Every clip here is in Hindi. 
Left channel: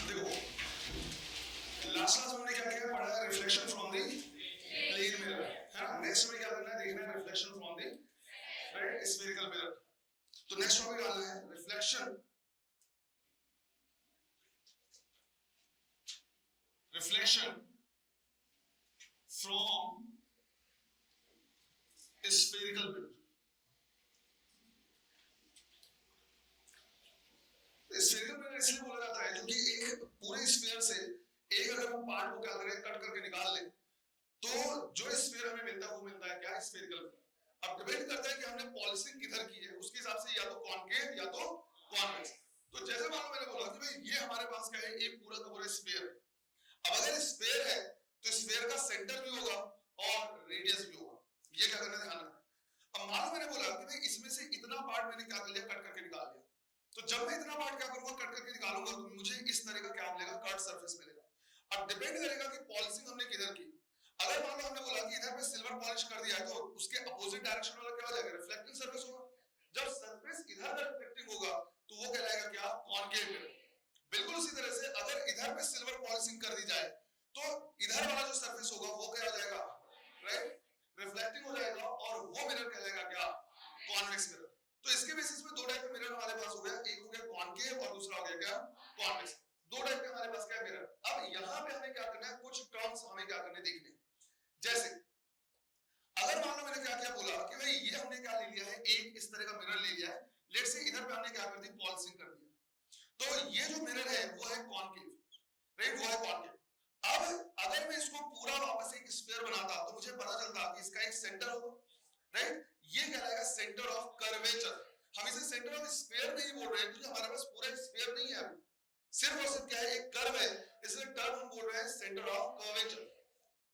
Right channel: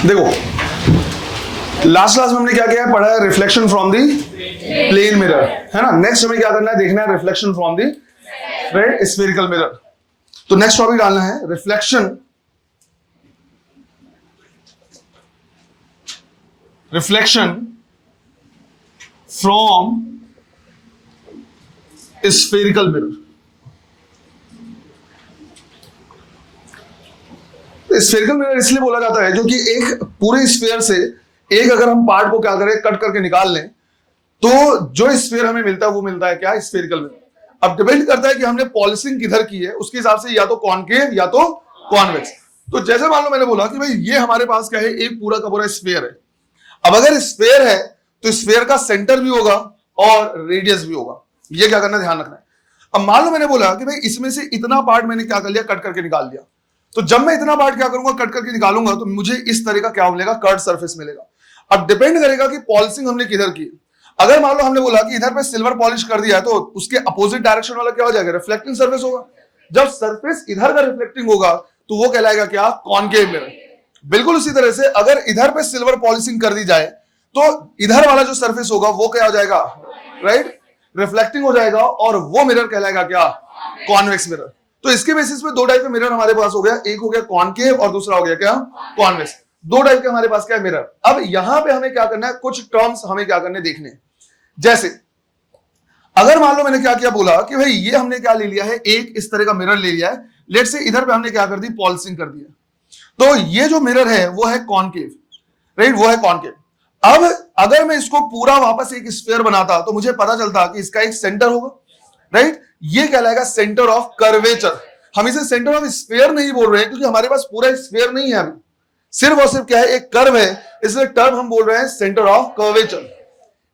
देखो लास्ट क्लास में हमने क्या किया है, पढ़ा है reflection from the plane mirror, है ना। नेक्स्ट हमें क्या करना है, देखना है reflection from the right spherical mirror. तो नेक्स्ट टॉपिक डालना है reflection from spherical mirror. Spherical mirror इसलिए बोला जाता है क्योंकि एक पूरे स्फीयर से एक अगर हम पार्ट को क्या करें, कट करके निकाल लें, तो जो स्फीयर हमें मिलता है वो मिलता है क्या, स्फेरिकल मिरर। अब डिपेंड करता है कि हमने पॉलिशिंग किधर की है, उसके हिसाब से या तो कॉनकेव या तो कॉन्वेक्स। तो जैसे मान लो मैंने बोला कि भाई ये हमारे पास क्या है, एक पूरा का पूरा स्फीयर है। अब अगर स्फीयर है तो स्फीयर का सेंटर भी होगा और रेडियस भी होगा, ये क्या करना, ध्यान रखना है। अब मान लो मैंने बोला कि भाई इसमें से इतना पार्ट मैंने क्या कर लिया, कट करके निकाल दिया। तो जब मैं इतना पार्ट क्या करूंगा, कट करके निकालूंगा, तो मुझे इस तरह का क्या मिलेगा, कर्व सरफेस मिलेगा। अब डिपेंड करेगा कि पॉलिशिंग हमने किधर की। अगर मान लो हमने बोला कि इधर पे सिल्वर पॉलिश कर दिया है, तो उसके अपोजिट डायरेक्शन वाला क्या हो जाएगा, रिफ्लेक्टिंग सरफेस होगा। जब सरफेस इधर का रिफ्लेक्टिंग होगा तो वो कहलाएगा क्या, कॉनकेव मिरर। बिल्कुल उसी तरह से अगर इधर पे सिल्वर पॉलिशिंग कर दी जाए तो इधर वाला जो सरफेस होगा वो क्या हो जाएगा, राइट, रिफ्लेक्टिंग हो जाएगा, और वो मिरर कहलाएगा क्या, कॉन्वेक्स मिरर। तो इसके बेसिस पे दो टाइप के मिरर हमारे पास हो गया, एक हो गया कॉनकेव और दूसरा हो गया क्या, कॉन्वेक्स। दो टाइप के हमारे पास क्या है, मिरर। अब यहां पे हमें क्या करना है, कुछ टर्म्स हमें क्या करने देखने। जैसे अगर मान लो मैंने क्या किया, बोला कि भाई ये हमने क्या ले लिया है, एक इस तरह का मिरर ले लिया है। लेट से इधर पे हमने क्या कर दी, पॉलिशिंग कर दिया, तो ये जो मिरर है वो है कॉनकेव, राइट, वो है कॉनकेव। अब अगर मैं इसको पूरा वापस एक स्फीयर बनाता तो मुझे पता चलता कि इसका एक सेंटर होगा, राइट, ये कहलाएगा सेंटर ऑफ कर्वेचर। हम इसे सेंटर ऑफ स्फीयर नहीं बोल रहे हैं क्योंकि हमारे पास पूरा स्फीयर नहीं है, अभी सिर्फ और सिर्फ क्या है, एक कर्व है, इसलिए टर्म हम बोल रहे हैं सेंटर ऑफ कर्वेचर।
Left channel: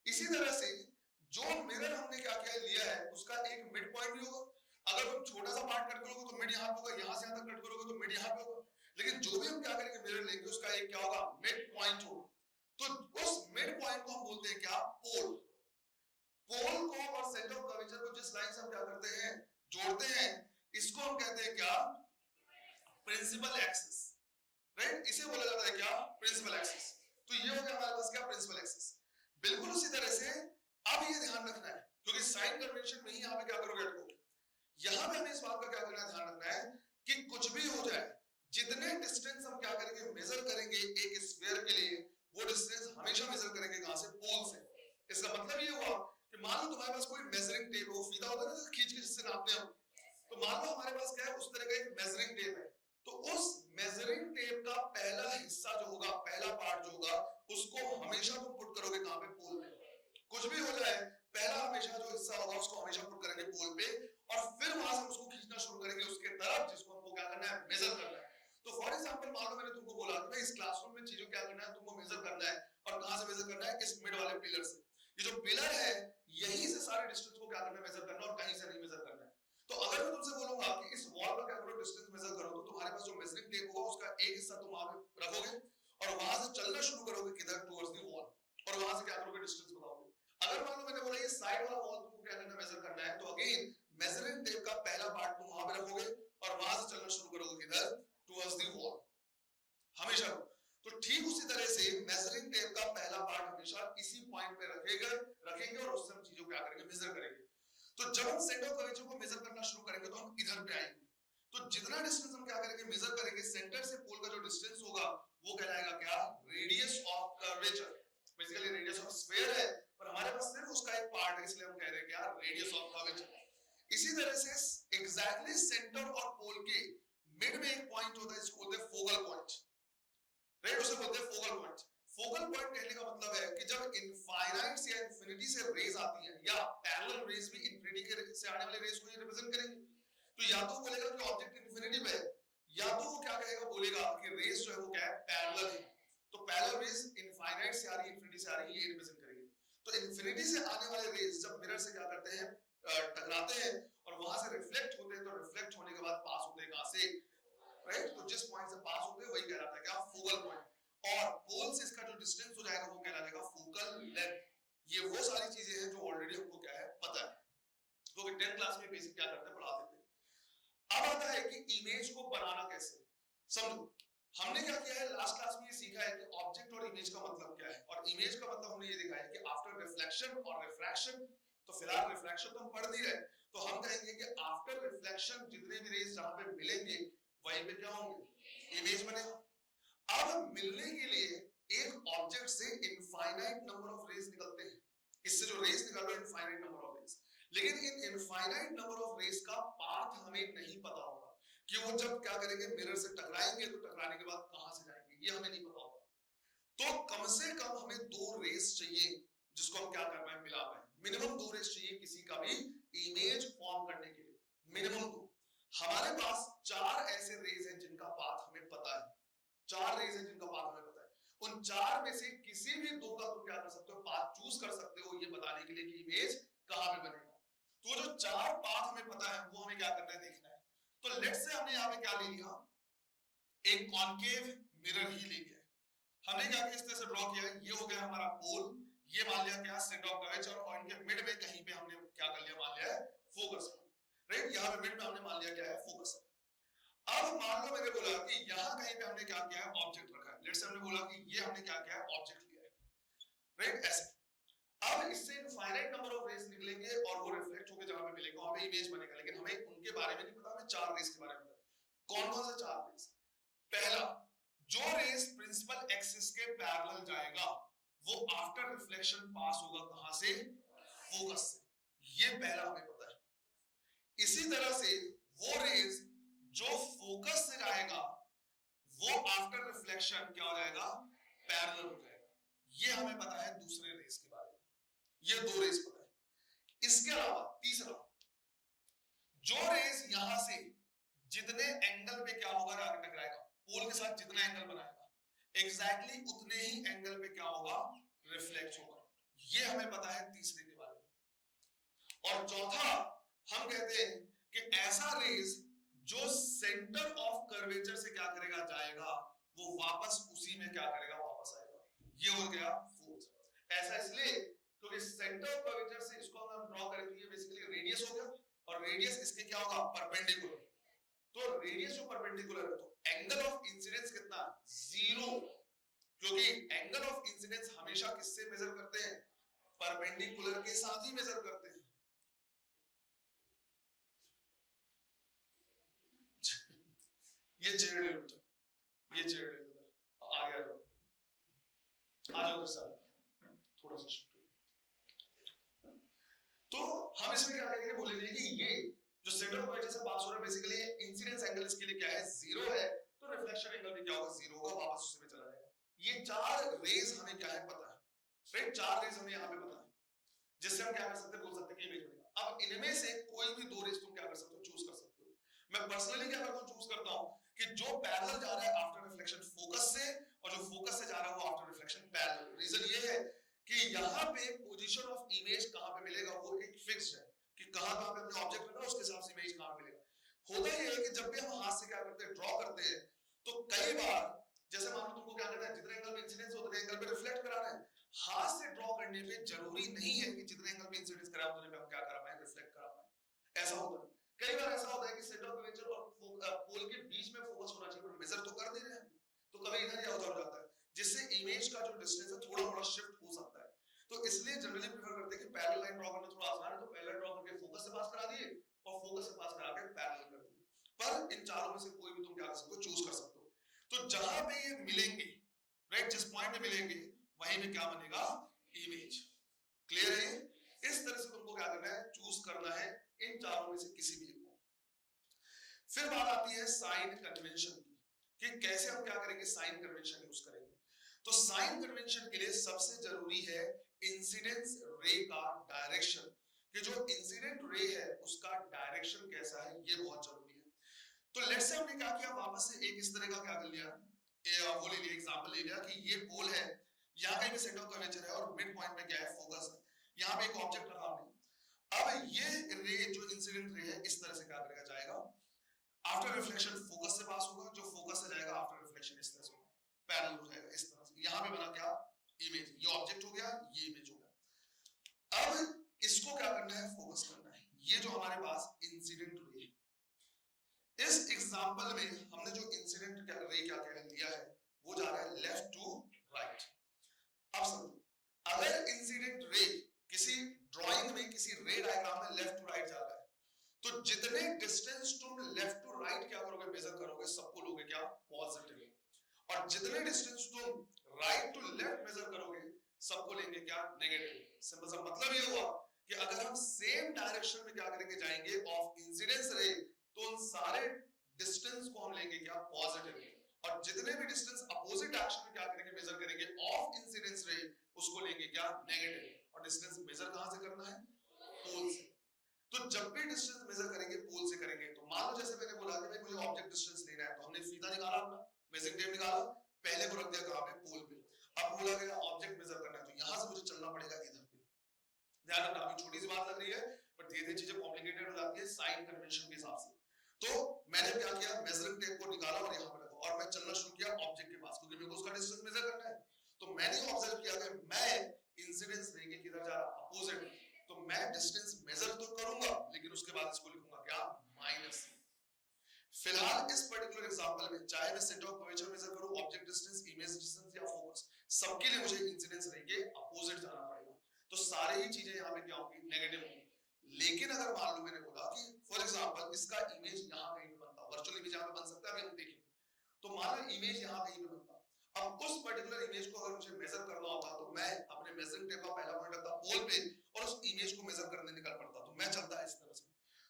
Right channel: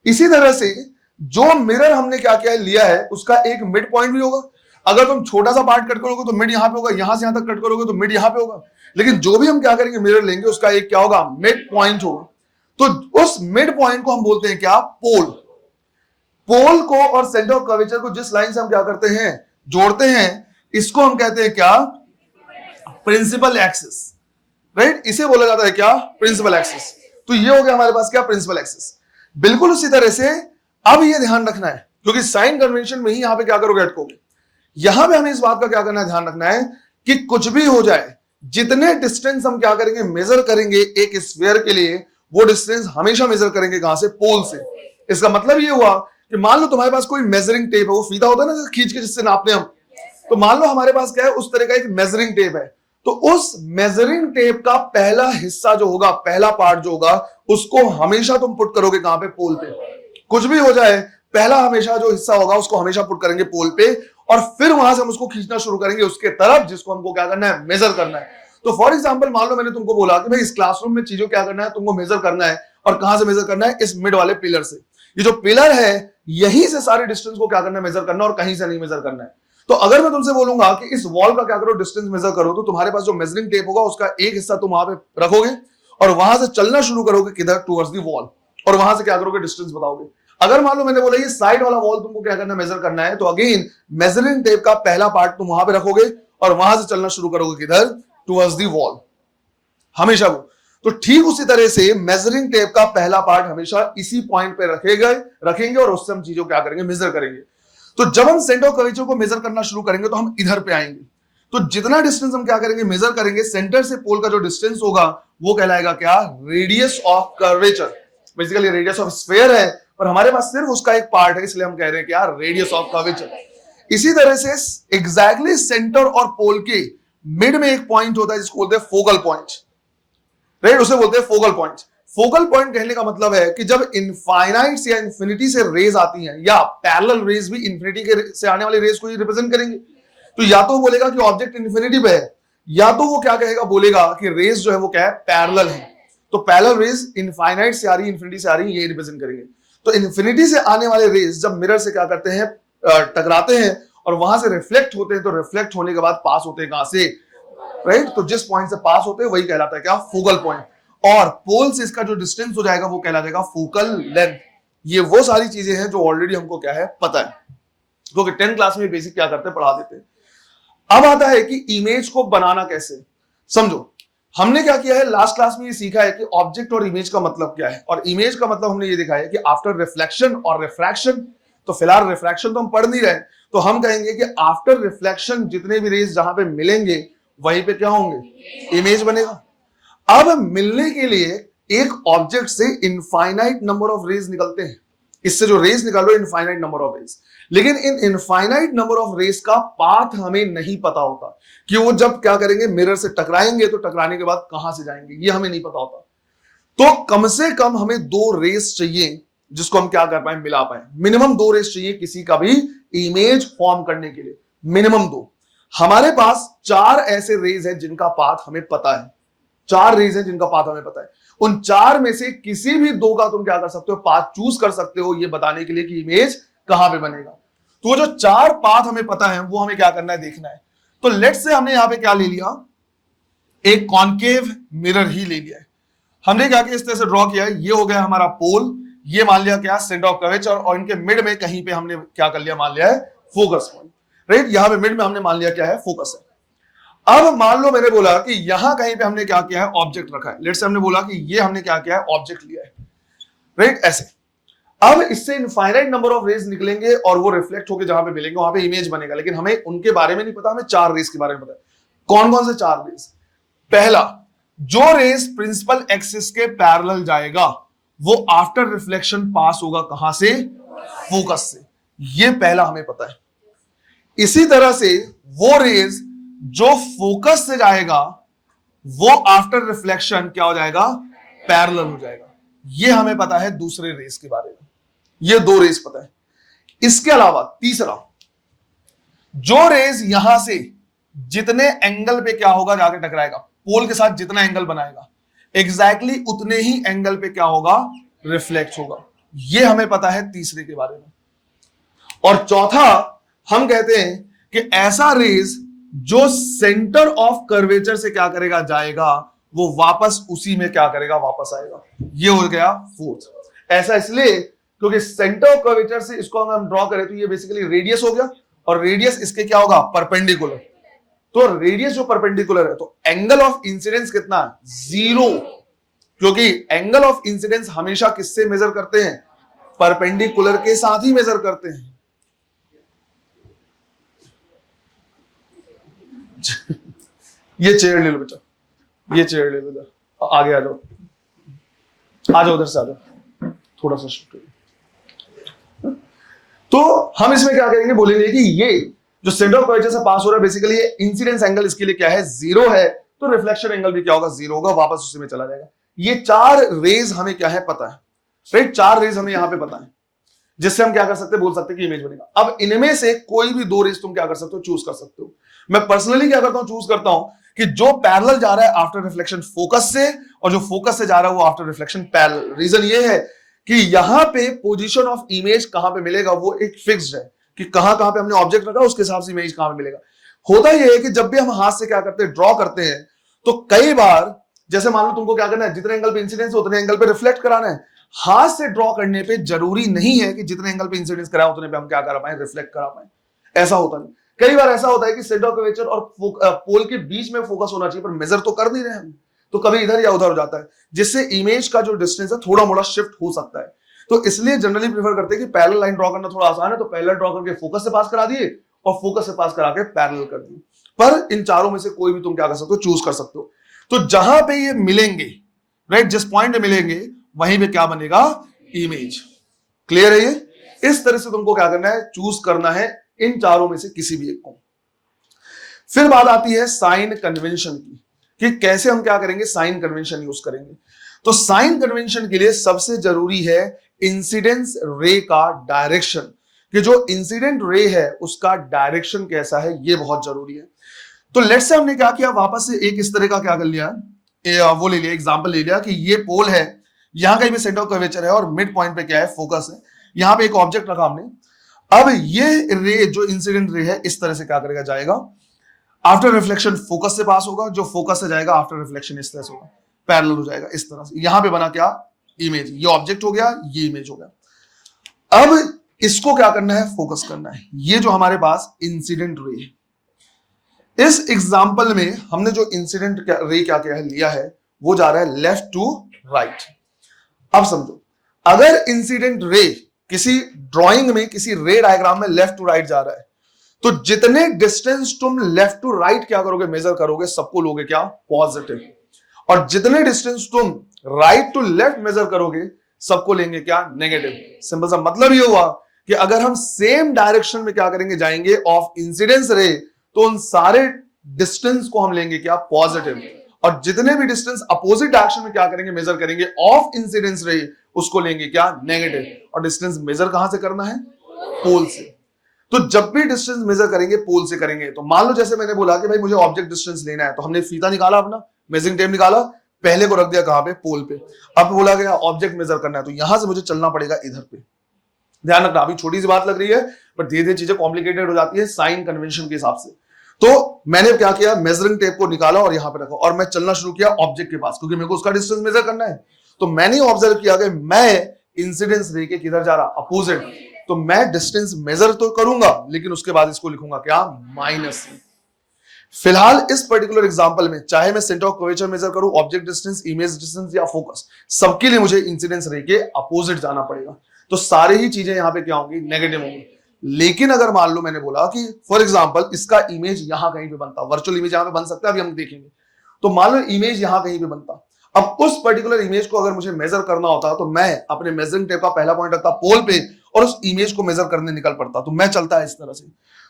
इसी तरह से जो मिरर हमने क्या क्या लिया है उसका एक मिड पॉइंट भी होगा। अगर तुम छोटा सा पार्ट कट करोगे तो मिड यहां पे होगा, यहां से यहां तक कट करोगे तो मिड यहां पे होगा। लेकिन जो भी हम क्या करेंगे, मिरर लेंगे, उसका एक क्या होगा, मिड पॉइंट होगा। तो उस मिड पॉइंट को हम बोलते हैं क्या, पोल। पोल को और सेंटर ऑफ कर्वेचर को जिस लाइन से हम क्या करते हैं, जोड़ते हैं, इसको हम कहते हैं क्या, प्रिंसिपल एक्सिस, राइट, इसे बोला जाता है क्या, प्रिंसिपल एक्सिस। तो ये हो गया हमारे पास क्या, प्रिंसिपल एक्सिस। बिल्कुल उसी तरह से अब ये ध्यान रखना है क्योंकि साइन कन्वेंशन में ही यहां पे क्या करोगे, अटकोगे। यहां पे हमें इस बात का क्या करना है, ध्यान रखना है कि कुछ भी हो जाए, जितने डिस्टेंस हम क्या करेंगे, मेजर करेंगे एक स्फीयर के लिए, वो डिस्टेंस हमेशा मेजर करेंगे कहां से, पोल से। इसका मतलब ये हुआ कि मान लो तुम्हारे पास कोई मेजरिंग टेप है, वो फीता होता है ना खींच के जिससे नापते हम, तो मान लो हमारे पास क्या है, उस तरह का एक मेजरिंग टेप है। तो उस मेजरिंग टेप का पहला हिस्सा जो होगा, पहला पार्ट जो होगा, उसको हमेशा तुम पुट करोगे कहां पे, पोल पे। कुछ भी हो जाए, पहला हमेशा जो हिस्सा होगा उसको हमेशा पुट करेंगे पोल पे, और फिर वहां से हम उसको खींचना शुरू करेंगे उसके तरफ जिसको हमको क्या करना है, मेजर करना है। तो फॉर एग्जांपल मान लो मैंने तुमको बोला कि भाई इस क्लासरूम में चीजों क्या करना है, तुमको मेजर करना है, और कहां से मेजर करना है, इस मिड वाले पिलर से। ये जो पिलर है यहीं से सारे डिस्टेंस को क्या करना है, मेजर करना, और कहीं से नहीं मेजर करना है। तो अगर मैं तुमसे बोलूंगा कि इस वॉल का क्या करो, डिस्टेंस मेजर करो, तो तुम्हारे पास जो मेजरिंग टेप होगा उसका एक हिस्सा तुम वहां पे रखोगे और वहां से चलना शुरू करोगे किधर, टुवर्ड्स दी वॉल, और वहां से क्या करोगे, डिस्टेंस बताओगे। अगर मान लो मैंने बोला ये साइड वाला वॉल तुमको क्या करना है, मेजर करना है, तो अगेन मेजरिंग टेप का पहला पार्ट तुम वहां पे रखोगे और वहां से चलना शुरू करोगे किधर, टुवर्ड्स दी वॉल, हमेशा वो। तो ठीक उसी तरह से मेजरिंग टेप का पहला पार्ट हमेशा इसी पॉइंट पे रखेंगे और उससे हम चीजों क्या करेंगे, मेजर करेंगे। तो जब हम सेंटर ऑफ कर्वेचर को मेजर करना शुरू करेंगे तो हम इधर पे आएंगे। तो जितना डिस्टेंस हम क्या करेंगे, मेजर करेंगे, सेंटर से पोल का जो डिस्टेंस होगा वो कहलाएगा क्या, radius of curvature. Basically radius of sphere है, पर हमारे पास सिर्फ उसका एक पार्ट है, इसलिए हम कह रहे हैं क्या, रेडियस ऑफ कर्वेचर। इसी तरह से एग्जैक्टली सेंटर और पोल के मिड में एक पॉइंट होता है जिसको बोलते हैं फोकल पॉइंट, राइट, उसे बोलते हैं फोकल पॉइंट। फोकल पॉइंट कहने का मतलब है कि जब इनफाइनाइट से या इंफिनिटी से रेज आती हैं, या पैरेलल रेज भी इंफिनिटी के से आने वाली रेज को ही रिप्रेजेंट करेंगे, तो या तो बोलेगा कि ऑब्जेक्ट इंफिनिटी पे है, या तो वो क्या कहेगा, बोलेगा कि रेज जो है वो क्या है, पैरेलल है। तो पैरेलल रेज इनफाइनाइट से आ रही है, इंफिनिटी से आ रही है, ये रिप्रेजेंट करेंगे। तो इन्फिनिटी से आने वाले रेज जब मिरर से क्या करते हैं, टकराते हैं और वहां से रिफ्लेक्ट होते हैं, तो रिफ्लेक्ट होने के बाद पास होते हैं कहां से, राइट, तो जिस पॉइंट से पास होते हैं वही कहलाता है क्या, फोकल पॉइंट। और पोल से इसका जो डिस्टेंस हो जाएगा वो कहला जाएगा फोकल लेंथ। ये वो सारी चीजें हैं जो ऑलरेडी हमको क्या है, पता है, क्योंकि 10th क्लास में बेसिक क्या करते हैं, पढ़ा देते हैं। अब आता है कि इमेज को बनाना कैसे, समझो। हमने क्या किया है, लास्ट क्लास में ये सीखा है कि ऑब्जेक्ट और इमेज का मतलब क्या है, और इमेज का मतलब हमने ये दिखाया है कि आफ्टर रिफ्लेक्शन और रिफ्रैक्शन। तो फिलहाल रिफ्रैक्शन तो हम पढ़ नहीं रहे, तो हम कहेंगे कि आफ्टर रिफ्लेक्शन जितने भी रेज जहां पे मिलेंगे वहीं पे क्या होंगे, इमेज बनेगा। अब मिलने के लिए एक ऑब्जेक्ट से इनफाइनाइट नंबर ऑफ रेज निकलते हैं, इससे जो रेज निकालो इनफाइनाइट नंबर ऑफ रेज, लेकिन in infinite number of rays का पाथ हमें नहीं पता होता कि वो जब क्या करेंगे, मिरर से टकराएंगे तो टकराने के बाद कहां से जाएंगे, ये हमें नहीं पता होता। तो कम से कम हमें 2 रेस चाहिए जिसको हम क्या कर पाए, मिला पाए। मिनिमम 2 रेस चाहिए किसी का भी इमेज फॉर्म करने के लिए, मिनिमम 2। हमारे पास 4 ऐसे रेज हैं जिनका पाथ हमें पता है, 4 रेज हैं जिनका पाथ हमें पता है। उन 4 में से किसी भी 2 का तुम क्या कर सकते हो, पाथ चूज कर सकते हो, ये बताने के लिए कि इमेज कहां पे बनेगा। तो वो जो 4 पाथ हमें पता है वो हमें क्या करना है, देखना है। तो लेट्स से हमने यहां पे क्या ले लिया, एक कॉन्केव मिरर ही ले लिया है। हमने क्या किया, इस तरह से ड्रॉ किया है, ये हो गया हमारा पोल, ये मान लिया क्या, सेंटर ऑफ कर्वेचर, और इनके मिड में कहीं पे हमने क्या कर लिया, मान लिया है फोकस पॉइंट, राइट। यहां पे मिड में हमने मान लिया क्या है, फोकस है। अब मान लो मैंने बोला कि यहां कहीं पे हमने क्या किया है, ऑब्जेक्ट रखा है। लेट्स से हमने बोला कि ये हमने क्या किया है, ऑब्जेक्ट लिया है, राइट, ऐसे। अब इससे इनफाइनाइट नंबर ऑफ रेज निकलेंगे और वो रिफ्लेक्ट होकर जहां पे मिलेंगे वहां पे इमेज बनेगा, लेकिन हमें उनके बारे में नहीं पता, हमें 4 रेज के बारे में पता है। कौन कौन से 4 रेज? पहला, जो रेज प्रिंसिपल एक्सिस के पैरेलल जाएगा वो आफ्टर रिफ्लेक्शन पास होगा कहां से, फोकस से, ये पहला हमें पता है। इसी तरह से वो रेज जो फोकस से जाएगा वो आफ्टर रिफ्लेक्शन क्या हो जाएगा, पैरेलल हो जाएगा, ये हमें पता है दूसरे रेस के बारे में। ये 2 रेस पता है। इसके अलावा तीसरा, जो रेस यहां से जितने एंगल पे क्या होगा, जाके टकराएगा, पोल के साथ जितना एंगल बनाएगा एग्जैक्टली उतने ही एंगल पे क्या होगा, रिफ्लेक्ट होगा, ये हमें पता है तीसरे के बारे में। और चौथा, हम कहते हैं कि ऐसा रेस जो सेंटर ऑफ कर्वेचर से क्या करेगा, जाएगा, वो वापस उसी में क्या करेगा, वापस आएगा, ये हो गया फोर्थ। ऐसा इसलिए क्योंकि सेंटर ऑफ कर्वेचर से इसको अगर हम ड्रॉ करें तो ये बेसिकली रेडियस हो गया, और रेडियस इसके क्या होगा, परपेंडिकुलर। तो रेडियस जो परपेंडिकुलर है तो एंगल ऑफ इंसिडेंस कितना, 0, क्योंकि एंगल ऑफ इंसिडेंस हमेशा किससे मेजर करते हैं, परपेंडिकुलर के साथ ही मेजर करते हैं। ये चेयर ले लो बेटा, ये चेयर ले लो, आगे आ जाओ, आ जाओ, उधर से आ जाओ, थोड़ा सा शिफ्ट। तो हम इसमें क्या करेंगे, बोलेंगे कि ये जो सेंटर ऑफ कर्वेचर से पास हो रहा है बेसिकली ये इंसिडेंस एंगल इसके लिए क्या है, 0 है, तो रिफ्लेक्शन एंगल भी क्या होगा, 0 होगा, वापस उसी में चला जाएगा। ये 4 रेज हमें क्या है, पता है, राइट। 4 रेज हमें यहां पे पता है, जिससे हम क्या कर सकते हैं, बोल सकते हैं कि इमेज बनेगा। अब इनमें से कोई भी 2 रेज तुम क्या कर सकते हो, चूज कर सकते हो। मैं पर्सनली क्या करता हूं, चूज करता हूं कि जो पैरेलल जा रहा है आफ्टर रिफ्लेक्शन फोकस से, और जो फोकस से जा रहा है वो आफ्टर रिफ्लेक्शन पैरेलल। रीजन ये है कि यहां पे पोजीशन ऑफ इमेज कहां पे मिलेगा वो एक फिक्स्ड है, कि कहां कहां पे हमने ऑब्जेक्ट रखा उसके हिसाब से इमेज कहां पे मिलेगा। होता यह है कि जब भी हम हाथ से क्या करते हैं, ड्रॉ करते हैं, तो कई बार जैसे मान लो तुमको क्या करना है, जितने एंगल पे इंसिडेंस है उतने एंगल पे रिफ्लेक्ट कराना है। हाथ से ड्रॉ करने पे जरूरी नहीं है कि जितने एंगल पे इंसिडेंस कराए उतने पे हम क्या करा पाए, रिफ्लेक्ट करा पाए। ऐसा होता नहीं। कई बार ऐसा होता है कि सेंटर ऑफ कर्वेचर और पोल के बीच में फोकस होना चाहिए, पर मेजर तो कर नहीं रहे हम, तो कभी इधर या उधर हो जाता है, जिससे इमेज का जो डिस्टेंस है थोड़ा मोड़ा शिफ्ट हो सकता है। तो इसलिए जनरली प्रेफर करते हैं कि पैरेलल लाइन ड्रॉ करना थोड़ा आसान है, तो पैरेलल ड्रॉ करके फोकस से पास करा दिए और फोकस से पास करा के पैरेलल कर दिए। पर इन चारों में से कोई भी तुम क्या कर सकते हो, चूज कर सकते हो। तो जहां पे ये मिलेंगे, राइट, जिस पॉइंट में मिलेंगे वहीं पे क्या बनेगा, इमेज। क्लियर है ये? इस तरह से तुमको क्या करना है, चूज करना है इन चारों में से किसी भी एक को। फिर बात आती है साइन कन्वेंशन की, कि कैसे हम क्या करेंगे, साइन कन्वेंशन यूज करेंगे। तो साइन कन्वेंशन के लिए सबसे जरूरी है इंसिडेंस रे का डायरेक्शन, कि जो इंसिडेंट रे है उसका डायरेक्शन कैसा है, ये बहुत जरूरी है। तो लेट्स से हमने क्या किया, वापस से एक इस तरह का क्या कर लिया, वो ले लिया, एग्जांपल ले लिया कि ये पोल है, यहां कहीं भी सेंटर ऑफ कर्वेचर है और मिड पॉइंट पे क्या है, फोकस है। यहां पे एक ऑब्जेक्ट रखा हमने। अब ये रे जो इंसिडेंट रे है इस तरह से क्या करेगा, जाएगा, आफ्टर रिफ्लेक्शन फोकस से पास होगा, जो फोकस से जाएगा आफ्टर रिफ्लेक्शन इस तरह से होगा, पैरेलल हो जाएगा इस तरह से। यहां पे बना क्या, इमेज, ये ऑब्जेक्ट हो गया, ये इमेज हो गया। अब इसको क्या करना है, फोकस करना है। ये जो हमारे पास इंसिडेंट रे है, इस एग्जाम्पल में हमने जो इंसिडेंट रे क्या क्या लिया है वो जा रहा है लेफ्ट टू राइट। अब समझो, अगर इंसिडेंट रे किसी ड्राइंग में किसी रे डायग्राम में लेफ्ट टू राइट जा रहा है तो जितने डिस्टेंस तुम लेफ्ट टू राइट क्या करोगे, मेजर करोगे, सबको लोगे क्या, पॉजिटिव। और जितने डिस्टेंस तुम राइट टू लेफ्ट मेजर करोगे सबको लेंगे क्या, नेगेटिव। सिंपल सा मतलब ये हुआ कि अगर हम सेम डायरेक्शन में क्या करेंगे, जाएंगे ऑफ इंसिडेंस रे, तो उन सारे डिस्टेंस को हम लेंगे क्या, पॉजिटिव। और जितने भी डिस्टेंस अपोजिट डायरेक्शन में क्या करेंगे, मेजर करेंगे ऑफ इंसिडेंस रे, उसको लेंगे क्या, नेगेटिव। और डिस्टेंस मेजर कहां से करना है, पोल से। तो जब भी डिस्टेंस मेजर करेंगे पोल से करेंगे। तो मान लो जैसे मैंने बोला कि भाई मुझे ऑब्जेक्ट डिस्टेंस लेना है, तो हमने फीता निकाला, अपना मेजरिंग टेप निकाला, पहले को रख दिया कहां पे, पोल पे। अब बोला गया ऑब्जेक्ट मेजर करना है, तो यहां से मुझे चलना पड़ेगा इधर पे। ध्यान रखना, अभी छोटी सी बात लग रही है पर धीरे धीरे चीजें कॉम्प्लिकेटेड हो जाती है साइन कन्वेंशन के हिसाब से। तो मैंने क्या किया, मेजरिंग टेप को निकाला और यहां पे रखा और मैं चलना शुरू किया ऑब्जेक्ट के पास, क्योंकि मेरे को उसका डिस्टेंस मेजर करना है। तो मैंने ऑब्जर्व किया कि मैं इंसिडेंस रे के किधर जा रहा, अपोजिट। तो मैं डिस्टेंस मेजर तो करूंगा लेकिन उसके बाद इसको लिखूंगा क्या, माइनस। फिलहाल इस पर्टिकुलर एग्जांपल में चाहे मैं सेंटर ऑफ कर्वेचर मेजर करूं, ऑब्जेक्ट डिस्टेंस, इमेज डिस्टेंस या फोकस, सबके लिए मुझे इंसिडेंस रे के अपोजिट जाना पड़ेगा। तो सारे ही चीजें यहां पे क्या होंगी, नेगेटिव होंगी। लेकिन अगर मान लो मैंने बोला कि फॉर एग्जांपल इसका इमेज यहां कहीं पे बनता, वर्चुअल इमेज यहां पे बन सकता है, अभी हम देखेंगे। तो मान लो इमेज यहां कहीं पे बनता, अब उस पर्टिकुलर इमेज को अगर मुझे मेजर करना होता तो मैं अपने मेजरिंग टेप का पहला पॉइंट रखता पोल पे और उस इमेज को मेजर करने निकल पड़ता। तो मैं चलता है इस तरह से।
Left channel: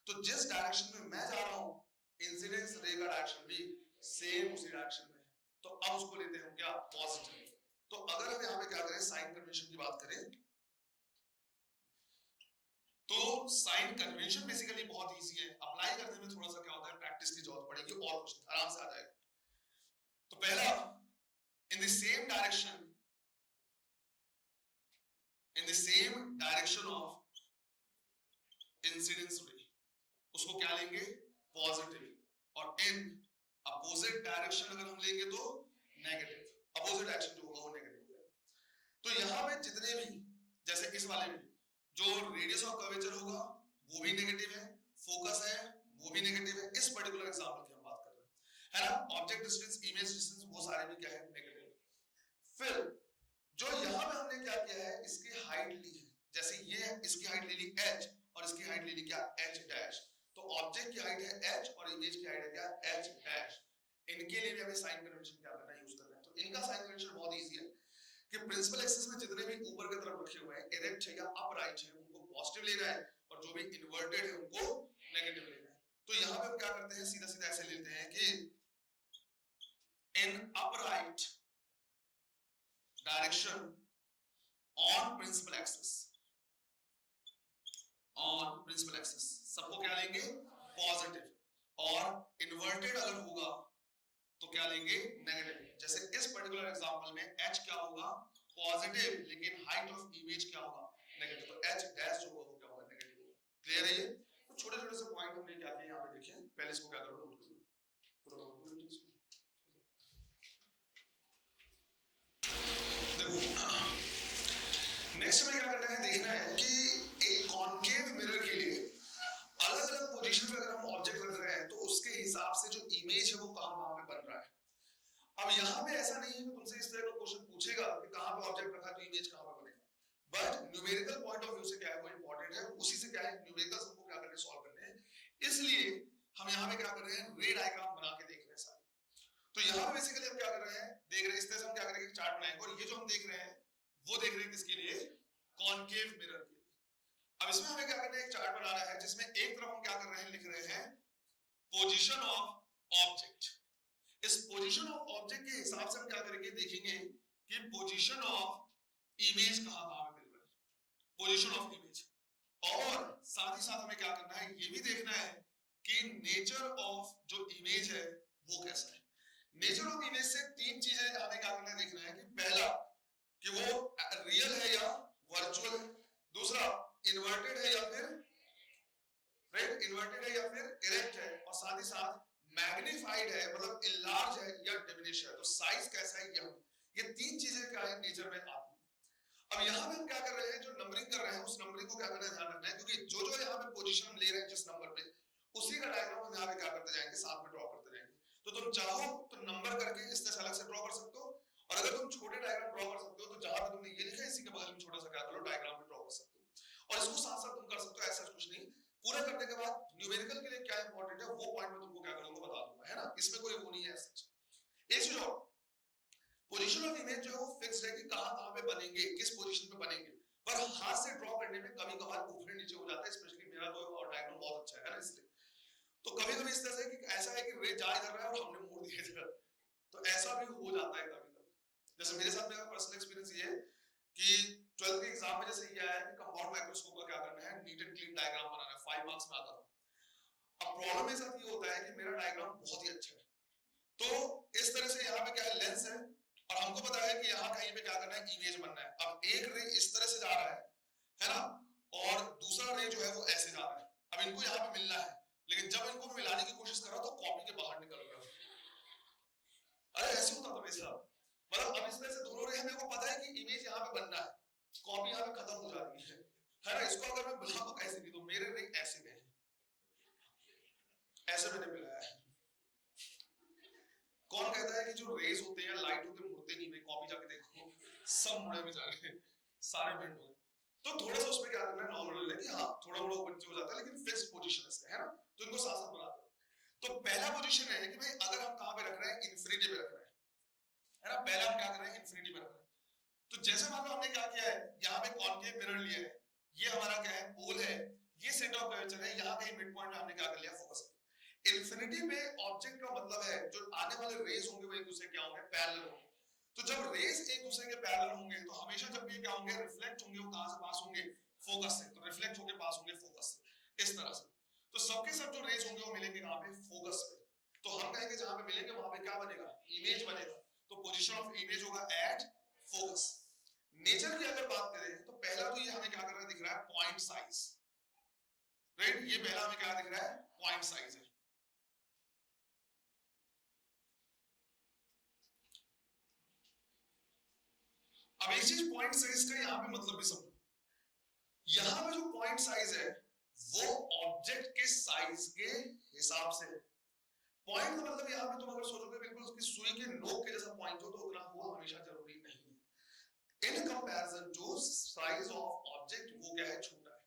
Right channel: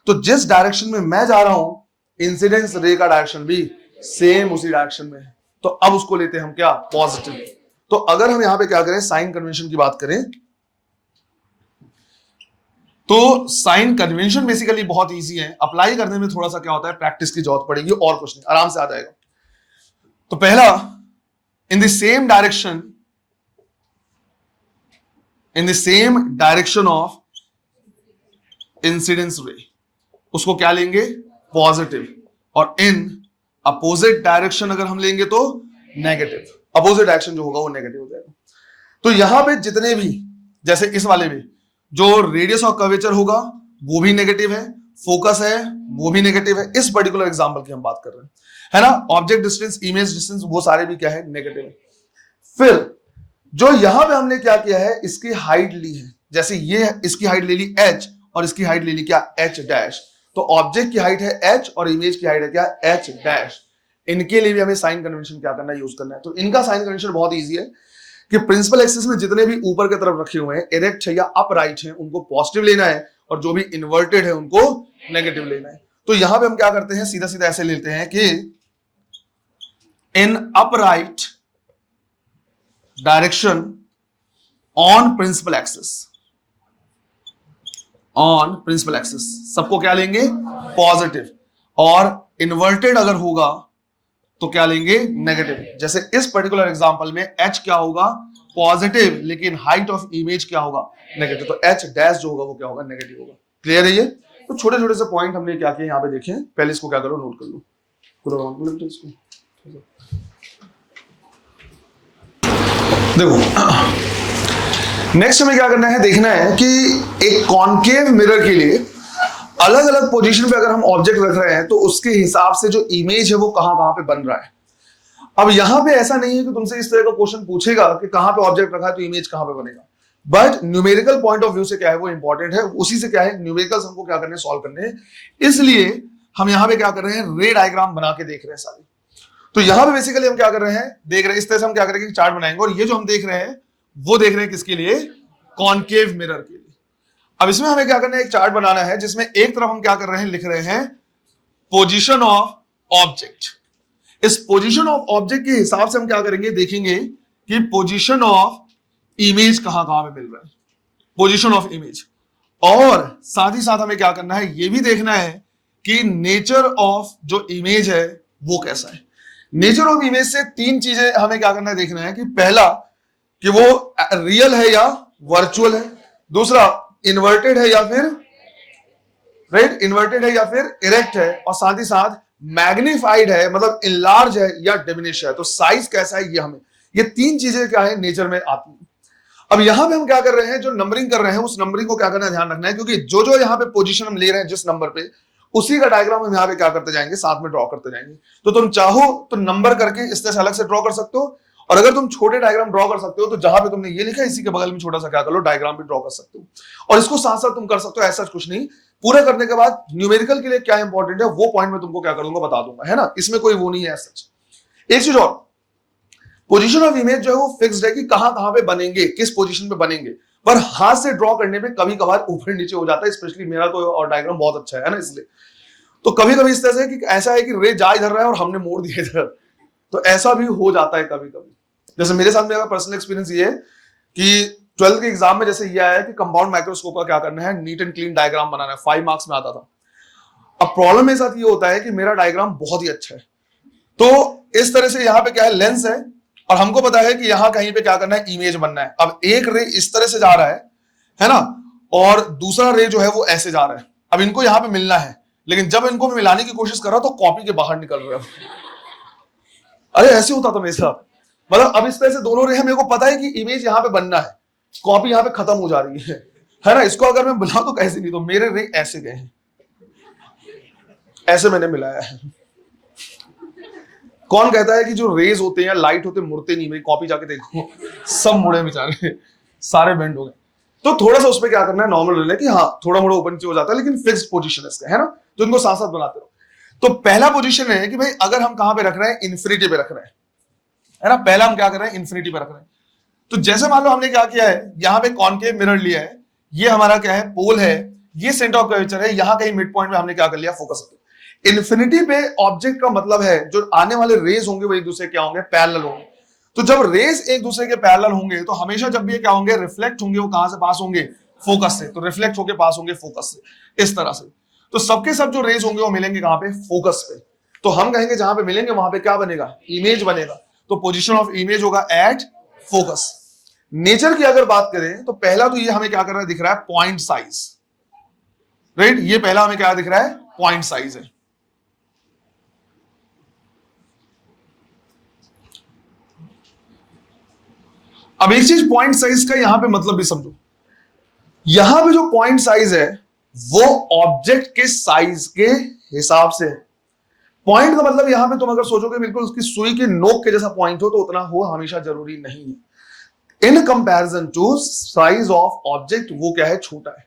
तो जिस डायरेक्शन में मैं जा रहा हूं, इंसिडेंस रे का डायरेक्शन भी सेम उसी डायरेक्शन में है। तो अब उसको लेते हैं हम क्या, पॉजिटिव। तो अगर हम यहां पे क्या करें, साइन कन्वेंशन की बात करें, तो साइन कन्वेंशन बेसिकली बहुत इजी है, अप्लाई करने में थोड़ा सा क्या होता है, प्रैक्टिस की जरूरत पड़ेगी और कुछ नहीं, आराम से आ जाएगा। तो पहला, in the same direction of incidence रे, उसको क्या लेंगे, पॉजिटिव। और इन अपोजिट डायरेक्शन अगर हम लेंगे तो नेगेटिव। अपोजिट डायरेक्शन जो होगा वो नेगेटिव हो जाएगा। तो यहां पे जितने भी, जैसे इस वाले में जो रेडियस ऑफ कर्वेचर होगा वो भी नेगेटिव है, फोकस है वो भी नेगेटिव है। इस पर्टिकुलर एग्जांपल की हम बात कर रहे हैं, है ना। ऑब्जेक्ट डिस्टेंस, इमेज डिस्टेंस, वो सारे भी क्या है, नेगेटिव है। फिर जो यहां पे हमने क्या किया है, इसकी हाइट ली है, जैसे ये इसकी हाइट ले ली h और इसकी हाइट ले ली क्या, h डैश। तो ऑब्जेक्ट की हाइट है h और इमेज की हाइट है क्या, h डैश। इनके लिए भी हमें साइन कन्वेंशन क्या करना है, यूज करना है। तो इनका साइन कन्वेंशन बहुत ईजी है कि प्रिंसिपल एक्सिस में जितने भी ऊपर की तरफ रखे हुए हैं, इरेक्ट है या अपराइट है, उनको पॉजिटिव लेना है और जो भी इन्वर्टेड है उनको नेगेटिव लेना है। तो यहां पे हम क्या करते हैं, सीधा सीधा ऐसे लेते हैं कि in upright direction on principal axis, on principal axis सबको क्या लेंगे, पॉजिटिव। और इन्वर्टेड अगर होगा तो क्या लेंगे, नेगेटिव। जैसे इस पर्टिकुलर एग्जांपल में h क्या होगा, पॉजिटिव, लेकिन हाइट ऑफ इमेज क्या होगा, नेगेटिव। तो h डैश जो होगा वो क्या होगा, नेगेटिव होगा। क्लियर है ये। तो छोटे छोटे से पॉइंट हमने क्या किए यहाँ पे देखे, पहले इसको क्या करो, नोट कर लो। देखो नेक्स्ट हमें क्या करना है, देखना है कि एक कॉनकेव मिरर के लिए अलग अलग पोजीशन पे अगर हम ऑब्जेक्ट रख रहे हैं तो उसके हिसाब से जो इमेज है वो कहां पे बन रहा है। अब यहां पे ऐसा नहीं है कि तुमसे इस तरह का क्वेश्चन पूछेगा कि कहां पे ऑब्जेक्ट रखा है तो इमेज कहां पे बनेगा, but numerical point of view से क्या है वो इंपॉर्टेंट है। उसी से क्या है, न्यूमेरिकल्स हमको क्या करने, सॉल्व करने हैं। इसलिए हम यहां पे क्या कर रहे हैं, रे डायग्राम बना के देख रहे हैं सारे। तो यहां पे बेसिकली हम क्या कर रहे हैं, देख रहे हैं इस तरह से हम क्या करेंगे, चार्ट बनाएंगे। और ये जो हम देख रहे हैं वो देख रहे हैं किसके लिए, कॉनकेव मिरर के लिए। अब इसमें हमें क्या करना है, एक चार्ट बनाना है जिसमें एक तरफ हम क्या कर रहे हैं, लिख रहे हैं पोजीशन ऑफ ऑब्जेक्ट। इस पोजीशन ऑफ ऑब्जेक्ट के हिसाब से हम क्या करेंगे, देखेंगे कि पोजीशन ऑफ इमेज कहां पे मिल रहा है, पोजीशन ऑफ इमेज। और साथ ही साथ हमें क्या करना है, ये भी देखना है कि नेचर ऑफ जो इमेज है वो कैसा है। नेचर ऑफ इमेज से तीन चीजें हमें क्या करना है, देखना है कि पहला कि वो रियल है या वर्चुअल है, दूसरा इन्वर्टेड है या फिर राइट, इन्वर्टेड है या फिर इरेक्ट है, और साथ ही साथ मैग्नीफाइड है मतलब इनलार्ज है या डिमिनिश है। तो साइज कैसा है, ये हमें, ये तीन चीजें क्या है, नेचर में आती है। अब यहां पे हम क्या कर रहे हैं, जो नंबरिंग कर रहे हैं उस नंबरिंग को क्या करना है, ध्यान रखना है, क्योंकि जो जो यहां पे पोजीशन हम ले रहे हैं जिस नंबर पे, उसी का डायग्राम हम यहाँ पे क्या करते जाएंगे, साथ में ड्रॉ करते जाएंगे। तो तुम चाहो तो नंबर करके इस तरह से अलग से ड्रॉ कर सकते हो, और अगर तुम छोटे डायग्राम ड्रॉ कर सकते हो तो जहां पे तुमने ये लिखा है इसी के बगल में छोटा सा क्या कर लो, डायग्राम भी ड्रॉ कर सकते हो। और इसको साथ साथ तुम कर सकते हो, ऐसा कुछ नहीं। पूरा करने के बाद न्यूमेरिकल के लिए क्या इंपॉर्टेंट है वो पॉइंट में तुमको क्या कर दूंगा, बता दूंगा, है ना। इसमें कोई वो नहीं है सच। एक चीज और, पोजीशन ऑफ इमेज जो है वो फिक्स्ड है कि कहां कहां पे बनेंगे, किस पोजीशन पे बनेंगे, पर हाथ से ड्रॉ करने में कभी कभार ऊपर नीचे हो जाता है। स्पेशली मेरा तो और डायग्राम बहुत अच्छा है ना, इसलिए तो कभी कभी इस तरह से कि ऐसा है कि रे जा इधर रहा है और हमने मोड़ दिया इधर, तो ऐसा भी हो जाता है कभी कभी। जैसे मेरे साथ मेरा पर्सनल एक्सपीरियंस ये है कि 12th के एग्जाम में जैसे ये आया कि कंपाउंड माइक्रोस्कोप का क्या करना है, नीट एंड क्लीन डायग्राम बनाना है, 5 मार्क्स में आता था। अब प्रॉब्लम मेरे साथ ये होता है कि मेरा डायग्राम बहुत ही अच्छा है, तो इस तरह से यहाँ पे क्या है, लेंस है, और हमको पता है कि यहाँ कहीं पे क्या करना है, इमेज बनना है। अब एक रे इस तरह से जा रहा है ना, और दूसरा रे जो है वो ऐसे जा रहा है। अब इनको यहाँ पे मिलना है, लेकिन जब इनको मिलाने की कोशिश कर रहा तो कॉपी के बाहर निकल रहे हो। अरे ऐसे होता था मेरे साथ, मतलब अब इस तरह से दोनों रे हैं, मेरे को पता है कि इमेज यहाँ पे बनना है, कॉपी यहाँ पे खत्म हो जा रही है ना। इसको अगर मैं बुलाऊं तो कैसे नहीं, तो मेरे रे ऐसे गए हैं, ऐसे मैंने मिलाया है। कौन कहता है कि जो रेज होते हैं या लाइट होते हैं मुड़ते नहीं, मेरी कॉपी जाके देखो सब मुड़े बेचारे, सारे बेंड हो गए। तो थोड़ा सा उसमें क्या करना है, नॉर्मल रहना है कि हाँ थोड़ा मोड़ा ऊपर नीचे हो जाता है, लेकिन फिक्स्ड पोजीशन है इसका, है ना। तो इनको साथ साथ बनाते रहो। तो पहला पोजीशन है कि भाई अगर हम कहां पे रख रहे हैं, इन्फिनिटी पे रख रहे हैं, है ना। पहला हम क्या कर रहे हैं, इन्फिनिटी पे रख रहे हैं। तो जैसे मान लो हमने क्या किया है, यहाँ पे कॉनकेव मिरर लिया है, ये हमारा क्या है, पोल है, ये सेंटर ऑफ कर्वेचर है, यहाँ कहीं मिड पॉइंट में हमने क्या कर लिया, फोकस। इन्फिनिटी पे ऑब्जेक्ट का मतलब है जो आने वाले रेज होंगे वो एक दूसरे क्या होंगे, पैरेलल होंगे। तो जब रेज एक दूसरे के पैरेलल होंगे तो हमेशा जब भी ये क्या होंगे, रिफ्लेक्ट होंगे, वो कहां से पास होंगे, फोकस से। तो रिफ्लेक्ट होके पास होंगे फोकस से, इस तरह से। तो सबके सब जो रेज होंगे वो मिलेंगे कहां पे, फोकस पे। तो हम कहेंगे जहां पे मिलेंगे वहां पे क्या बनेगा, इमेज बनेगा। तो पोजीशन ऑफ इमेज होगा एट फोकस। नेचर की अगर बात करें तो पहला तो ये हमें क्या कर रहा है, दिख रहा है पॉइंट साइज, राइट। ये पहला हमें क्या दिख रहा है, पॉइंट साइज है। अब एक चीज पॉइंट साइज का यहां पे मतलब भी समझो, यहां पे जो पॉइंट साइज है वो ऑब्जेक्ट के साइज के हिसाब से है। पॉइंट का मतलब यहां पे तुम अगर सोचोगे बिल्कुल उसकी सुई की नोक के जैसा पॉइंट हो, तो उतना हो हमेशा जरूरी नहीं है। In comparison to size of object वो क्या है, छोटा है।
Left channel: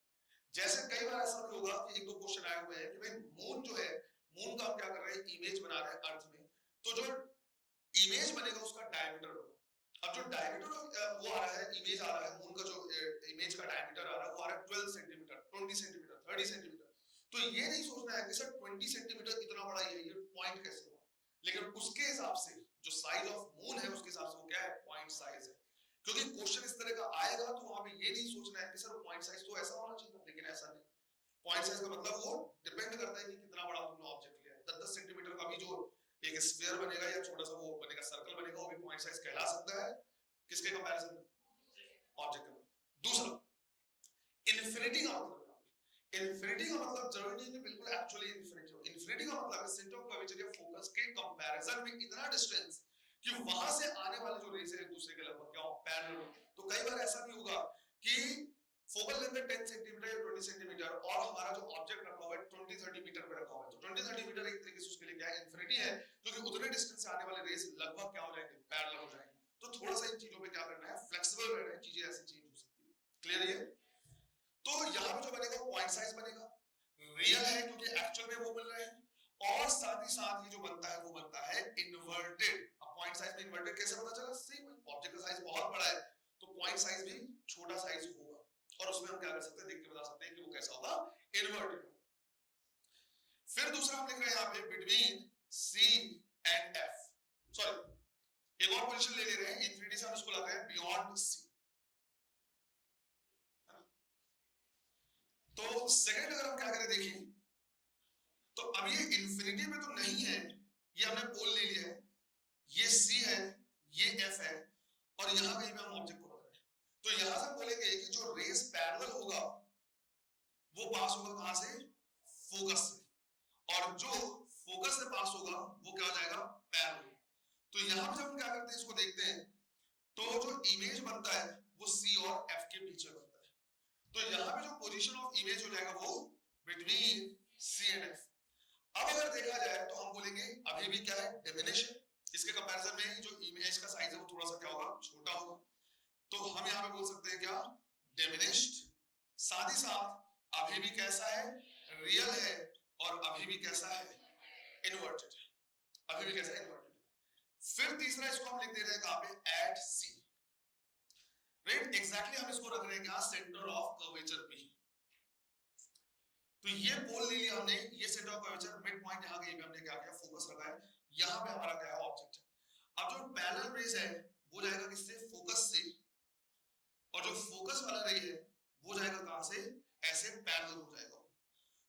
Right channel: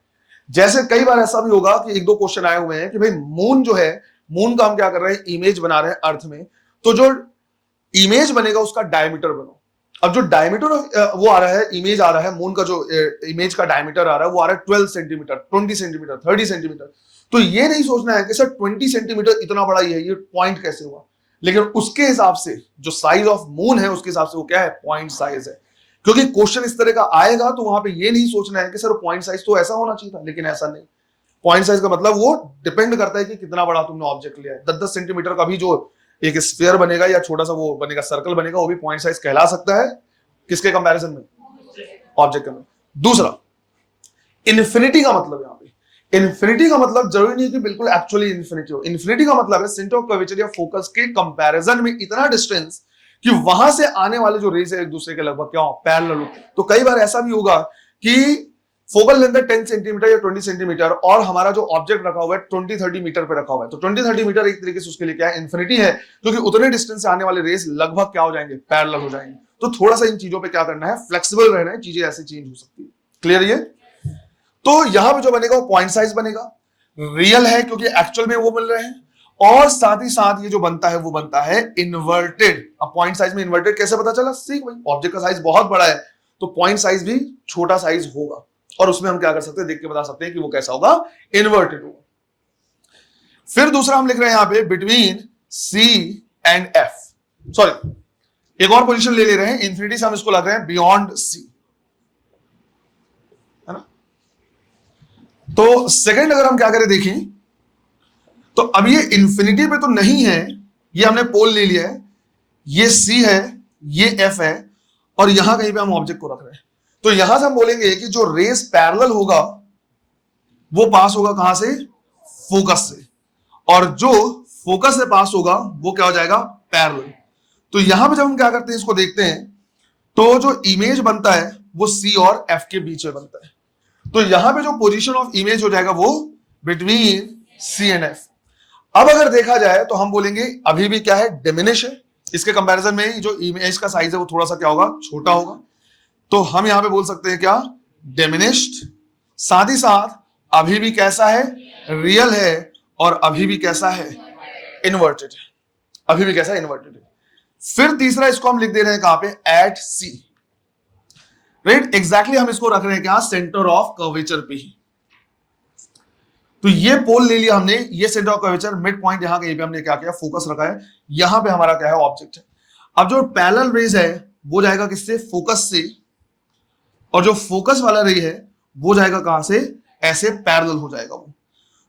जैसे कई बार ऐसा भी होगा कि 1-2 क्वेश्चन आए हुए हैं कि भाई मून जो है, मून का हम क्या कर रहे हैं, इमेज बना रहे हैं अर्थ में, तो जो इमेज बनेगा उसका डायमीटर बनाओ। अब जो डायमीटर वो आ रहा है, इमेज आ रहा है, मून का जो इमेज का डायमीटर आ रहा है वो आ रहा है 12 सेंटीमीटर, 20 सेंटीमीटर, 30 सेंटीमीटर। तो ये नहीं सोचना है कि सर 20 सेंटीमीटर इतना बड़ा ही है, ये पॉइंट कैसे हुआ, लेकिन उसके हिसाब से जो साइज ऑफ मून है उसके हिसाब से वो क्या है, पॉइंट साइज है। क्योंकि क्वेश्चन इस तरह का आएगा तो वहां पे ये नहीं सोचना है कि सर पॉइंट साइज तो ऐसा होना चाहिए था, लेकिन ऐसा नहीं। पॉइंट साइज का मतलब वो डिपेंड करता है कि कितना बड़ा तुमने ऑब्जेक्ट लिया है। 10-10 सेंटीमीटर का भी जो एक स्फीयर बनेगा या छोटा सा वो बनेगा, सर्कल बनेगा, वो भी पॉइंट साइज कहला सकता है। किसके कंपैरिजन में, ऑब्जेक्ट में। दूसरा, इन्फिनिटी का मतलब, यहां पे इन्फिनिटी का मतलब जरूरी नहीं कि बिल्कुल एक्चुअली इन्फिनिटी हो। इन्फिनिटी का मतलब है सेंटर ऑफ कर्वेचर या फोकस के कंपैरिजन में इतना डिस्टेंस कि वहां से आने वाले जो रेज है एक दूसरे के लगभग क्या हो, पैरेलल हो। तो कई बार ऐसा भी होगा कि फोकल लेंथ है 10 सेंटीमीटर या 20 सेंटीमीटर, और हमारा जो ऑब्जेक्ट रखा हुआ है 20-30 मीटर पे रखा हुआ है। तो 20-30 मीटर एक तरीके से उसके लिए क्या है, इन्फिनिटी है, क्योंकि उतने डिस्टेंस से आने वाले रेज लगभग क्या हो जाएंगे, पैरेलल हो जाएंगे। तो थोड़ा सा इन चीजों पे क्या करना है, फ्लेक्सिबल रहना है, चीजें ऐसे चेंज हो सकती है। क्लियर ये। तो यहां पे जो बनेगा वो पॉइंट साइज बनेगा, रियल है क्योंकि एक्चुअल में वो मिल रहे हैं, और साथ ही साथ ये जो बनता है वो बनता है इन्वर्टेड। अब पॉइंट साइज में इन्वर्टेड कैसे पता चला, सीख भाई, ऑब्जेक्ट का साइज बहुत बड़ा है तो पॉइंट साइज भी छोटा साइज होगा, और उसमें हम क्या कर सकते हैं, देख के बता सकते हैं कि वो कैसा होगा, इन्वर्टेड होगा। फिर दूसरा हम लिख रहे हैं यहां पे between C and F, sorry एक और पोजीशन ले रहे हैं, इंफिनिटी से हम इसको लग रहे हैं बियॉन्ड सी, है ना। तो सेकंड अगर हम क्या करें देखें, तो अब ये इंफिनिटी पे तो नहीं है, ये हमने पोल ले लिया है, ये सी है, ये एफ है, और यहां कहीं पे हम ऑब्जेक्ट को रख रहे हैं। तो यहां से हम बोलेंगे कि जो रेस पैरेलल होगा वो पास होगा कहां से, फोकस से, और जो फोकस से पास होगा वो क्या हो जाएगा, पैरेलल। तो यहां पे जब हम क्या करते हैं, इसको देखते हैं, तो जो इमेज बनता है वो सी और एफ के बीच में बनता है। तो यहां पे जो पोजीशन ऑफ इमेज हो जाएगा वो बिटवीन सी एंड एफ। अब अगर देखा जाए तो हम बोलेंगे अभी भी क्या है, डिमिनिश है। इसके कंपैरिजन में जो इमेज का साइज है वो थोड़ा सा क्या होगा, छोटा होगा। तो हम यहां पे बोल सकते हैं क्या, डिमिनिश्ड। साथ ही साथ अभी भी कैसा है, रियल है, और अभी भी कैसा है, इन्वर्टेड। अभी भी कैसा है, इन्वर्टेड है। फिर तीसरा इसको हम लिख दे रहे हैं कहां पे, एट सी। राइट, एग्जैक्टली हम इसको रख रहे हैं क्या, सेंटर ऑफ कर्वेचर पे ही। तो ये पोल ले लिया हमने, ये centre of curvature, mid point यहां कहीं पे हमने क्या किया, फोकस रखा है। यहां पे हमारा क्या है, ऑब्जेक्ट है। अब जो पैरेलल रेज है वो जाएगा किससे, फोकस से, और जो फोकस वाला रे है वो जाएगा कहां से, ऐसे पैरेलल हो जाएगा वो।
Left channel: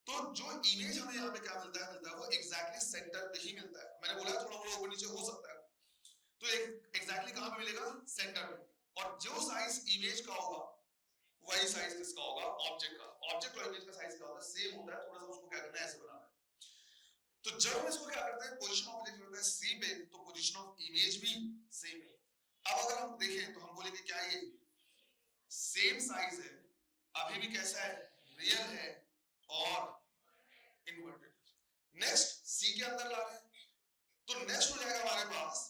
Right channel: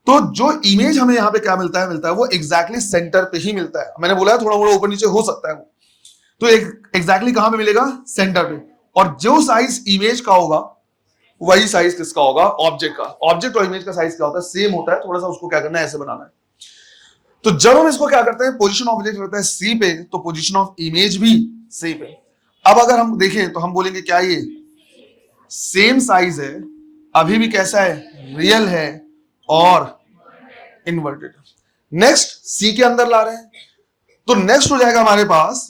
तो जो इमेज हमें यहां पे क्या मिलता है वो एग्जैक्टली सेंटर पे ही मिलता है। मैंने बोला है थोड़ा मोड़ा ऊपर नीचे हो सकता है वो, तो एग्जैक्टली कहां पे मिलेगा, सेंटर पे। और जो साइज इमेज का होगा वही साइज किसका होगा, ऑब्जेक्ट का। ऑब्जेक्ट और इमेज का साइज क्या होता है, सेम होता है। थोड़ा सा उसको क्या करना है, ऐसे बनाना है। तो जब हम इसको क्या करते हैं, पोजीशन ऑफ ऑब्जेक्ट रहता है सी पे, तो पोजीशन ऑफ इमेज भी सी पे। अब अगर हम देखें तो हम बोलेंगे क्या, ये सेम साइज है, अभी भी कैसा है, रियल है, और इन्वर्टेड। नेक्स्ट सी के अंदर ला रहे हैं, तो नेक्स्ट हो जाएगा हमारे पास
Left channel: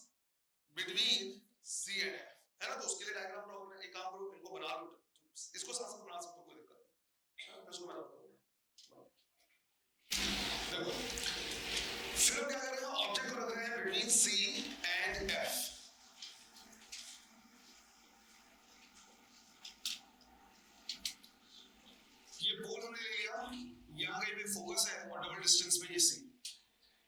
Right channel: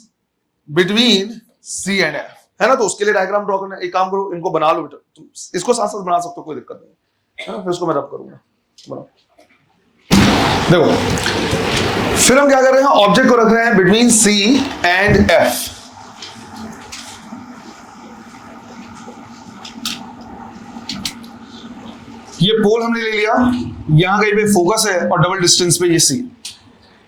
बिटवीन सी एंड एफ, है ना। तो उसके लिए डायग्राम ड्रॉ करना है। एक काम करो, इनको बना लो बेटा, तुम इसको साथ साथ बना सकते हो, कोई दिक्कत नहीं है ना। फिर इसको मैं रब करूंगा, बनाओ। देखो, फिर हम क्या कर रहे हैं, ऑब्जेक्ट को रख रहे हैं बिटवीन सी एंड एफ। ये पोल हमने ले लिया, यहां कहीं पे फोकस है और डबल डिस्टेंस पे ये सी।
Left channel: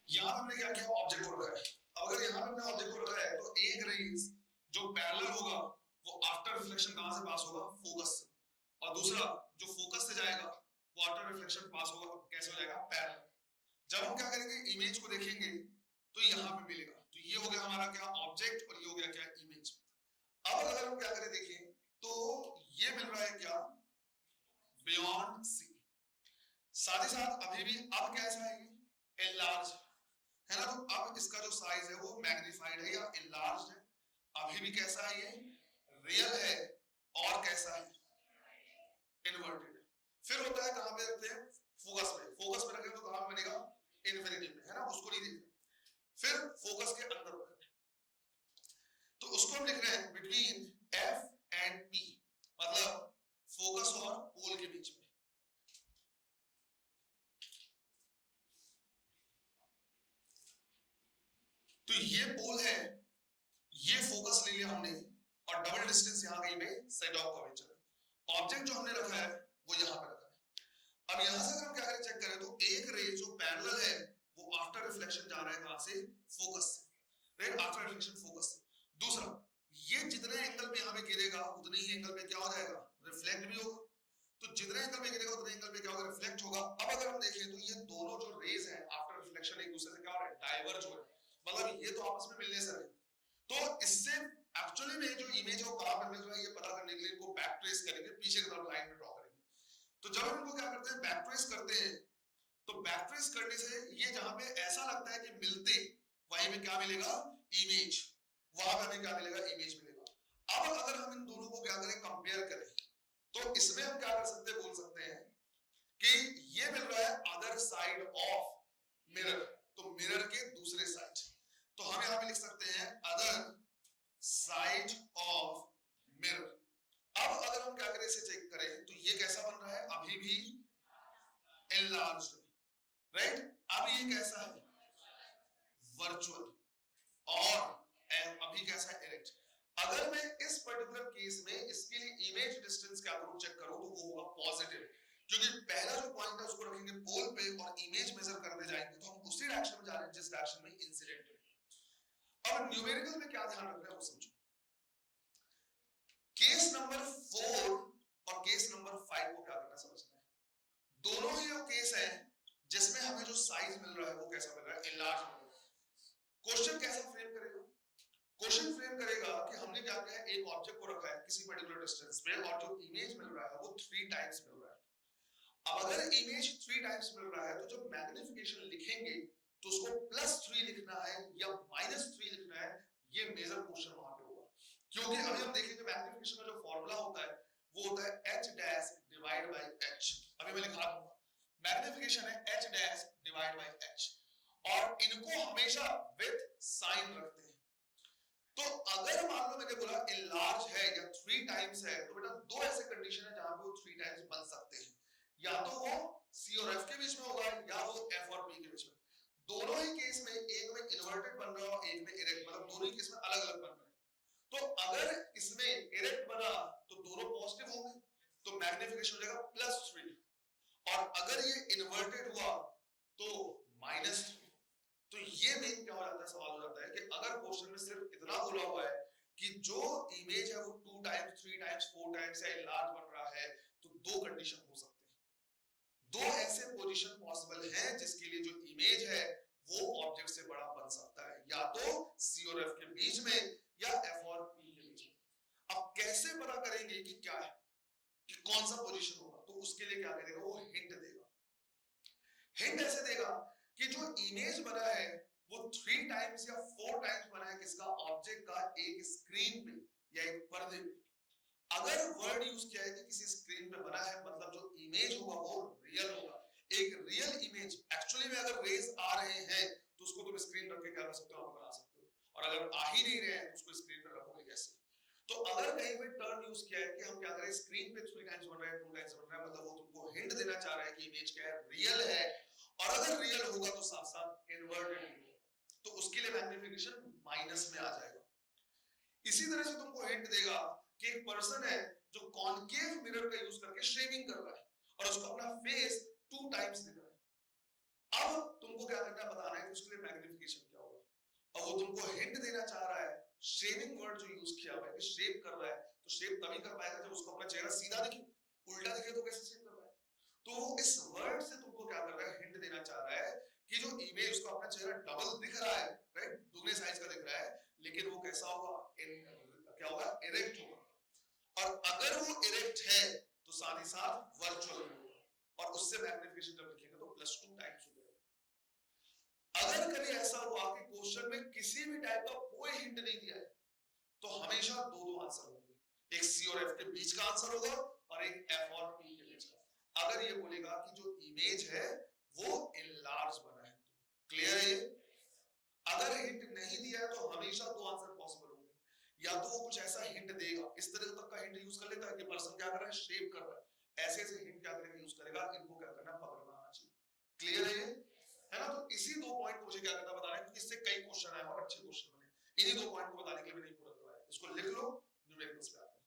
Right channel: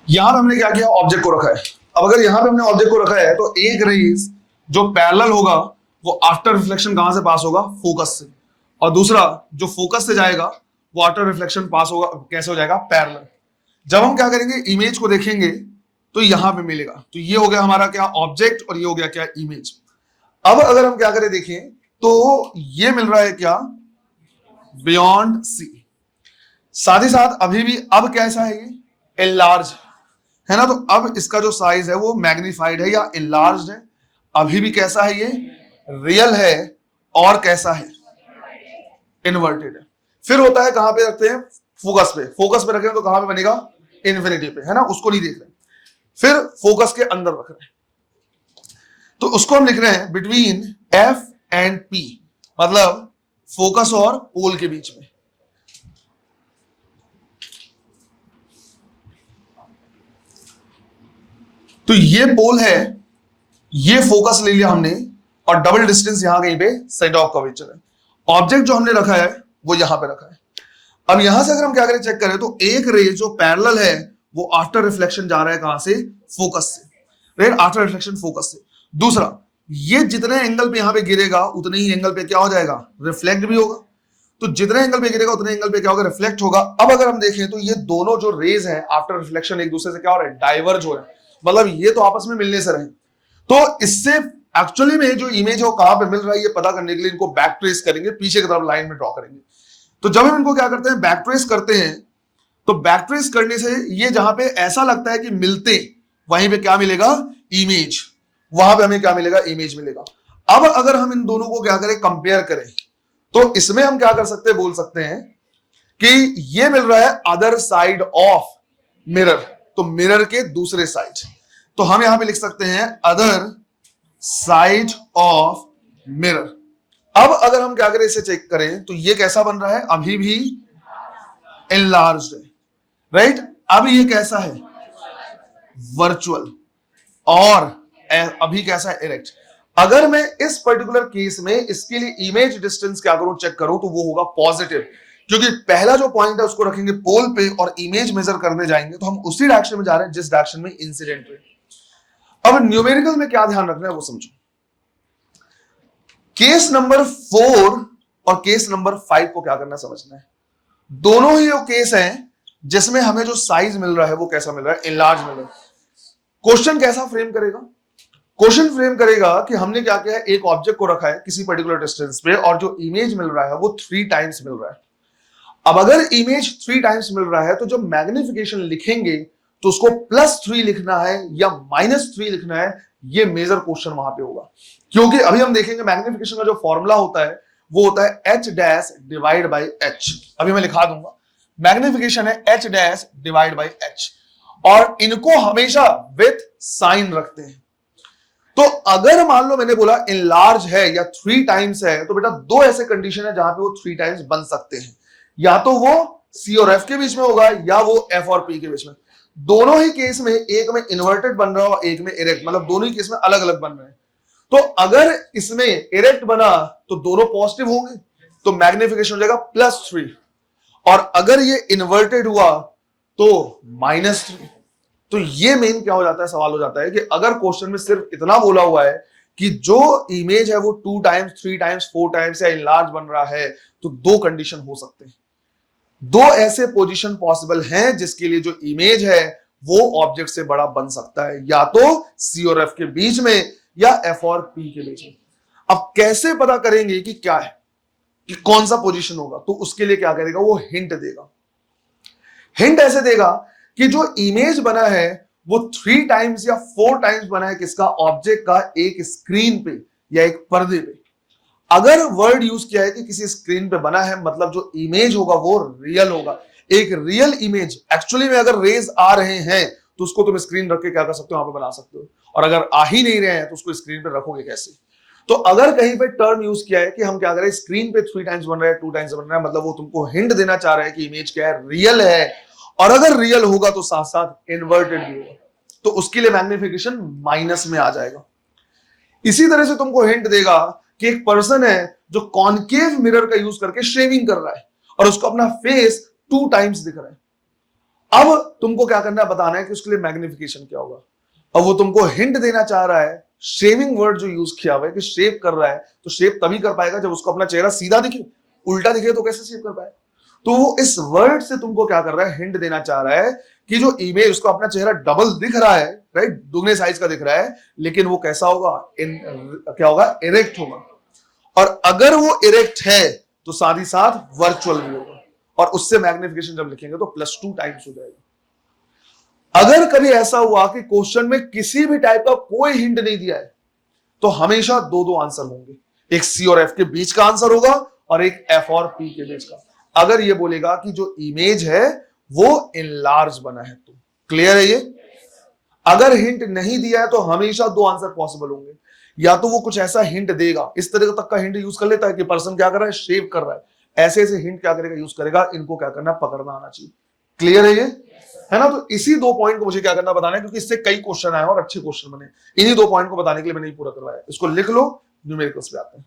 यहां पे हमने क्या किया, ऑब्जेक्ट को रखा है। अब अगर यहां पे हमने ऑब्जेक्ट को रखा है तो एक रेज जो पैरेलल होगा वो आफ्टर रिफ्लेक्शन कहां से पास होगा, फोकस से, और दूसरा जो फोकस से जाएगा वो आफ्टर रिफ्लेक्शन पास होगा, कैसे हो जाएगा, पैरेलल। जब हम क्या करेंगे, इमेज को देखेंगे तो यहां पे मिलेगा। तो ये हो गया हमारा क्या, ऑब्जेक्ट, और ये हो गया क्या, इमेज। अब अगर हम क्या करें, देखें तो ये मिल रहा है क्या, बियॉन्ड सी। साथ ही साथ अभी भी अब कैसा है, ये एनलार्ज है ना। तो अब इसका जो साइज है वो मैग्नीफाइड है या एनलार्ज्ड है। अभी भी कैसा है, ये रियल है, और कैसा है, इन्वर्टेड है। फिर होता है कहां पे रखते हैं, फोकस पे। फोकस पे रखें तो कहां पे बनेगा, इन्फिनिटी पे, है ना। उसको नहीं देख रहे। फिर फोकस के अंदर रख रहे हैं, तो उसको हम लिख रहे हैं बिटवीन एफ एंड पी, मतलब फोकस और पोल के बीच में। तो ये पोल है, ये फोकस ले लिया हमने, और डबल डिस्टेंस यहां कहीं पे सेंटर ऑफ कर्वेचर है। ऑब्जेक्ट जो हमने रखा है वो यहां पे रखा है। अब यहां से अगर हम क्या करें, चेक करें, तो एक रे जो पैरेलल है वो आफ्टर रिफ्लेक्शन जा रहा है कहां से, फोकस से। राइट, आफ्टर रिफ्लेक्शन फोकस से। दूसरा, ये जितने एंगल पे यहां पे गिरेगा उतने ही एंगल पे क्या हो जाएगा, रिफ्लेक्ट भी होगा। तो जितने एंगल पे गिरेगा उतने एंगल पे क्या होगा, रिफ्लेक्ट होगा। अब अगर हम देखें तो ये दोनों जो रेज हैं आफ्टर रिफ्लेक्शन एक दूसरे से क्या हो रहा है, डाइवर्ज हो रहे हैं। मतलब ये तो आपस में मिलने से रहे। तो इससे एक्चुअली में जो इमेज है वो कहां पे मिल रहा है ये पता करने के लिए इनको बैक ट्रेस करेंगे, पीछे की तरफ लाइन में ड्रॉ करेंगे। तो जब हम इनको क्या करते हैं, बैक ट्रेस करते हैं, तो बैक ट्रेस करने से ये जहां पे ऐसा लगता है कि मिलते, वहीं पे क्या मिलेगा, इमेज। वहां पे हमें क्या मिलेगा, इमेज मिलेगा। अब अगर हम इन दोनों को क्या करें, कंपेयर करें, तो इसमें हम क्या कर सकते हैं, बोल सकते हैं कि ये मिल रहा है अदर साइड ऑफ मिरर, तो मिरर के दूसरे साइड। तो हम यहां पे लिख सकते हैं अदर साइड ऑफ मिरर। अब अगर हम क्या करें, इसे चेक करें, तो ये कैसा बन रहा है, अभी भी एनलार्ज्ड है। राइट, अब ये कैसा है, वर्चुअल, और अभी कैसा है, इरेक्ट। अगर मैं इस पर्टिकुलर केस में इसके लिए इमेज डिस्टेंस क्या करूं, चेक करूं, तो वो होगा पॉजिटिव, क्योंकि पहला जो पॉइंट है उसको रखेंगे पोल पे और इमेज मेजर करने जाएंगे तो हम उसी डायरेक्शन में जा रहे हैं जिस डायरेक्शन में इंसिडेंट है। अब न्यूमेरिकल में क्या ध्यान रखना है वो समझो। केस नंबर 4 और केस नंबर 5 को क्या करना है, समझना है। दोनों ही वो केस हैं जिसमें हमें जो साइज मिल रहा है वो कैसा मिल रहा है, इनलार्ज मिल रहा है। क्वेश्चन कैसा फ्रेम करेगा, क्वेश्चन फ्रेम करेगा कि हमने क्या किया है, एक ऑब्जेक्ट को रखा है किसी पर्टिकुलर डिस्टेंस पे और जो इमेज मिल रहा है वो 3 टाइम्स मिल रहा है। अब अगर इमेज 3 टाइम्स मिल रहा है तो जब मैग्निफिकेशन लिखेंगे तो उसको +3 लिखना है या -3 लिखना है, ये मेजर क्वेश्चन वहां पे होगा। क्योंकि अभी हम देखेंगे मैग्निफिकेशन का जो फॉर्मूला होता है वो होता है h' डिवाइड बाय h। अभी मैं लिखा दूंगा, मैग्निफिकेशन है h dash divide by h, और इनको हमेशा विथ साइन रखते हैं। तो अगर मान लो मैंने बोला इनलार्ज है या 3 टाइम्स है, तो बेटा दो ऐसे कंडीशन है जहां पे वो 3 टाइम्स बन सकते हैं, या तो वो C और F के बीच में होगा या वो F और P के बीच में। दोनों ही केस में, एक में इन्वर्टेड बन रहा हो, एक में इरेक्ट, मतलब दोनों ही केस में अलग अलग बन रहे हैं। तो अगर इसमें इरेक्ट बना तो दोनों पॉजिटिव होंगे, तो मैग्निफिकेशन हो जाएगा +3, और अगर ये इन्वर्टेड हुआ तो -3। तो ये मेन क्या हो जाता है, सवाल हो जाता है कि अगर क्वेश्चन में सिर्फ इतना बोला हुआ है कि जो इमेज है वो 2 टाइम्स, 3 टाइम्स, 4 टाइम्स या इनलार्ज बन रहा है, तो दो कंडीशन हो सकते हैं, दो ऐसे पोजीशन पॉसिबल हैं जिसके लिए जो इमेज है वो ऑब्जेक्ट से बड़ा बन सकता है, या तो C और F के बीच में या F और P के बीच में। अब कैसे पता करेंगे कि क्या है, कि कौन सा पोजीशन होगा, तो उसके लिए क्या करेगा, वो हिंट देगा। हिंट ऐसे देगा कि जो इमेज बना है वो 3 टाइम्स या 4 टाइम्स बना है किसका, ऑब्जेक्ट का, एक स्क्रीन पे या एक पर्दे पे। अगर वर्ड यूज किया है कि किसी स्क्रीन पे बना है, मतलब जो इमेज होगा वो रियल होगा। एक रियल इमेज एक्चुअली में अगर रेज आ रहे हैं तो उसको तुम स्क्रीन रख के क्या कर सकते हो, वहां पे बना सकते हो, और अगर आ ही नहीं रहे हैं तो उसको स्क्रीन पे रखोगे कैसे। तो अगर कहीं पे टर्म यूज किया है कि हम क्या करें, स्क्रीन पे 3 टाइम्स बन रहा है, 2 टाइम्स बन रहा है, मतलब वो तुमको हिंट देना चाह रहा है कि इमेज क्या है, रियल है, और अगर रियल होगा तो साथ साथ इन्वर्टेड भी होगा, तो उसके लिए मैग्निफिकेशन माइनस में आ जाएगा। इसी तरह से तुमको हिंट देगा कि एक पर्सन है जो कॉनकेव मिरर का यूज करके शेविंग कर रहा है और उसको अपना फेस 2 टाइम्स दिख रहा है। अब तुमको क्या करना है, बताना है कि उसके लिए मैग्निफिकेशन क्या होगा। अब वो तुमको हिंट देना चाह रहा है, शेविंग वर्ड जो यूज किया हुआ है कि शेव कर रहा है, तो शेव तभी कर पाएगा जब उसको अपना चेहरा सीधा दिखे, उल्टा दिखे तो कैसे शेव कर पाए। तो वो इस वर्ड से तुमको क्या कर रहा है, हिंट देना चाह रहा है कि जो इमेज, उसको अपना चेहरा डबल दिख रहा है, राइट, दुगने साइज का दिख रहा है, लेकिन वो कैसा होगा, क्या होगा, इरेक्ट होगा। और अगर वो इरेक्ट है तो साथ ही साथ वर्चुअल भी होगा, और उससे मैग्निफिकेशन जब लिखेंगे तो +2 टाइम्स हो जाएगा। अगर कभी ऐसा हुआ कि क्वेश्चन में किसी भी टाइप का कोई हिंट नहीं दिया है, तो हमेशा दो दो आंसर होंगे, एक C और F के बीच का आंसर होगा और एक F और P के बीच का। अगर ये बोलेगा कि जो इमेज है वो इनलार्ज बना है, तो क्लियर है ये। अगर हिंट नहीं दिया है तो हमेशा दो आंसर पॉसिबल होंगे, या तो वो कुछ ऐसा हिंट देगा, इस तरह तक का हिंट यूज कर लेता है कि पर्सन क्या कर रहा है, शेव कर रहा है, ऐसे ऐसे हिंट क्या करेगा, यूज करेगा। इनको क्या करना, पकड़ना आना चाहिए। क्लियर है ये, है ना। तो इसी 2 पॉइंट को मुझे क्या करना, बताना है, क्योंकि इससे कई क्वेश्चन आए और अच्छे क्वेश्चन बने। इन्हीं 2 पॉइंट को बताने के लिए मैंने पूरा करवाया। इसको लिख लो, न्यूमेरिकल्स पे आते हैं।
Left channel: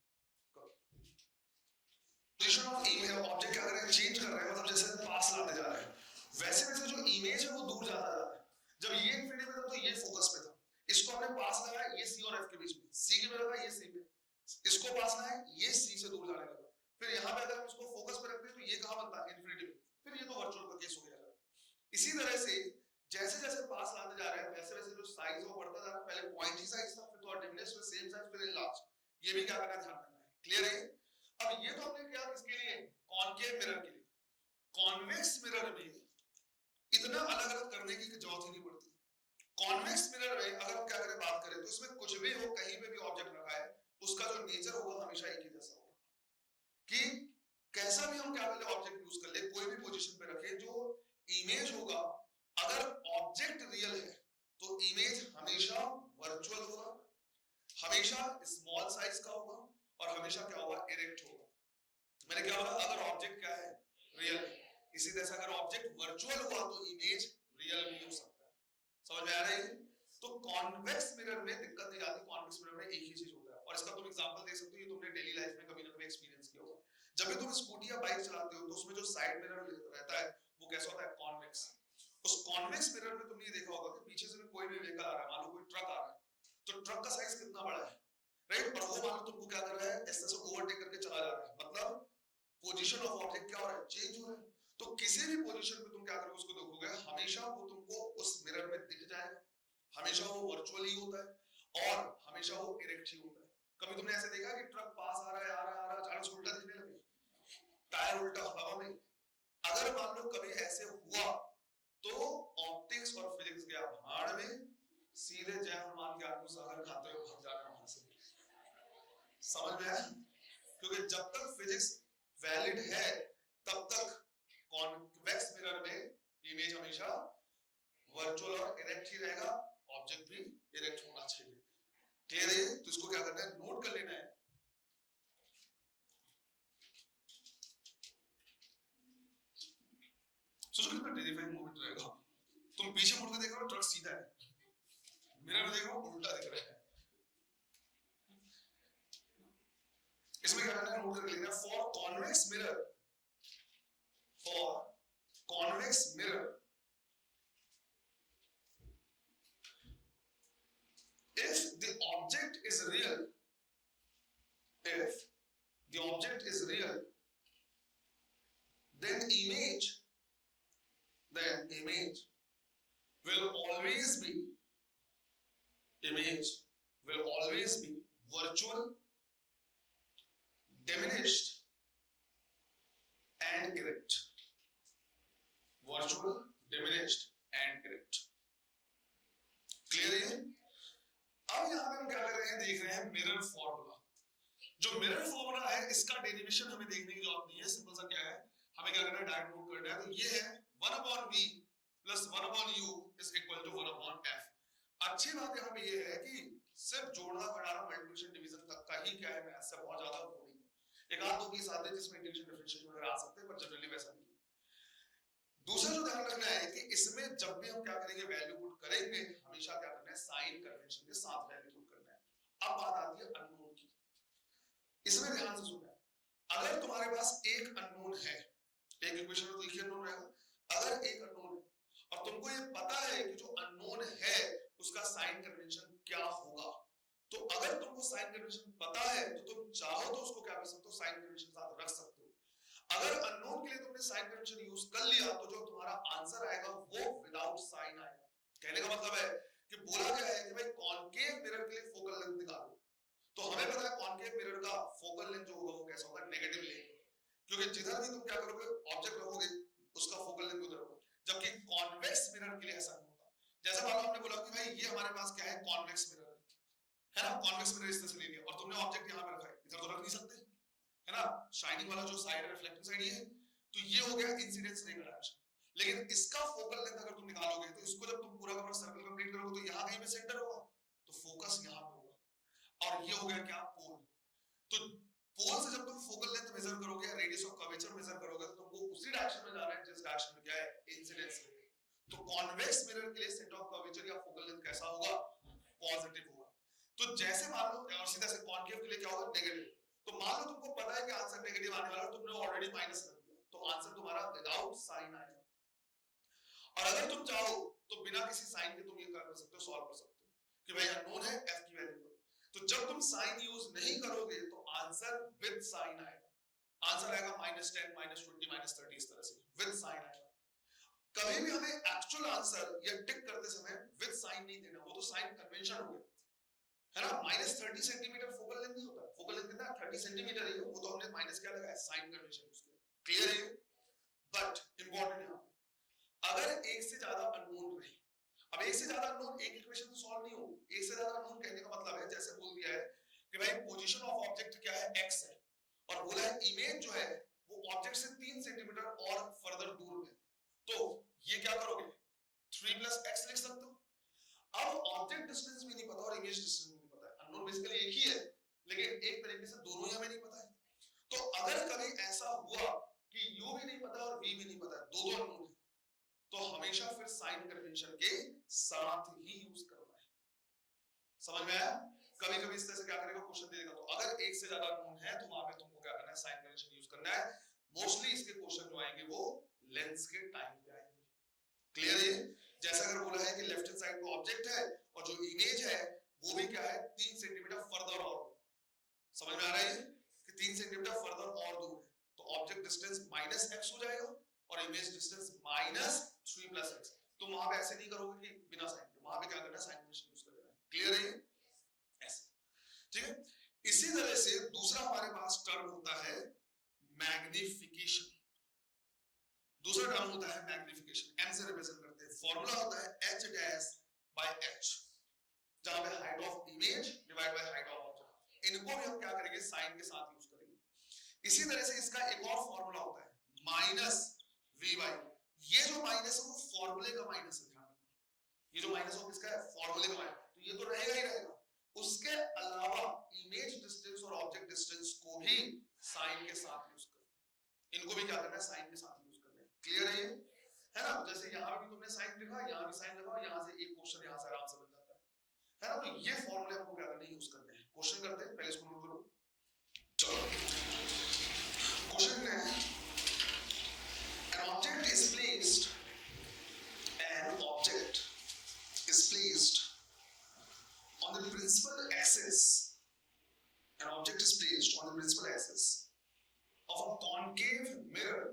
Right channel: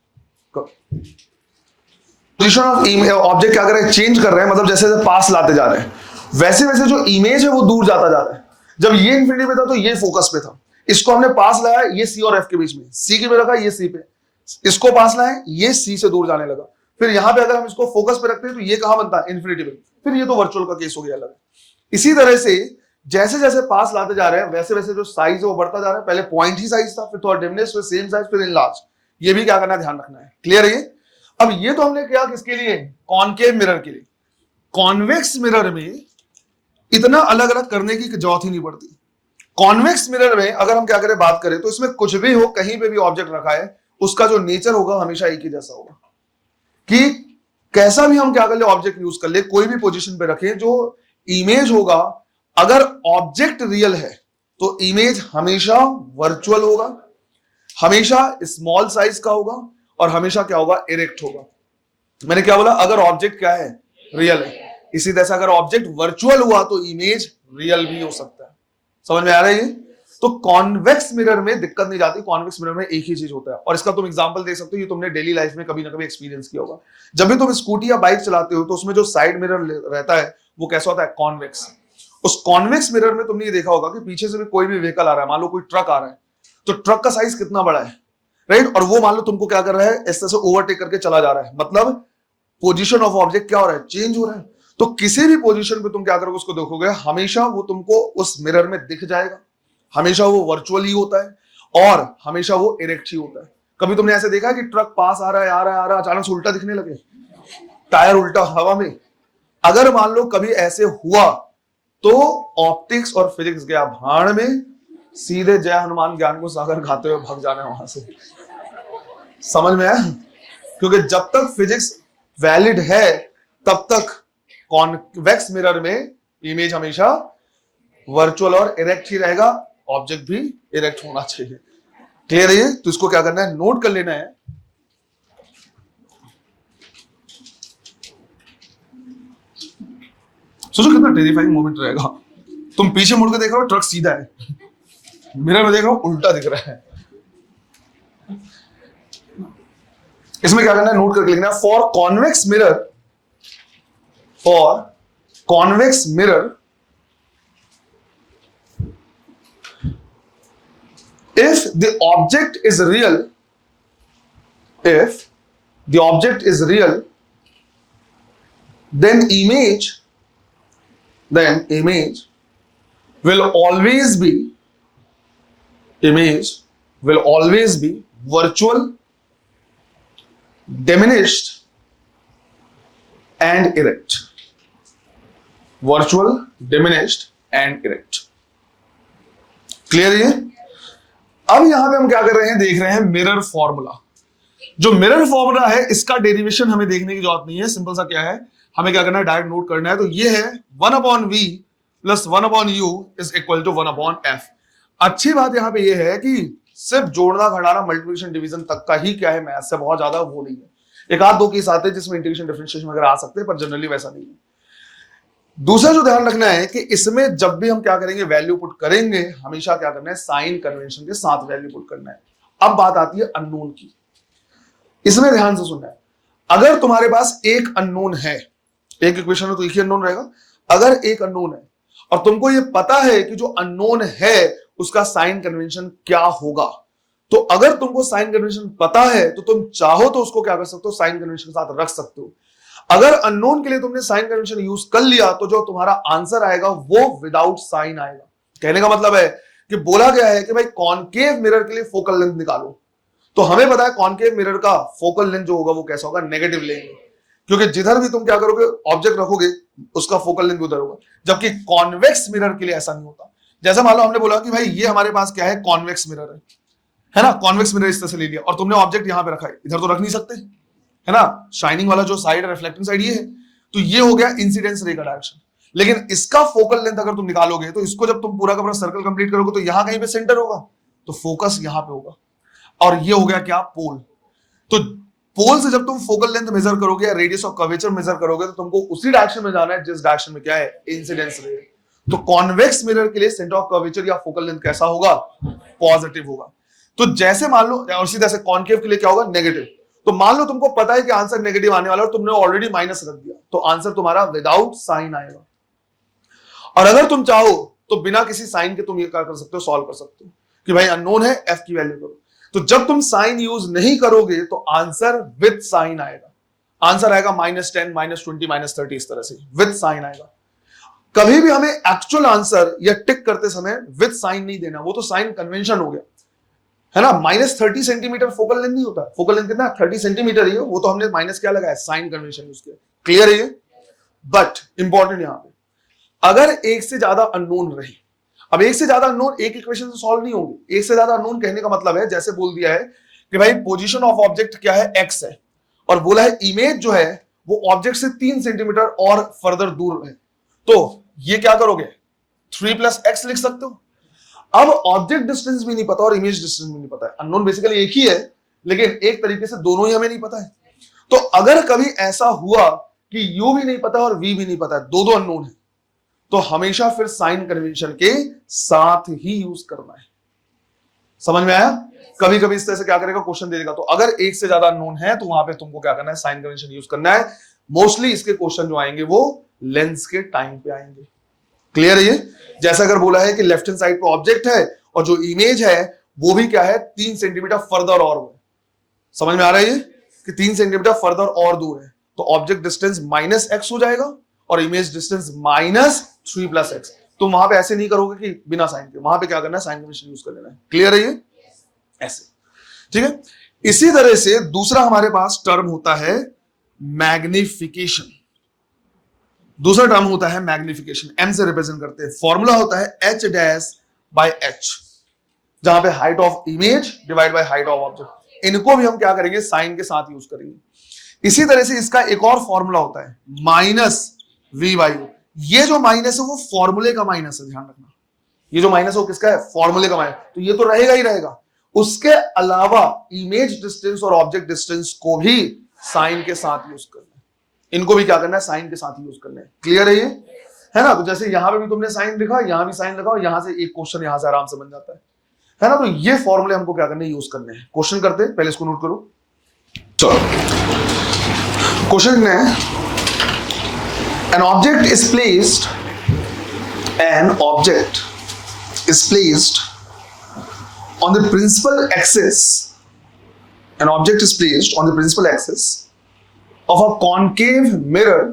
पोजीशन ऑफ ऑब्जेक्ट क्या कर रहे हैं, चेंज कर रहे हैं, मतलब जैसे जैसे पास लाते जा रहे हैं वैसे वैसे जो इमेज है वो दूर जाता जा रहा है। जब ये इंफिनिटी पे था तो ये फोकस पे था, इसको हमने पास लाया, ये C और F के बीच में, C के पे रखा, ये C पे, इसको पास लाया, ये C से दूर जाने लगा। फिर यहाँ पे अगर हम इसको फोकस पे रखते हैं तो ये कहां बनता है, इन्फिनिटी पे। फिर ये तो वर्चुअल का केस हो गया अलग। इसी तरह से जैसे जैसे पास लाते जा रहे हैं वैसे वैसे जो साइज है वो बढ़ता जा रहा है। पहले पॉइंट ही साइज था, फिर थोड़ा डिमनेस, फिर सेम साइज, फिर इनलार्ज। ये भी क्या करना, ध्यान रखना है। क्लियर है ये। अब ये तो हमने किया किसके लिए, कॉनकेव मिरर के लिए। कॉन्वेक्स मिरर में इतना अलग अलग करने की जरूरत ही नहीं पड़ती। कॉन्वेक्स मिरर में अगर हम क्या करें, बात करें तो इसमें कुछ भी हो, कहीं पे भी ऑब्जेक्ट रखा है, उसका जो नेचर होगा हमेशा एक ही जैसा होगा। कि कैसा भी हम क्या कर ले, ऑब्जेक्ट यूज कर ले, कोई भी पोजीशन पे रखें, जो इमेज होगा, अगर ऑब्जेक्ट रियल है तो इमेज हमेशा वर्चुअल होगा, हमेशा स्मॉल साइज का होगा, और हमेशा क्या होगा, इरेक्ट होगा। मैंने क्या बोला, अगर ऑब्जेक्ट क्या है, रियल है। इसी तरह से अगर ऑब्जेक्ट वर्चुअल हुआ तो इमेज रियल भी हो सकता है। समझ में आ रहा है ये। तो कॉन्वेक्स मिरर में दिक्कत नहीं जाती, कॉन्वेक्स मिरर में एक ही चीज होता है। और इसका तुम एग्जांपल दे सकते हो, ये तुमने डेली लाइफ में कभी ना कभी एक्सपीरियंस किया होगा। जब भी तुम स्कूटी या बाइक चलाते हो तो उसमें जो साइड मिरर रहता है वो कैसा होता है, कॉन्वेक्स। उस कॉन्वेक्स मिरर में तुमने ये देखा होगा कि पीछे से भी कोई भी व्हीकल आ रहा है, मान लो कोई ट्रक आ रहा है, तो ट्रक का साइज कितना बड़ा है, राइट, और वो मान लो तुमको क्या कर रहा है, इस तरह से ओवरटेक करके चला जा रहा है, मतलब पोजीशन ऑफ ऑब्जेक्ट क्या हो रहा है, चेंज हो रहा है। तो किसी भी पोजीशन पे तुम क्या करोगे, उसको देखोगे, हमेशा वो तुमको उस मिरर में दिख जाएगा, हमेशा वो वर्चुअल ही होता है, और हमेशा वो इरेक्ट ही होता है। कभी तुमने ऐसे देखा कि ट्रक पास आ रहा है, आ रहा है, आ रहा है, अचानक से उल्टा दिखने लगे, टायर उल्टा हवा में। अगर मान लो कभी ऐसे हुआ तो ऑप्टिक्स और फिजिक्स गया भाड़ में, सीधे जय हनुमान ज्ञान को सागर खाते हुए भाग जाना है वहां से। समझ में आया। क्योंकि जब तक फिजिक्स वैलिड है तब तक कॉन्वेक्स मिरर में इमेज हमेशा वर्चुअल और इरेक्ट ही रहेगा, ऑब्जेक्ट भी इरेक्ट होना चाहिए। क्लियर है ये? तो इसको क्या करना है, नोट कर लेना है। सोचो कितना टेरिफाइंग मोमेंट रहेगा, तुम पीछे मुड़ के देख रहे हो ट्रक सीधा है, मिरर में देख रहे हो उल्टा दिख रहा है। इसमें क्या करना है, नोट करके लिखना है, for convex mirror if the object is real, then image will always be virtual, diminished and erect. Virtual, diminished and erect. Clear है? अब यहां पे हम क्या कर रहे हैं, देख रहे हैं मिरर फॉर्मूला। जो मिरर फॉर्मूला है इसका डेरिवेशन हमें देखने की जरूरत नहीं है, सिंपल सा क्या है, हमें क्या करना है, डायरेक्ट नोट करना है। तो ये है 1/v + 1/u = 1/f। अच्छी बात यहां पे ये है कि सिर्फ जोड़ना घटाना मल्टीप्लिकेशन डिवीजन तक का ही क्या है मैथ से बहुत ज्यादा वो नहीं है। एक आध दो केस आते हैं जिसमें इंटीग्रेशन डिफरेंशिएशन वगैरह आ सकते हैं, पर जनरली वैसा नहीं है। दूसरा जो ध्यान रखना है कि इसमें जब भी हम क्या करेंगे, वैल्यू पुट करेंगे, हमेशा क्या करना है, साइन कन्वेंशन के साथ वैल्यू पुट करना है। अब बात आती है अननोन की। इसमें ध्यान से सुनना है, अगर तुम्हारे पास एक अननोन है, एक इक्वेशन में तो एक ही अननोन रहेगा, अगर एक अननोन है और तुमको ये पता है कि जो अननोन है उसका साइन कन्वेंशन क्या होगा, तो अगर तुमको साइन कन्वेंशन पता है तो तुम चाहो तो उसको क्या कर सकते हो, साइन कन्वेंशन के साथ रख सकते हो। अगर अननोन के लिए तुमने साइन कन्वेंशन यूज कर लिया तो जो तुम्हारा आंसर आएगा वो विदाउट साइन आएगा। कहने का मतलब है कि बोला गया है कि भाई कॉनकेव मिरर के लिए फोकल लेंथ निकालो, तो हमें पता है कॉनकेव मिरर का फोकल लेंथ जो होगा वो कैसा होगा, नेगेटिव लेंगे, क्योंकि जिधर भी तुम क्या करोगे, ऑब्जेक्ट रखोगे, उसका फोकल लेंथ उधर होगा। जबकि कॉन्वेक्स मिरर के लिए ऐसा नहीं होता। जैसा मान लो हमने बोला कि भाई ये हमारे पास क्या है, कॉन्वेक्स मिरर है ना, कॉन्वेक्स मिरर इस तरह से ले लिया और तुमने ऑब्जेक्ट यहां पे रखा है, इधर तो रख नहीं सकते, है ना, शाइनिंग वाला जो साइड है, रिफ्लेक्टिंग साइड ये है, तो ये हो गया इंसिडेंस रे का डायरेक्शन। लेकिन इसका फोकल लेंथ अगर तुम निकालोगे तो इसको जब तुम पूरा का पूरा सर्कल कंप्लीट करोगे तो यहां कहीं पे सेंटर होगा, तो फोकस यहां पे होगा, और ये हो गया क्या, पोल। तो पोल से जब तुम फोकल लेंथ मेजर करोगे या रेडियस ऑफ कर्वेचर मेजर करोगे तो तुमको उसी डायरेक्शन में जाना है जिस डायरेक्शन में क्या है, इंसिडेंस रे। तो कॉन्वेक्स मिरर के लिए सेंटर ऑफ कर्वेचर या फोकल लेंथ कैसा होगा, पॉजिटिव होगा। तो जैसे मान लो, और सीधा से कॉनकेव के लिए क्या होगा, नेगेटिव। तो मान लो तुमको पता है कि आंसर नेगेटिव आने वाला है और तुमने ऑलरेडी माइनस रख दिया, तो आंसर तुम्हारा विदाउट साइन आएगा। और अगर तुम चाहो तो बिना किसी साइन के तुम ये क्या कर सकते हो, सॉल्व कर सकते हो कि भाई अननोन है, एफ की वैल्यू करो। तो जब तुम साइन यूज नहीं करोगे तो आंसर विद साइन आएगा। आंसर आएगा -10, -20, -30, इस तरह से विद साइन आएगा। कभी भी हमें एक्चुअल आंसर या टिक करते समय विद साइन नहीं देना, वो तो साइन कन्वेंशन हो गया, है ना। -30 सेंटीमीटर फोकल लेंथ नहीं होता, फोकल लेंथ कितना 30 सेंटीमीटर ही है, वो तो हमने माइनस क्या लगाया, साइन कन्वेंशन यूज किया। क्लियर है ये? बट इंपॉर्टेंट यहां पे, अगर एक से ज्यादा अननोन रहे, अब एक से ज्यादा अननोन एक इक्वेशन से सॉल्व नहीं होगी। एक से ज्यादा अननोन कहने का मतलब है, जैसे बोल दिया है कि भाई पोजीशन ऑफ ऑब्जेक्ट क्या है, एक्स है, और बोला है इमेज जो है वो ऑब्जेक्ट से 3 सेंटीमीटर और फर्दर दूर है, तो ये क्या करोगे, 3 + x लिख सकते हो। अब ऑब्जेक्ट डिस्टेंस भी नहीं पता और इमेज डिस्टेंस भी नहीं पता है, अननोन बेसिकली एक ही है, लेकिन एक तरीके से दोनों ही हमें नहीं पता है। तो अगर कभी ऐसा हुआ कि u भी नहीं पता और v भी नहीं पता है, दो अननोन है, तो हमेशा फिर साइन कन्वेंशन के साथ ही यूज करना है। समझ में आया? कभी कभी इस तरह से क्या करेगा, क्वेश्चन दे देगा, तो अगर एक से ज्यादा अननोन है तो वहां पे तुमको क्या करना है, साइन कन्वेंशन यूज करना है। मोस्टली इसके क्वेश्चन जो आएंगे वो लेंस के टाइम पे आएंगे। क्लियर है ये? जैसा अगर बोला है कि लेफ्ट हैंड साइड पे ऑब्जेक्ट है और जो इमेज है वो भी क्या है, 3 सेंटीमीटर फर्दर और वो, समझ में आ रहा है ये कि 3 सेंटीमीटर फर्दर और दूर है, तो ऑब्जेक्ट डिस्टेंस -x हो जाएगा और इमेज डिस्टेंस -3 + x। तो वहां पे ऐसे नहीं करोगे कि बिना साइन के, वहां पे क्या करना है, साइन कन्वेंशन यूज कर लेना है। क्लियर है ये? ऐसे, ठीक है। इसी तरह से दूसरा हमारे पास टर्म होता है मैग्निफिकेशन। दूसरा टर्म होता है मैग्निफिकेशन, m से रिप्रेजेंट करते हैं। फॉर्मूला होता है h'/h, जहां पे height of image divide by height of object. इनको भी हम क्या करेंगे, साइन के साथ यूज करेंगे। इसी तरह से इसका एक और फॉर्मूला होता है v बाई u। ये जो माइनस है वो फॉर्मूले का माइनस है, ध्यान रखना। ये जो माइनस है वो किसका है? फॉर्मूले का माइनस। तो ये तो रहेगा ही रहेगा। उसके अलावा इमेज डिस्टेंस और ऑब्जेक्ट डिस्टेंस को भी साइन के साथ यूज करना है, इनको भी क्या करना है? साइन के साथ यूज करना है। क्लियर है ये? है ना? तो जैसे यहां पे भी तुमने साइन लिखा, यहां भी साइन लगाओ, यहां से एक क्वेश्चन यहां से आराम से बन जाता है ना? तो ये फॉर्मूले हमको क्या करने यूज करने हैं। क्वेश्चन करते हैं, पहले इसको नोट करो। चलो क्वेश्चन में an object is placed on the principal axis, an object is placed on the principal axis of a concave mirror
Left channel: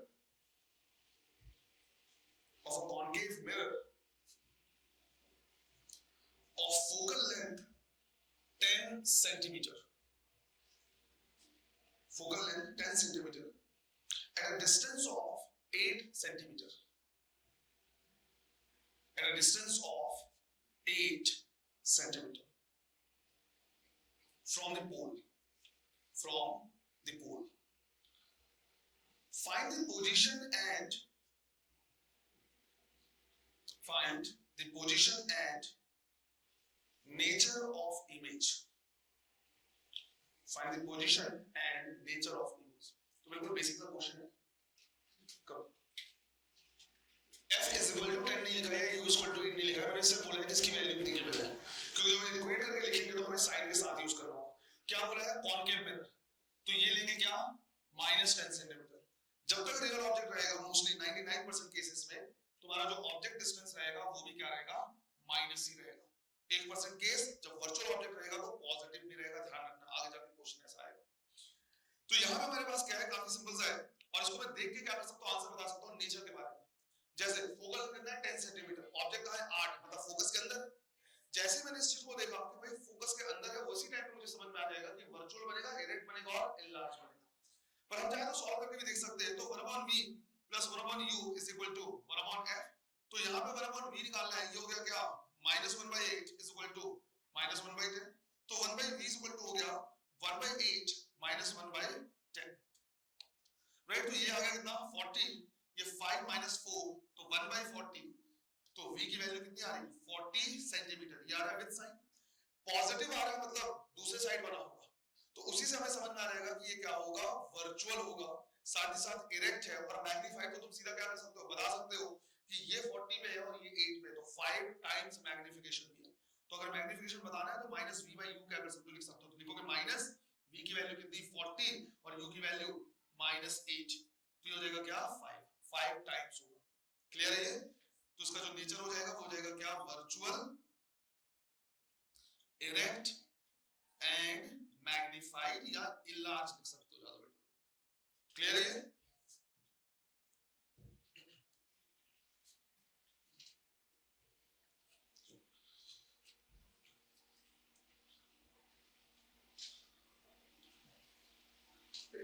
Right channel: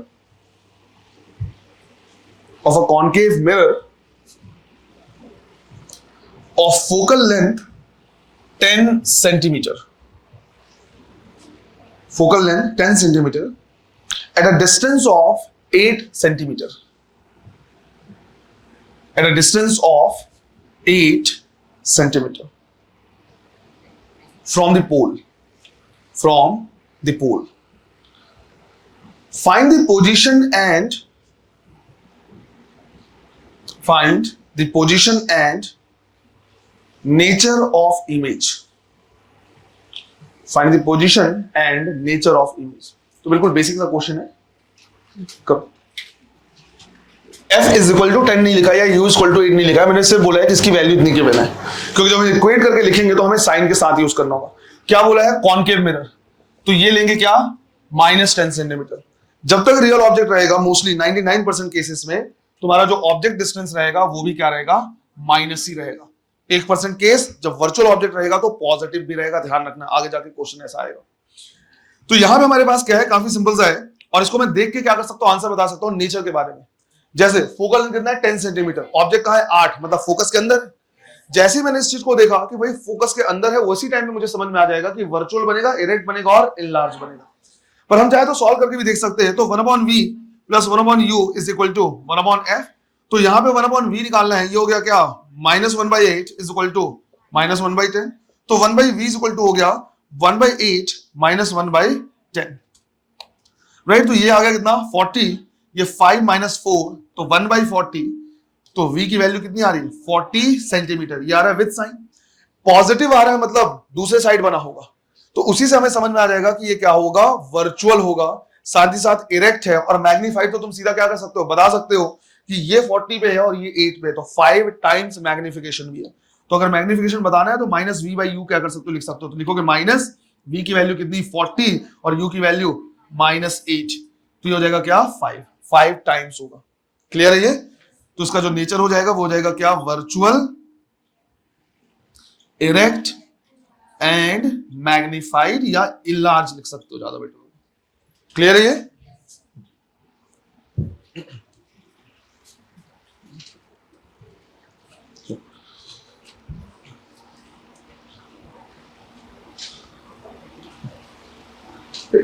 of focal length 10 centimeter, focal length 10 centimeter at a distance of 8 centimeter, at a distance of 8 centimeter from the pole, find the position and nature of image, find the position and nature of image। तो बिल्कुल बेसिक सा क्वेश्चन है। कब f इज इक्वल टू 10 नहीं लिखा या u इज इक्वल टू 8 नहीं लिखा, मैंने सिर्फ बोला है कि इसकी वैल्यू इतनी गिवन है, क्योंकि जब हम इक्वेट करके लिखेंगे तो हमें साइन के साथ यूज करना होगा। क्या बोला है? कॉनकेव मिरर, तो ये लेंगे क्या? -10 सेंटीमीटर। जब तक रियल ऑब्जेक्ट रहेगा, मोस्टली 99% केसेस में तुम्हारा जो ऑब्जेक्ट डिस्टेंस रहेगा वो भी क्या रहेगा? माइनस ही रहेगा। 1% केस जब वर्चुअल ऑब्जेक्ट रहेगा तो पॉजिटिव भी रहेगा, ध्यान रखना, आगे जाके क्वेश्चन ऐसा आएगा। तो यहां पे हमारे पास क्या है? काफी सिंपल सा है, और इसको मैं देख के क्या कर सकता हूं? आंसर बता सकता हूं नेचर के बारे में। जैसे फोकल लेंथ कितना है? 10 सेंटीमीटर। ऑब्जेक्ट कहां है? 8, मतलब फोकस के अंदर। जैसे ही मैंने इस चीज को देखा कि भाई फोकस के अंदर है, उसी टाइम में मुझे समझ में आ जाएगा कि वर्चुअल बनेगा, इरेक्ट बनेगा और इनलार्ज बनेगा। पर हम चाहे तो सॉल्व करके भी देख सकते हैं। तो 1/v plus 1/u is equal to 1/f। तो यहां पे 1/v निकालना है, ये हो गया क्या? -1/8 इज इक्वल टू -1/10। तो 1/v इज इक्वल टू हो गया 1/8 - 1/10, राइट? तो ये आ गया कितना? 40। ये 5 - 4 तो 1/40। तो v की वैल्यू कितनी आ रही है? 40 सेंटीमीटर। ये आ रहा है विद साइन, पॉजिटिव आ रहा है, मतलब दूसरे साइड बना होगा। तो उसी से हमें समझ में आ जाएगा कि ये क्या होगा? वर्चुअल होगा, साथ ही साथ इरेक्ट है। और मैग्नीफाइड तो तुम सीधा क्या कर सकते हो? बता सकते हो कि ये 40 पे है और ये 8 पे है, तो 5 टाइम्स मैग्निफिकेशन भी है। तो अगर मैग्निफिकेशन बताना है तो -v/u क्या कर सकते हो? लिख सकते हो। तो लिखोगे -v की वैल्यू कितनी? 40 और u की वैल्यू -8। तो ये हो जाएगा क्या? 5 टाइम्स होगा। क्लियर है ये? तो इसका जो नेचर हो जाएगा वो हो जाएगा क्या? वर्चुअल, इरेक्ट एंड मैग्निफाइड, या इनलार्ज लिख सकते हो, ज्यादा बेटर होगा। क्लियर है ये?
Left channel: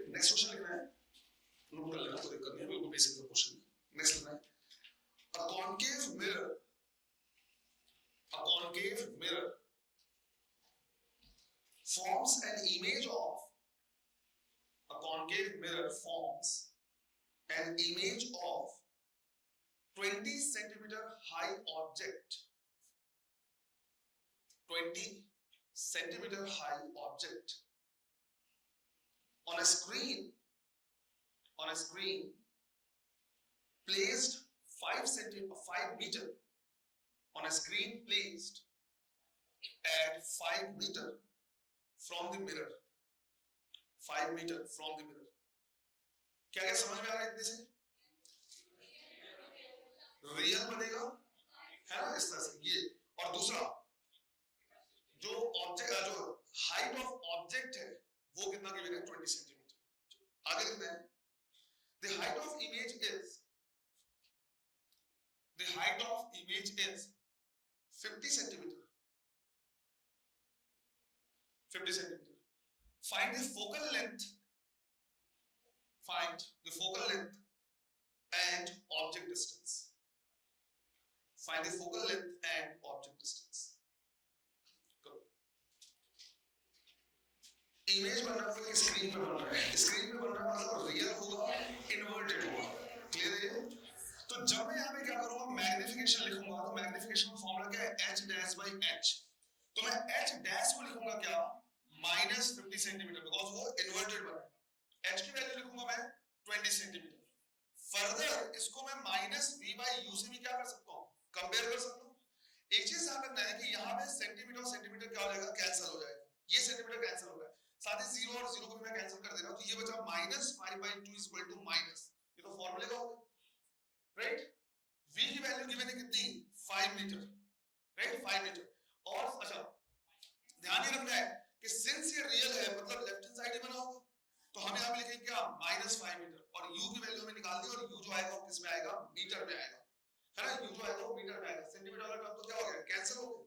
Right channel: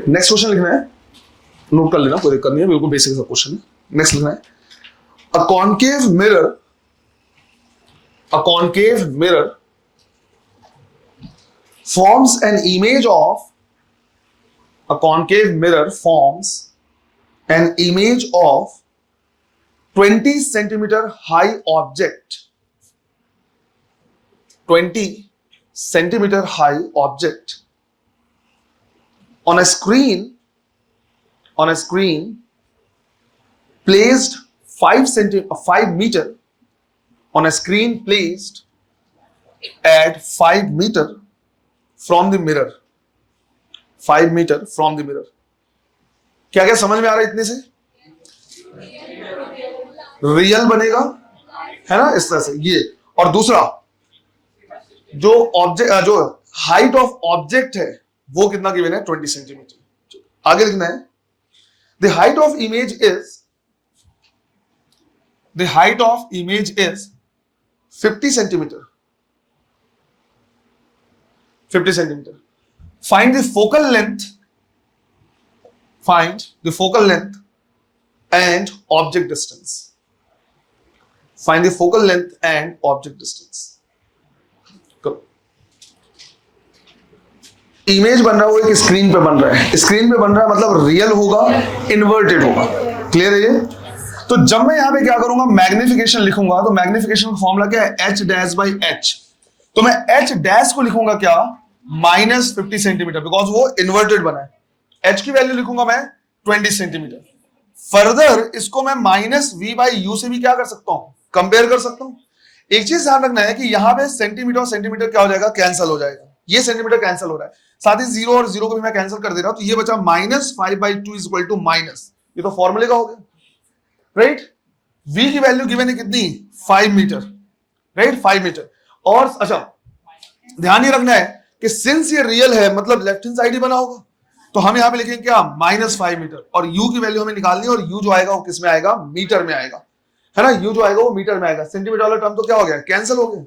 नेक्स्ट क्वेश्चन लिखना है, नोट कर लेना, कोई दिक्कत नहीं है, बिल्कुल बेसिक सा क्वेश्चन है। नेक्स्ट लिखना है, a concave mirror forms an image of a concave mirror forms an image of 20 centimeter high object, 20 centimeter high object on a screen placed 5 meter on a screen placed at 5 meter from the mirror, 5 meter from the mirror। क्या क्या समझ में आ रहा है इतने से? रियल बनेगा, है ना, इस तरह से ये। और दूसरा जो ऑब्जेक्ट, जो हाइट ऑफ ऑब्जेक्ट है वो कितना गिवन है? 20 सेंटीमीटर। आगे लिखना है, the height of image is 50 centimeter, 50 centimeter। Find the focal length and object distance, find the focal length and object distance। Image बन रहा है, वो एक स्क्रीन पे बन रहा है, स्क्रीन पे बन रहा है मतलब रियल होगा, इन्वर्टेड होगा। क्लियर है ये? तो जब मैं यहां पे क्या करूंगा, मैग्निफिकेशन लिखूंगा, तो मैग्निफिकेशन का फॉर्मूला क्या है, एच डैश बाई एच। तो मैं एच डैश को लिखूंगा क्या, -50 सेंटीमीटर, बिकॉज वो इन्वर्टेड बना है। एच की वैल्यू लिखूंगा मैं 20 सेंटीमीटर। फर्दर इसको मैं -v/u से भी क्या कर सकता हूं, कंपेयर कर सकता हूं। एक चीज ध्यान रखना है कि यहां पे सेंटीमीटर और सेंटीमीटर क्या हो जाएगा, कैंसिल हो जाएगा। ये सेंटीमीटर कैंसिल हो रहा है, साथ ही 0 और 0 को भी मैं कैंसिल कर दे रहा हूं, तो ये बचा -5/2 इक्वल टू माइनस, ये तो फॉर्मूले का हो गया, राइट। v की वैल्यू गिवन है कितनी, 5 मीटर, राइट, 5 मीटर। और अच्छा ध्यान ये रखना है कि सिंस ये रियल है, मतलब लेफ्ट हैंड साइड ही बना होगा, तो हम यहां पे लिखेंगे क्या, -5 मीटर। और u की वैल्यू हमें निकालनी है, और u जो आएगा वो किस में आएगा, मीटर में आएगा, है ना। u जो आएगा वो मीटर में आएगा, सेंटीमीटर वाला टर्म तो क्या हो गया, कैंसिल हो गया।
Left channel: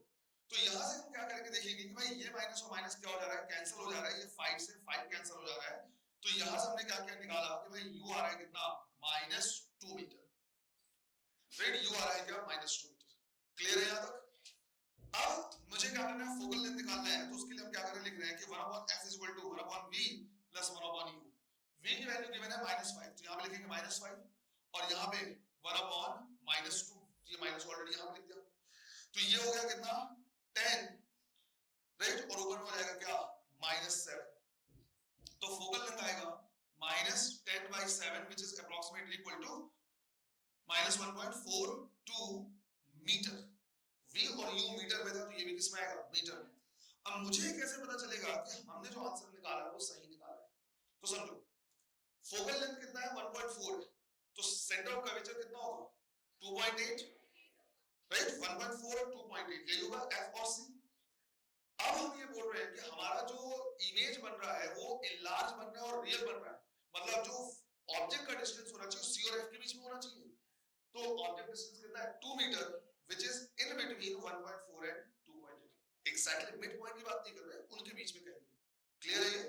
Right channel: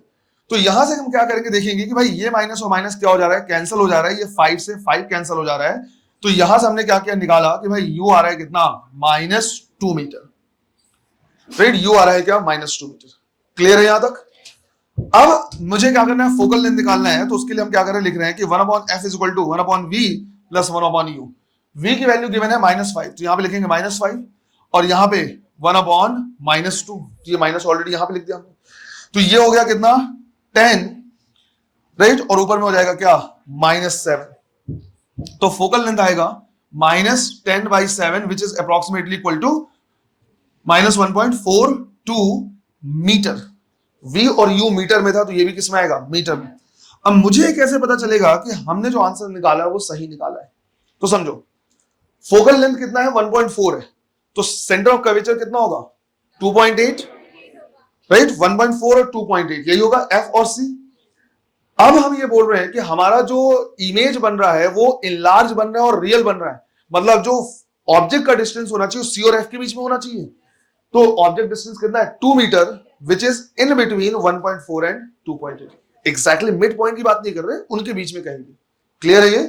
तो यहां से हम क्या करेंगे, देखेंगे कि भाई ये माइनस और माइनस क्या हो जा रहा है, कैंसिल हो जा रहा है। ये 5 से 5 कैंसिल हो जा रहा है, तो यहां से हमने क्या किया, निकाला कि भाई u आ रहा है कितना, -2 मीटर, राइट। u आ रहा है क्या, -2 मीटर। क्लियर है यहां तक। अब मुझे क्या करना है, फोकल लेंथ निकालना है, तो उसके लिए हम क्या करें, लिख रहे हैं कि 1/f is equal to 1/v plus 1/u। v की वैल्यू गिवन है -5, तो यहां पे लिखेंगे -5, और यहां पे 1/-2, ये माइनस ऑलरेडी यहां पे लिख दिया हमने, तो ये हो गया कितना, 10, राइट, और ऊपर में हो जाएगा क्या, -7। तो फोकल लेंथ आएगा -10/7 which is approximately equal to -1.42 metre. v और u मीटर में था, तो ये भी किस में आएगा, मीटर में। अब मुझे कैसे पता चलेगा कि हमने जो आंसर निकाला है वो सही निकाला है, तो समझो फोकल लेंथ कितना है, 1.4 है, तो सेंटर ऑफ कर्वेचर कितना होगा, 2.8, राइट। 1.4 और 2.8 यही होगा f और c। अब हम ये बोल रहे हैं कि हमारा जो इमेज बन रहा है वो इनलार्ज बन रहा है और रियल बन रहा है, मतलब जो ऑब्जेक्ट का डिस्टेंस होना चाहिए c और f के बीच में होना चाहिए। तो ऑब्जेक्ट डिस्टेंस कितना है, 2 metre, which is in between 1.4 and 2.8। Exactly mid point की बात नहीं कर रहे, उनके बीच में कहीं भी। क्लियर है ये।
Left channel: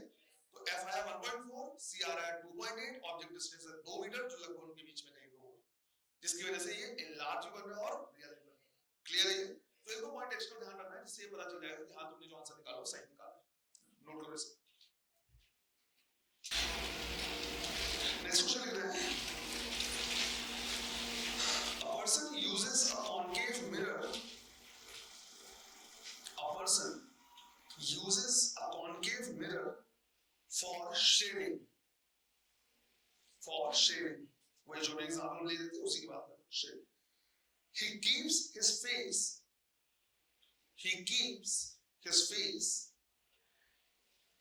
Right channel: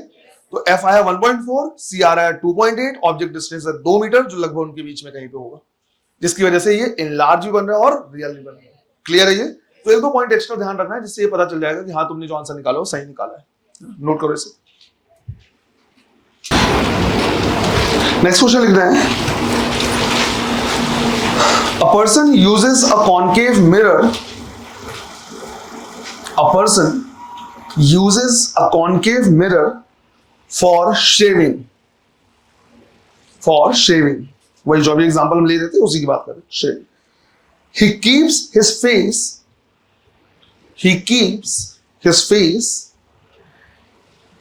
तो f आया 1.4, c आ रहा है 2.8, ऑब्जेक्ट डिस्टेंस है 2 मीटर, जो लगभग उनके बीच में कहीं पे होगा, जिसकी वजह से ये इनलार्ज भी बन रहा है और रियल भी बन रहा है। क्लियर है ये। तो एक दो पॉइंट एक्स्ट्रा ध्यान रखना है, जिससे ये पता चल जाएगा कि हाँ तुमने जो आंसर निकाला वो सही निकाला है। नोट करो इसे। नेक्स्ट क्वेश्चन लिख रहे हैं, a person uses a concave mirror. A person uses a concave mirror for shaving. For shaving. वही जो भी एग्जांपल हम ले रहे थे उसी की बात कर रहे हैं, shaving. He keeps his face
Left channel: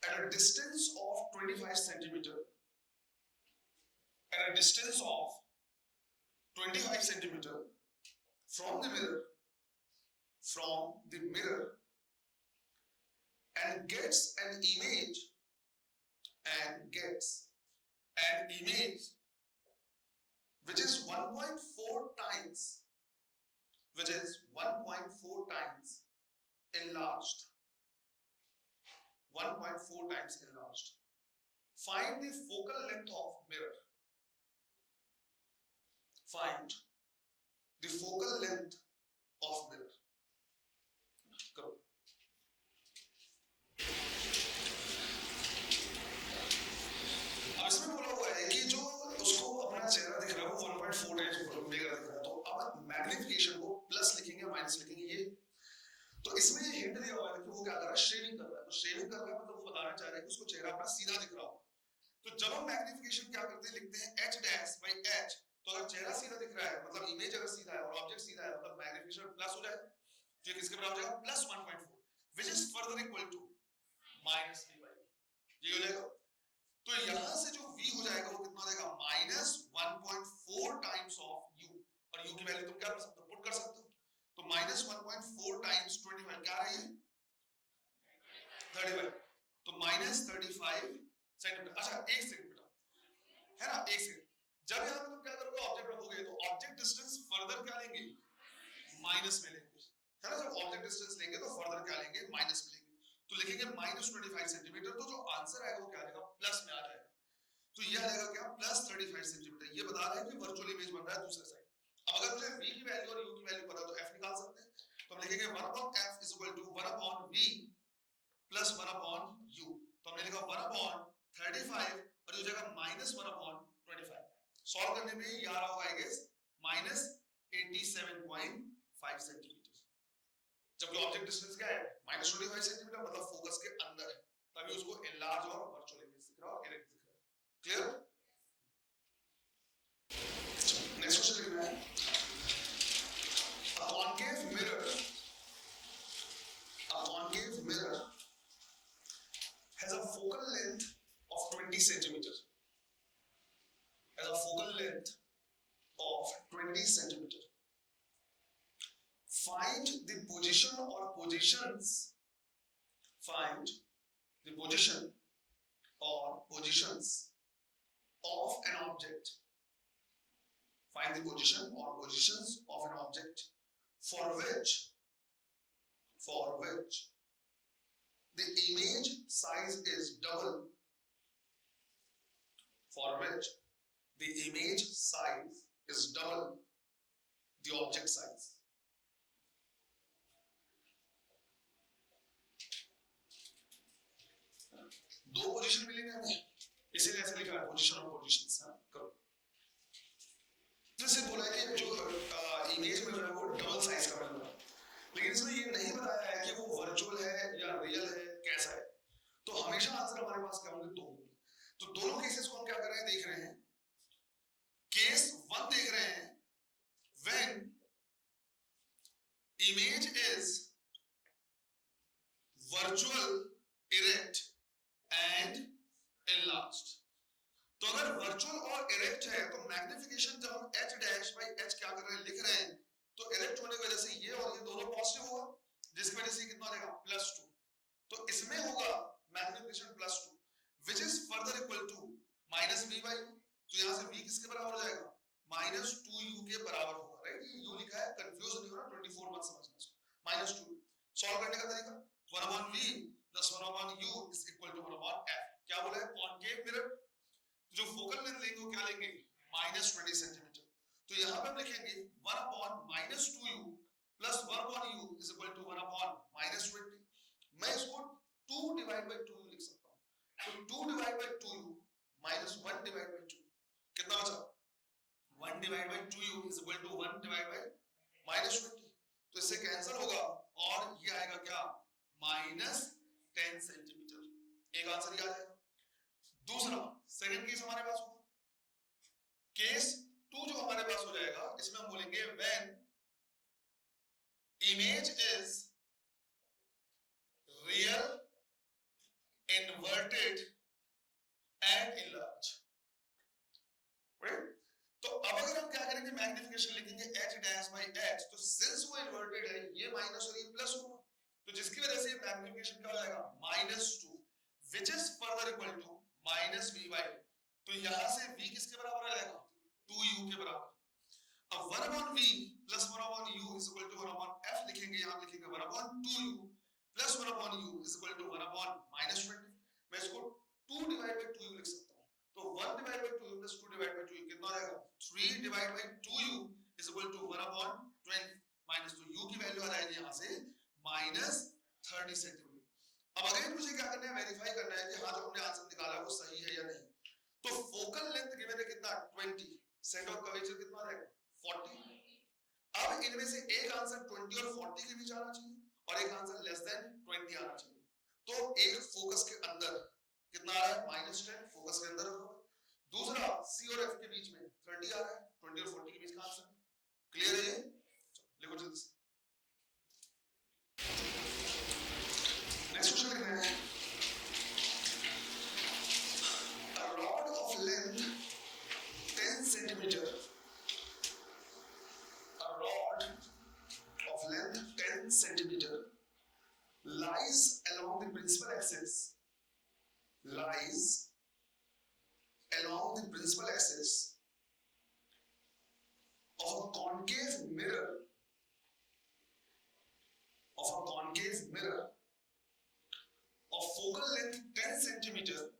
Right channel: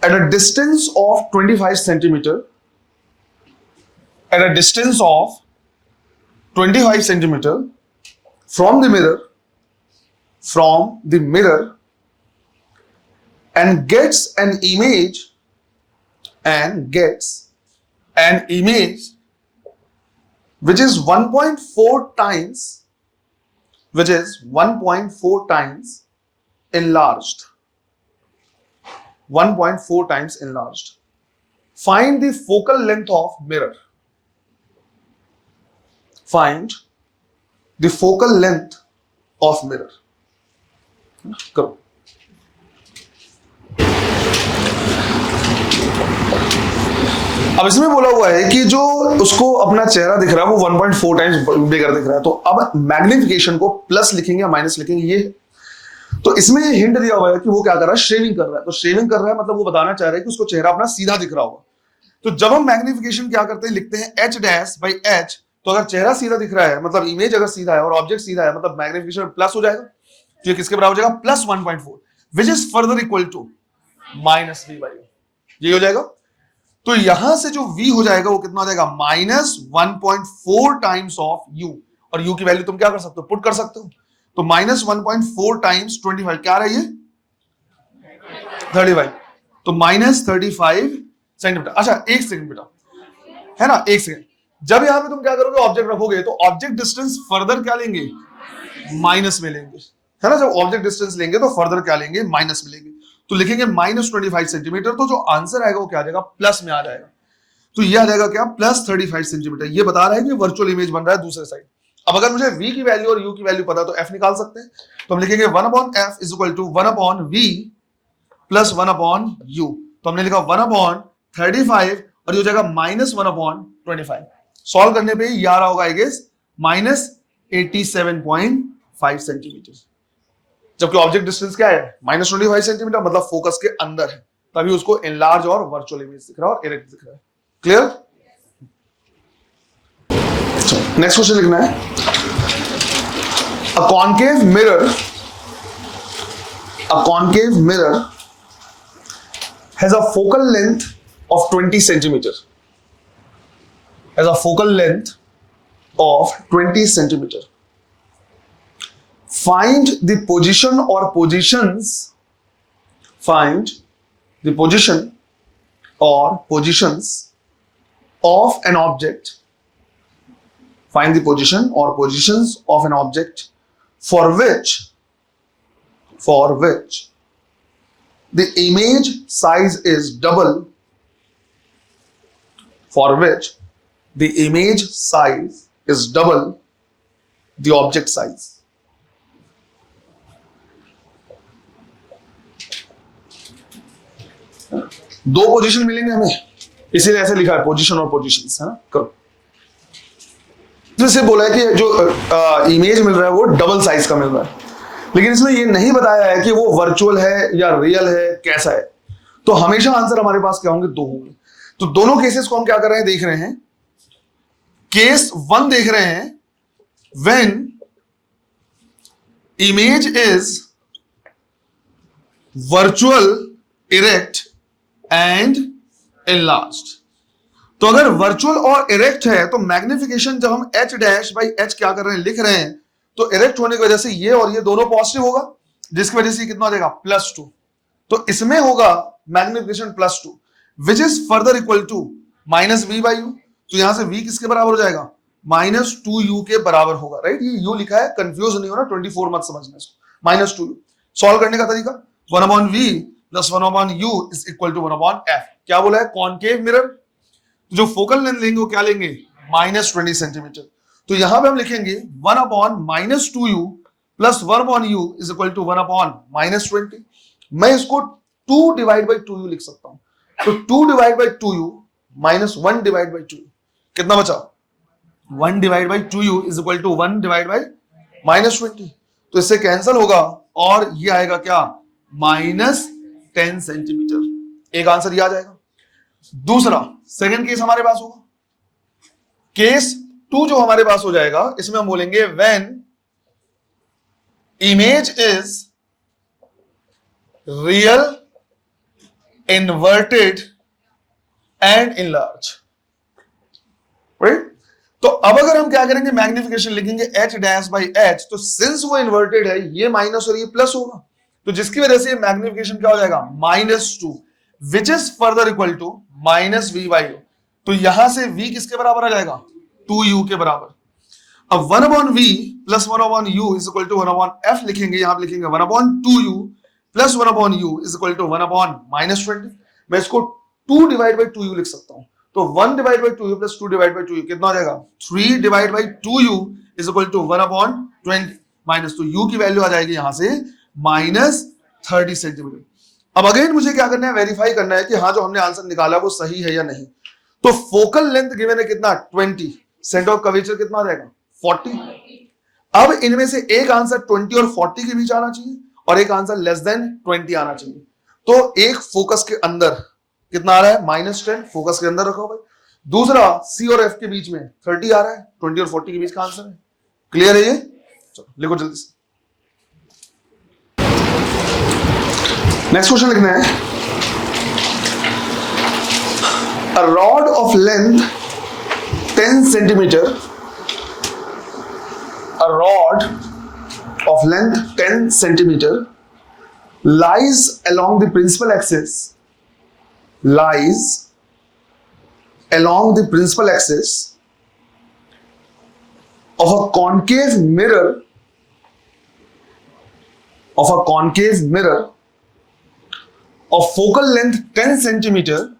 at a distance of 25 centimeter. At a distance of 25 centimeter from the mirror, and gets an image which is 1.4 times enlarged. 1.4 times enlarged. Find the focal length of mirror. Find the focal length of mirror. करो। अब इसमें बोला हुआ है कि जो उसको अपना चेहरा दिख रहा है वो 1.4 टाइम्स बिगर दिख रहा है, तो अब मैग्निफिकेशन को प्लस लिखेंगे या माइनस लिखेंगे, ये तो इसमें ये हिंट दिया हुआ है कि वो क्या कर रहा है, शेविंग कर रहा है। तो शेविंग कर रहा है मतलब वो बताना चाह रहा है कि उसको चेहरा अपना सीधा दिख रहा होगा। तो जब हम मैग्निफिकेशन क्या करते हैं, लिखते हैं h'/h, तो अगर चेहरा सीधा दिख रहा है मतलब इमेज अगर सीधा है और ऑब्जेक्ट सीधा है, मतलब मैग्निफिकेशन प्लस हो जाएगा, तो ये किसके बराबर हो जाएगा, +1.4, which is further equal to -v/u, ये हो जाएगा। तो यहां से जो v हो जाएगा वो कितना हो जाएगा, -1.4 टाइम्स ऑफ u, और u की वैल्यू तुम क्या कर सकते हो, पुट कर सकते हो। तो -1.4 टाइम्स 25 क्या रहा है, ये 35, तो -35 सेंटीमीटर। अच्छा एक सेकंड बेटा, है ना, एक सेकंड। जब यहां पे तुम क्या करोगे, ऑब्जेक्ट रखोगे, तो ऑब्जेक्ट डिस्टेंस फर्दर क्या लेंगे, माइनस में लेंगे, है ना। जब ऑब्जेक्ट डिस्टेंस लेंगे तो फर्दर क्या लेंगे, माइनस में लेंगे, तो लिखेंगे -25 सेंटीमीटर। तो जो आंसर आएगा वो क्या आ जाएगा, प्लस में आ जाएगा। तो ये आ जाएगा क्या, +35 सेंटीमीटर। ये बता रहा है कि वर्चुअल इमेज बन रहा है दूसरे साइड। अब अगर मुझे v की वैल्यू और u की वैल्यू पता तो f निकाल सकते हैं। तो हम लिखेंगे 1/f is equal to 1/v plus 1/u। तो हमने लिखा 1/35 और ये हो जाएगा -1/25। सॉल्व करने पे ये आ रहा होगा आई गेस -87.5 सेंटीमीटर, जबकि ऑब्जेक्ट डिस्टेंस क्या है -25 सेंटीमीटर, मतलब फोकस के अंदर है, तभी उसको एनलार्ज और वर्चुअल इमेज दिख रहा है और इरेक्ट दिख रहा है। क्लियर? नेक्स्ट क्वेश्चन लिखना है, a concave mirror has a focal length of 20 centimeter. Has a focal length of 20 centimeter. Find the position or positions. Find the position or positions of an object. Find the position or positions of an object for which the image size is double, for which the image size is double the object size. दो पोजीशन मिलेंगे हमें, इसीलिए ऐसे लिखा है पोजीशन और पोजीशंस, है ना। करो, जैसे बोला है कि जो इमेज मिल रहा है वो डबल साइज का मिल रहा है, लेकिन इसमें ये नहीं बताया है कि वो वर्चुअल है या रियल है, कैसा है। तो हमेशा आंसर हमारे पास क्या होंगे, दो होंगे। तो दोनों केसेस को हम क्या कर रहे हैं, देख रहे हैं। केस 1 देख रहे हैं, when image is virtual, erect and enlarged. तो अगर वर्चुअल और इरेक्ट है तो मैग्निफिकेशन जब हम h डैश बाई h क्या कर रहे हैं, लिख रहे हैं, तो इरेक्ट होने की वजह से ये और ये दोनों पॉजिटिव होगा, जिसकी वजह से कितना हो जाएगा, +2। तो इसमें होगा magnification +2 which is further equal to -v/u। तो यहां से v किसके बराबर हो जाएगा, -2u के बराबर होगा, राइट। ये u लिखा है, कंफ्यूज नहीं होना, 24 मत समझना इसको। -2u सॉल्व करने का तरीका 1/v + 1/u is equal to 1/f। क्या बोला है, कॉनकेव मिरर, जो फोकल लेंथ लेंगे वो क्या लेंगे, -20 सेंटीमीटर। तो यहां पे हम लिखेंगे 1/-2u + 1/u is equal to 1/-20। मैं इसको 2/2u लिख सकता हूं। तो 2/2u -1/2u कितना बचा, 1/2u इज इक्वल टू 1/-20। तो इससे कैंसिल होगा और ये आएगा क्या, -10 सेंटीमीटर। एक आंसर ये आ जाएगा। दूसरा सेकंड केस हमारे पास होगा, केस 2 जो हमारे पास हो जाएगा, इसमें हम बोलेंगे when image is real, inverted and enlarge, right. तो अब अगर हम क्या करेंगे, मैग्निफिकेशन लिखेंगे h डैश बाई h, तो सिंस वो इन्वर्टेड है, ये माइनस और ये प्लस होगा, तो जिसकी वजह से मैग्निफिकेशन क्या हो जाएगा, -2 which is further equal to -v/u। तो यहां से v किसके बराबर आ जाएगा, 2u के बराबर। अब 1/v + 1/u is equal to 1/f लिखेंगे, यहां पे लिखेंगे 1/2u + 1/u is equal to 1/-20। मैं इसको 2/2u लिख सकता हूं। तो 1/2u + 2/2u कितना हो जाएगा, 3/2u is equal to 1/20 minus, तो u की वैल्यू आ जाएगी यहां से -30 सेंटीमीटर। अब अगेन मुझे क्या करना है, वेरीफाई करना है कि हाँ जो हमने आंसर निकाला वो सही है या नहीं। तो फोकल लेंथ गिवन है कितना, 20, सेंटर ऑफ कर्वेचर कितना आ जाएगा, 40। अब इनमें से एक आंसर 20 और 40 के बीच आना चाहिए और एक आंसर <20 आना चाहिए। तो एक फोकस के अंदर कितना आ रहा है, -10, फोकस के अंदर रखा हुआ है। दूसरा C और F के बीच में 30 आ रहा है, 20 और 40 के बीच का आंसर है। क्लियर है ये, चलो लिखो जल्दी से। नेक्स्ट क्वेश्चन लिखना है, a rod of length 10 centimeter, a rod of length 10 centimeter lies along the principal axis, lies along the principal axis of a concave mirror, of a concave mirror of focal length 10 centimeter,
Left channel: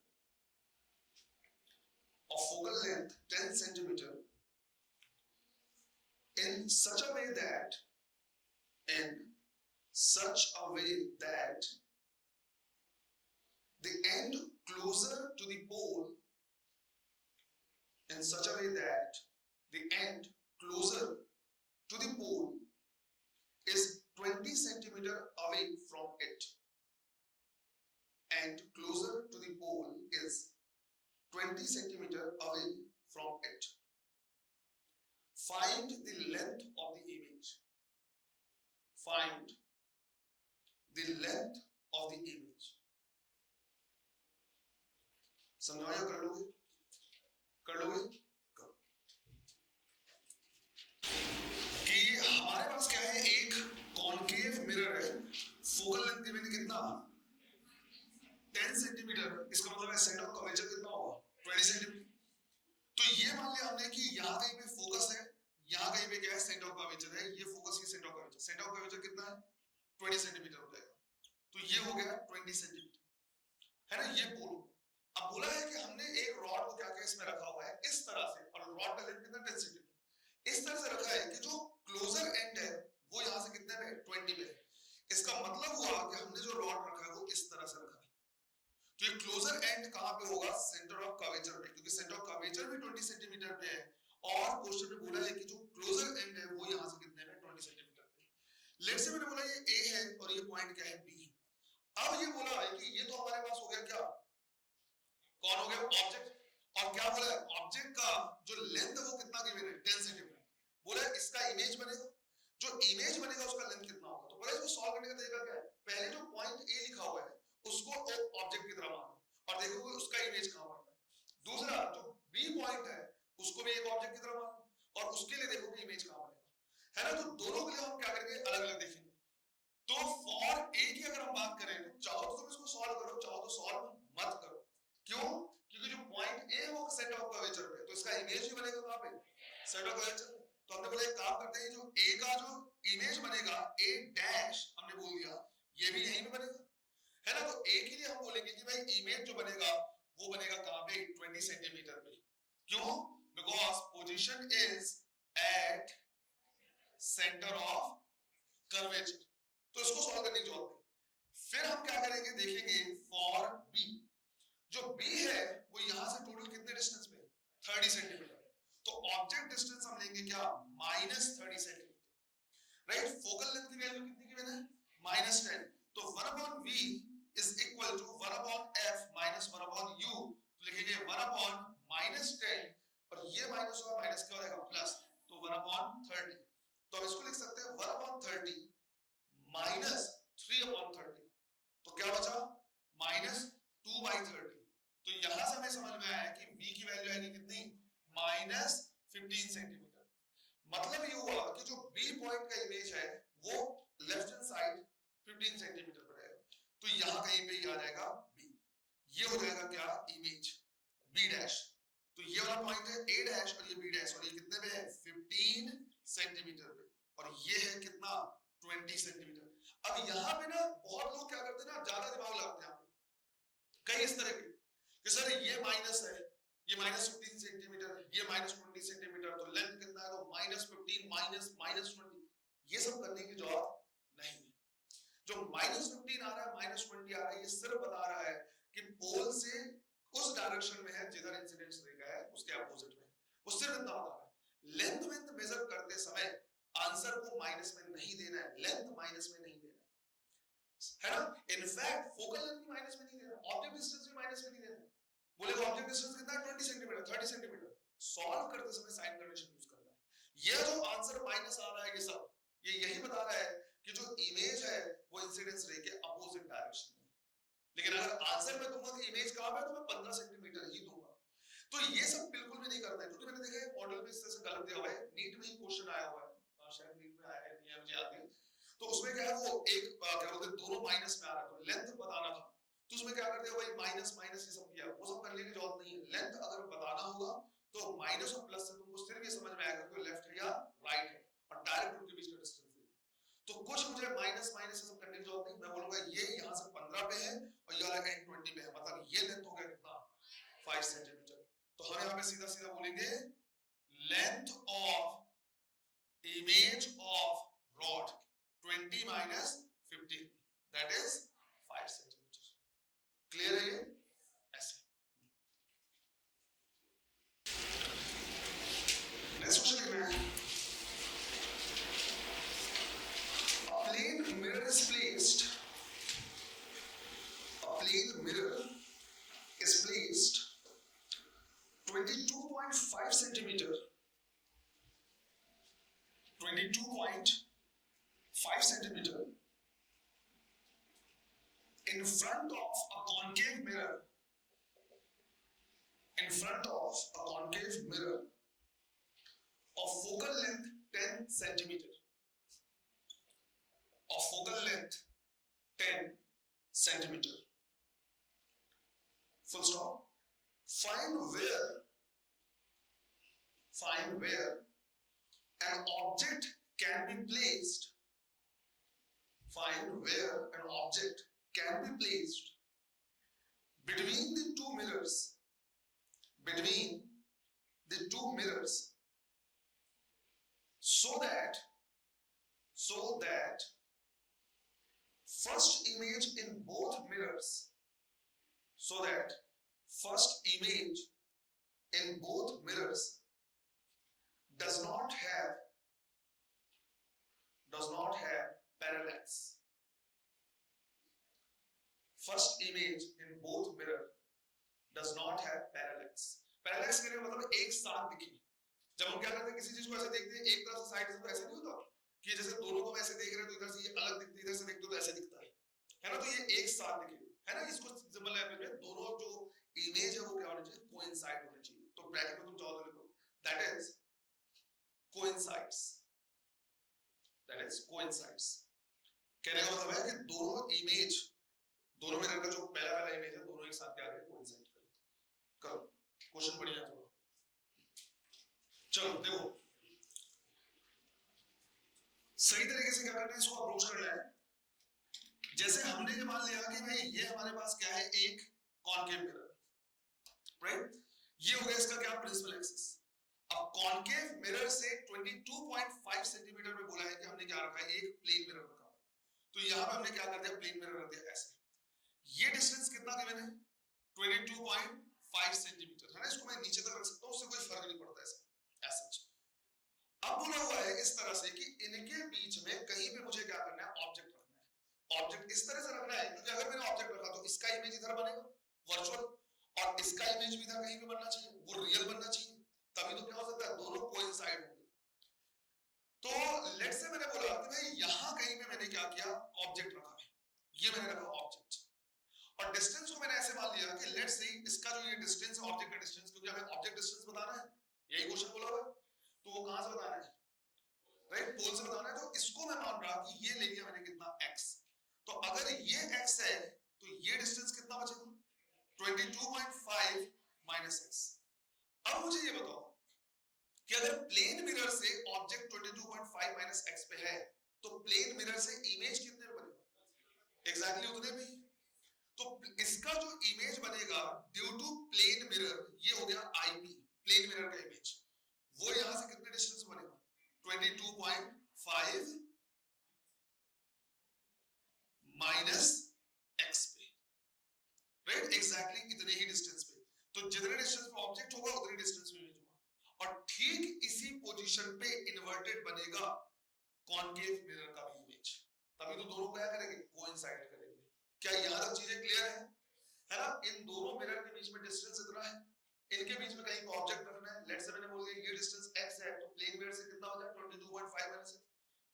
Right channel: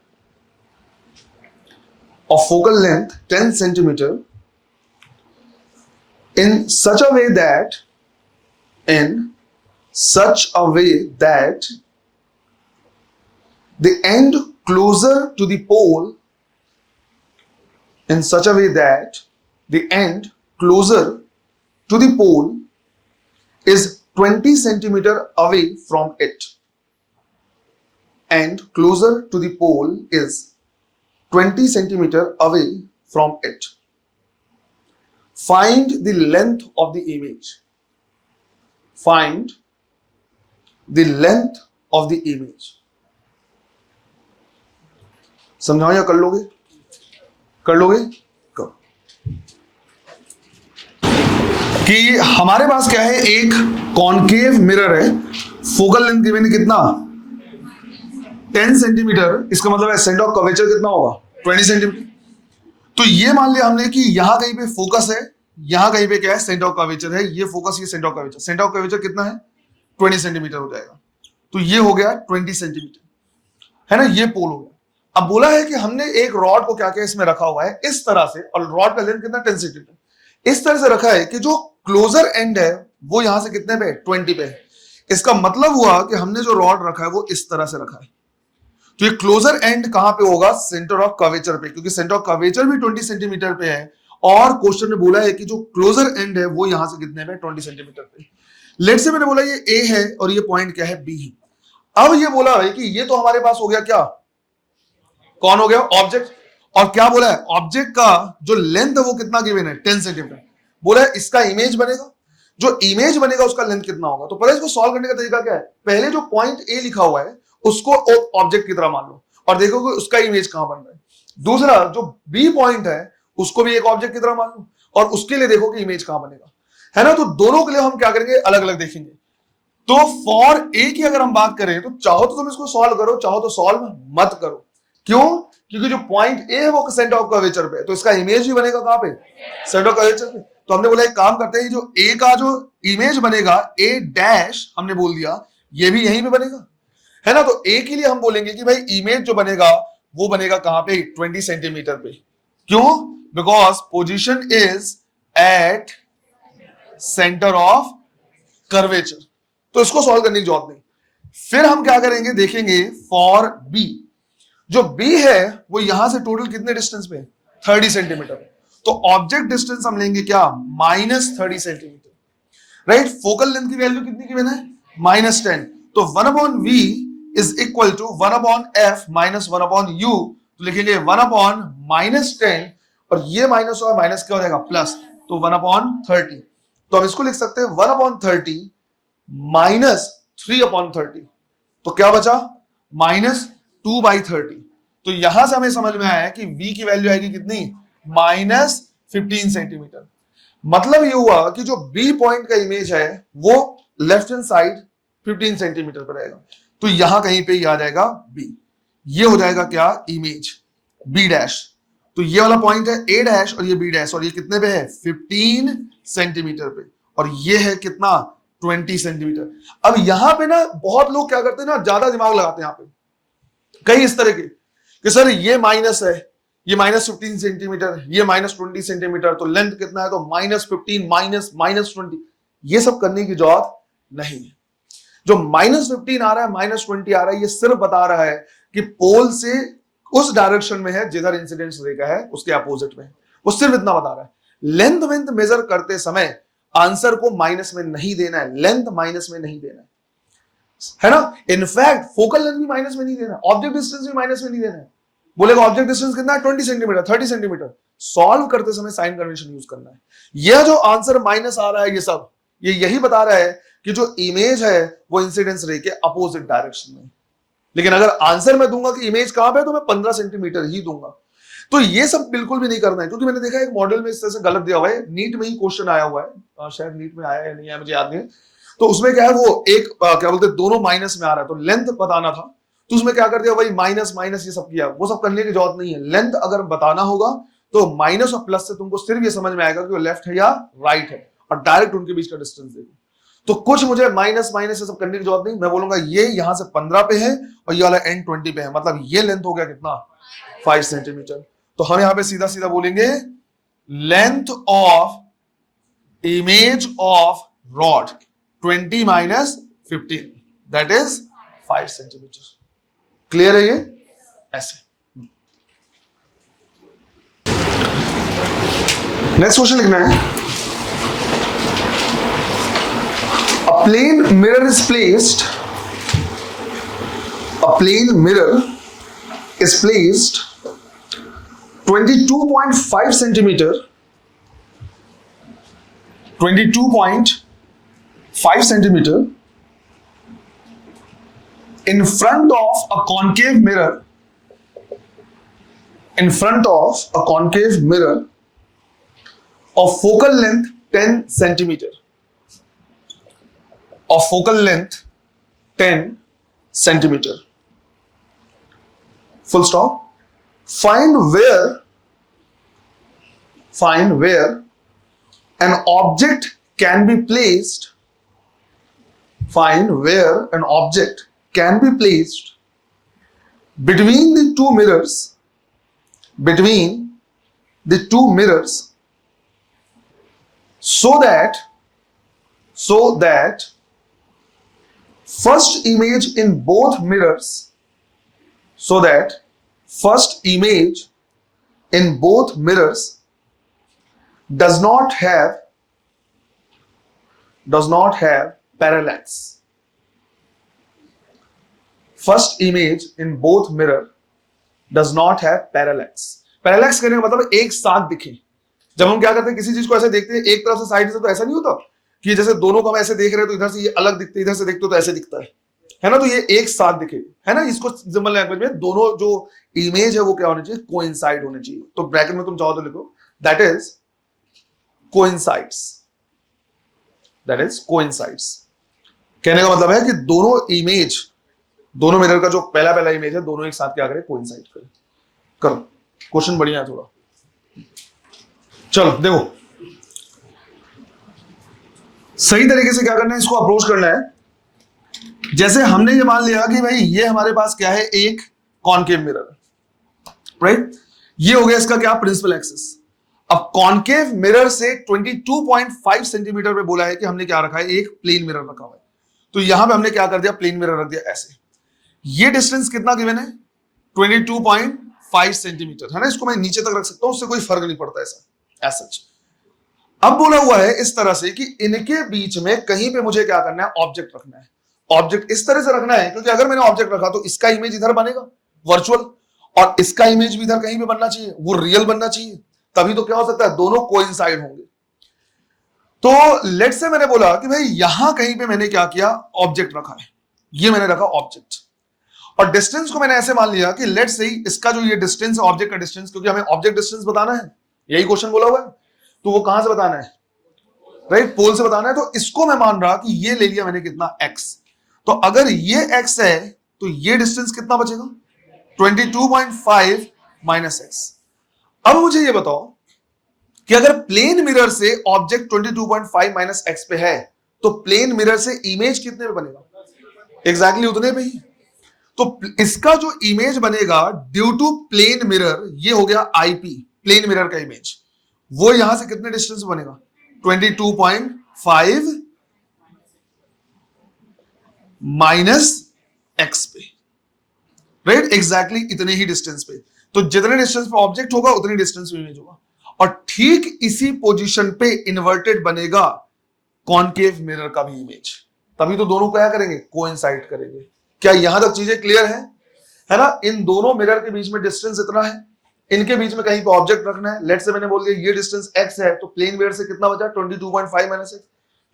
of focal length 10 centimeter in such a way that, in such a way that the end closer to the pole, in such a way that the end closer to the pole is 20 centimeter away from it, and closer to the pole is 20 centimeter away from it. Find the length of the image. Find the length of the image. समझाओ या कर लोगे? कर लोगे? करो। कि हमारे पास क्या है, एक कॉनकेव मिरर है, फोकल लेंथ गिवन कितना 10 सेंटीमीटर, इसका मतलब है सेंटर ऑफ कर्वेचर कितना होगा 20 सेंटीमीटर। तो ये मान लिया हमने कि यहां कहीं पे फोकस है, यहां कहीं पे क्या है सेंटर ऑफ कर्वेचर है, ये फोकस ये centre of curvature, centre of curvature कितना है 20 सेंटीमीटर हो जाएगा। तो ये हो गया 20 सेंटीमीटर, है ना, ये पोल हो गया। अब बोला है कि हमने एक रॉड को क्या क्या इसमें रखा हुआ है इस तरह से, और रॉड का लेंथ कितना 10 सेंटीमीटर, इस तरह से रखा है कि जो क्लोजर एंड है वो यहां से कितने पे 20 पे है। इसका मतलब हुआ कि हमने जो रॉड रखा है वो इस तरह से रखा है। तो ये क्लोजर एंड कहां पे होगा, सेंटर ऑफ कर्वेचर पे, क्योंकि सेंटर ऑफ कर्वेचर भी 20 सेंटीमीटर पे है, और क्वेश्चन में बोला है कि जो क्लोजर एंड है वो यहां से कितने पे 20 सेंटीमीटर पे। लेट्स से मैंने बोला ये ए है और ये पॉइंट क्या है बी है। अब ये बोला है कि ये तो हमारे पास हो गया क्या, कौन हो गया ऑब्जेक्ट, और क्या बोला है ऑब्जेक्ट का जो लेंथ है वो कितना गिवन है 10 सेंटीमीटर। बोला है इसका इमेज बनेगा, जो इमेज बनेगा उसका लेंथ कितना होगा। तो पहले इसको सॉल्व करने का तरीका क्या है, पहले जो पॉइंट ए लिखा हुआ है उसको ऑब्जेक्ट की तरह मान लो और देखो कि उसका इमेज कहां बन रहा है। दूसरा जो बी पॉइंट है उसको भी एक ऑब्जेक्ट की तरह मान लो और उसके लिए देखो कि इमेज कहां बनेगा, है ना। तो दोनों के लिए हम क्या करेंगे, अलग अलग देखेंगे। तो फॉर ए की अगर हम बात करें तो चाहो तो तुम इसको सॉल्व करो, चाहो तो सॉल्व मत करो। क्यों, क्योंकि जो पॉइंट ए है वो सेंटर ऑफ कर्वेचर पे, तो इसका इमेज भी बनेगा कहां पे, सेंटर ऑफ कर्वेचर पे। तो हमने बोला एक काम करते हैं, जो ए का जो इमेज बनेगा ए डैश हमने बोल दिया, ये भी यहीं पे बनेगा, है ना। तो ए के लिए हम बोलेंगे कि भाई इमेज जो बनेगा वो बनेगा कहां पे 20 सेंटीमीटर पे। क्यों, because position is at centre of curvature. तो इसको सॉल्व करने की जरूरत नहीं। फिर हम क्या करेंगे, देखेंगे फॉर बी, जो बी है वो यहां से टोटल कितने डिस्टेंस पे 30 सेंटीमीटर। तो ऑब्जेक्ट डिस्टेंस हम लेंगे क्या -30 सेंटीमीटर, राइट। फोकल लेंथ की वैल्यू कितनी की है -10। तो 1/v is equal to 1/f minus 1/u। तो लिखेंगे 1/-10 और ये माइनस और माइनस क्या हो जाएगा प्लस, तो 1/30। तो हम इसको लिख सकते हैं 1/30 माइनस 3/30। तो क्या बचा -2/30। तो यहां से हमें समझ में आया कि v की वैल्यू आएगी कितनी -15 सेंटीमीटर। मतलब ये हुआ कि जो b पॉइंट का इमेज है वो लेफ्ट हैंड साइड 15 सेंटीमीटर पर रहेगा। तो यहां कहीं पे ये आ जाएगा b, ये हो जाएगा क्या इमेज b डैश। तो ये वाला पॉइंट है a डैश और ये b डैश, और ये कितने पे है 15 सेंटीमीटर पे, और ये है कितना 20 सेंटीमीटर। अब यहां पे ना बहुत लोग क्या करते हैं ना, ज्यादा दिमाग लगाते हैं यहाँ पे कई इस तरह के कि सर ये माइनस है, ये -15 सेंटीमीटर, ये -20 सेंटीमीटर, तो लेंथ कितना है तो -15 -20। ये सब करने की जरूरत नहीं है। जो -15 आ रहा है -20 आ रहा है, ये सिर्फ बता रहा है कि पोल से उस डायरेक्शन में है जिधर इंसिडेंस रेखा है उसके अपोजिट में, वो सिर्फ इतना बता रहा है। लेंथ वेंथ मेजर करते समय आंसर को माइनस में नहीं देना है, लेंथ माइनस में नहीं देना है ना। इनफैक्ट फोकल लेंथ भी माइनस में नहीं देना, ऑब्जेक्ट डिस्टेंस भी माइनस में नहीं देना है। बोलेगा ऑब्जेक्ट डिस्टेंस कितना है 20 सेंटीमीटर 30 सेंटीमीटर, सॉल्व करते समय साइन कन्वेंशन यूज करना है। यह जो आंसर माइनस आ रहा है ये सब ये यही बता रहा है कि जो इमेज है वो इंसिडेंस रे के अपोजिट डायरेक्शन में। लेकिन अगर आंसर मैं दूंगा कि इमेज कहां पे है तो मैं 15 सेंटीमीटर ही दूंगा। तो ये सब बिल्कुल भी नहीं करना है, क्योंकि मैंने देखा एक मॉडल में इस तरह से गलत दिया हुआ है। नीट में ही क्वेश्चन आया हुआ है, शायद नीट में आया है नहीं आया मुझे याद नहीं। तो उसमें क्या है वो एक क्या बोलते हैं दोनों माइनस में आ रहा है, तो लेंथ बताना था तो उसमें क्या कर दिया भाई माइनस माइनस ये सब किया। वो सब करने की जरूरत नहीं है। लेंथ अगर बताना होगा तो माइनस और प्लस से तुमको सिर्फ ये समझ में आएगा कि वो लेफ्ट है या राइट है, और डायरेक्ट उनके बीच का डिस्टेंस देखो। तो कुछ मुझे माइनस माइनस ये सब करने की जरूरत नहीं। मैं बोलूंगा ये यहां से 15 पे है और ये वाला एंड 20 पे है, मतलब ये लेंथ हो गया कितना 5 सेंटीमीटर। तो हम यहां पे सीधा सीधा बोलेंगे length of image of rod 20 minus 15 that is 5 centimetre. Clear है ये ऐसे। नेक्स्ट क्वेश्चन लिखना है plane mirror is placed, a plane mirror is placed 22.5 centimeter, 22.5 centimeter in front of a concave mirror, in front of a concave mirror of focal length 10 centimeter, of focal length 10 centimeter. Full stop. Find where an object can be placed. Find where an object can be placed between the two mirrors, between the two mirrors, so that first image in both mirrors, so that first image in both mirrors does not have parallax. First image in both mirror does not have parallax. Parallax कहने का मतलब एक साथ दिखे. जब हम क्या करते हैं, किसी चीज को ऐसे देखते हैं एक तरफ से साइड से, तो ऐसा नहीं होता कि जैसे दोनों को हम ऐसे देख रहे हैं तो इधर से ये अलग दिखते, इधर से देखते हो तो ऐसे दिखता है ना, तो ये एक साथ दिखे, है ना. इसको सिंपल लैंग्वेज में दोनों जो इमेज है वो क्या होनी चाहिए, कोइंसाइड होनी चाहिए. तो ब्रैकेट में तुम चाहो तो लिखो that is coincides, that is coincides. कहने का मतलब है कि दोनों इमेज, दोनों मिरर का जो पहला इमेज है, दोनों एक साथ क्या करे, कोइंसाइड करे. करो, क्वेश्चन बढ़िया है थोड़ा. चलो देखो, सही तरीके से क्या करना है, इसको अप्रोच करना है. जैसे हमने ये मान लिया कि भाई ये हमारे पास क्या है, एक कॉनकेव मिरर, राइट. ये हो गया इसका क्या, प्रिंसिपल एक्सिस. अब कॉनकेव मिरर से 22.5 सेंटीमीटर पे बोला है कि हमने क्या रखा है, एक प्लेन मिरर रखा हुआ है. तो यहां पे हमने क्या कर दिया, प्लेन मिरर रख दिया ऐसे. ये डिस्टेंस कितना गिवन है, 22.5 सेंटीमीटर, है ना. इसको मैं नीचे तक रख सकता हूं, उससे कोई फर्क नहीं पड़ता ऐसा एज सच. अब बोला हुआ है इस तरह से कि इनके बीच में कहीं पे मुझे क्या करना है, ऑब्जेक्ट रखना है. ऑब्जेक्ट इस तरह से रखना है क्योंकि अगर मैंने ऑब्जेक्ट रखा तो इसका इमेज इधर बनेगा वर्चुअल, और इसका इमेज भी इधर कहीं पे बनना चाहिए, वो रियल बनना चाहिए. तभी तो क्या हो सकता है, दोनों कोइंसाइड होंगे. तो लेट्स से मैंने बोला कि भाई यहां कहीं पे मैंने क्या किया, ऑब्जेक्ट रखा है, ये मैंने रखा ऑब्जेक्ट, और डिस्टेंस को मैंने ऐसे मान लिया कि लेट्स से इसका जो ये डिस्टेंस है, ऑब्जेक्ट का डिस्टेंस, क्योंकि हमें ऑब्जेक्ट डिस्टेंस बताना है, यही क्वेश्चन बोला हुआ है. तो वो कहां से बताना है, राइट, पोल से बताना है. तो इसको मैं मान रहा कि ये ले लिया मैंने कितना, x. तो अगर ये x है तो ये डिस्टेंस कितना बचेगा, 22.5 माइनस x. अब मुझे ये बताओ कि अगर प्लेन मिरर से ऑब्जेक्ट 22.5 माइनस x पे है तो प्लेन मिरर से इमेज कितने पे बनेगा, एग्जैक्टली उतने पे ही. तो इसका जो इमेज बनेगा ड्यू टू प्लेन मिरर, ये हो गया IP, प्लेन मिरर का इमेज, वो यहां से कितने डिस्टेंस बनेगा, 22.5 माइनस x पे, राइट. एग्जैक्टली इतने ही डिस्टेंस पे. तो जितने डिस्टेंस पे ऑब्जेक्ट होगा उतनी डिस्टेंस पे इमेज होगा, और ठीक इसी पोजीशन पे इन्वर्टेड बनेगा कॉनकेव मिरर का भी इमेज. तभी तो दोनों क्या करेंगे, कोइंसाइड करेंगे. क्या यहां तक चीजें क्लियर है ना. इन दोनों मिरर के बीच में डिस्टेंस इतना है, इनके बीच में कहीं पे ऑब्जेक्ट रखना है. लेट्स से मैंने बोल दिया ये डिस्टेंस x है, तो प्लेन मिरर से कितना बचा, 22.5 माइनस x.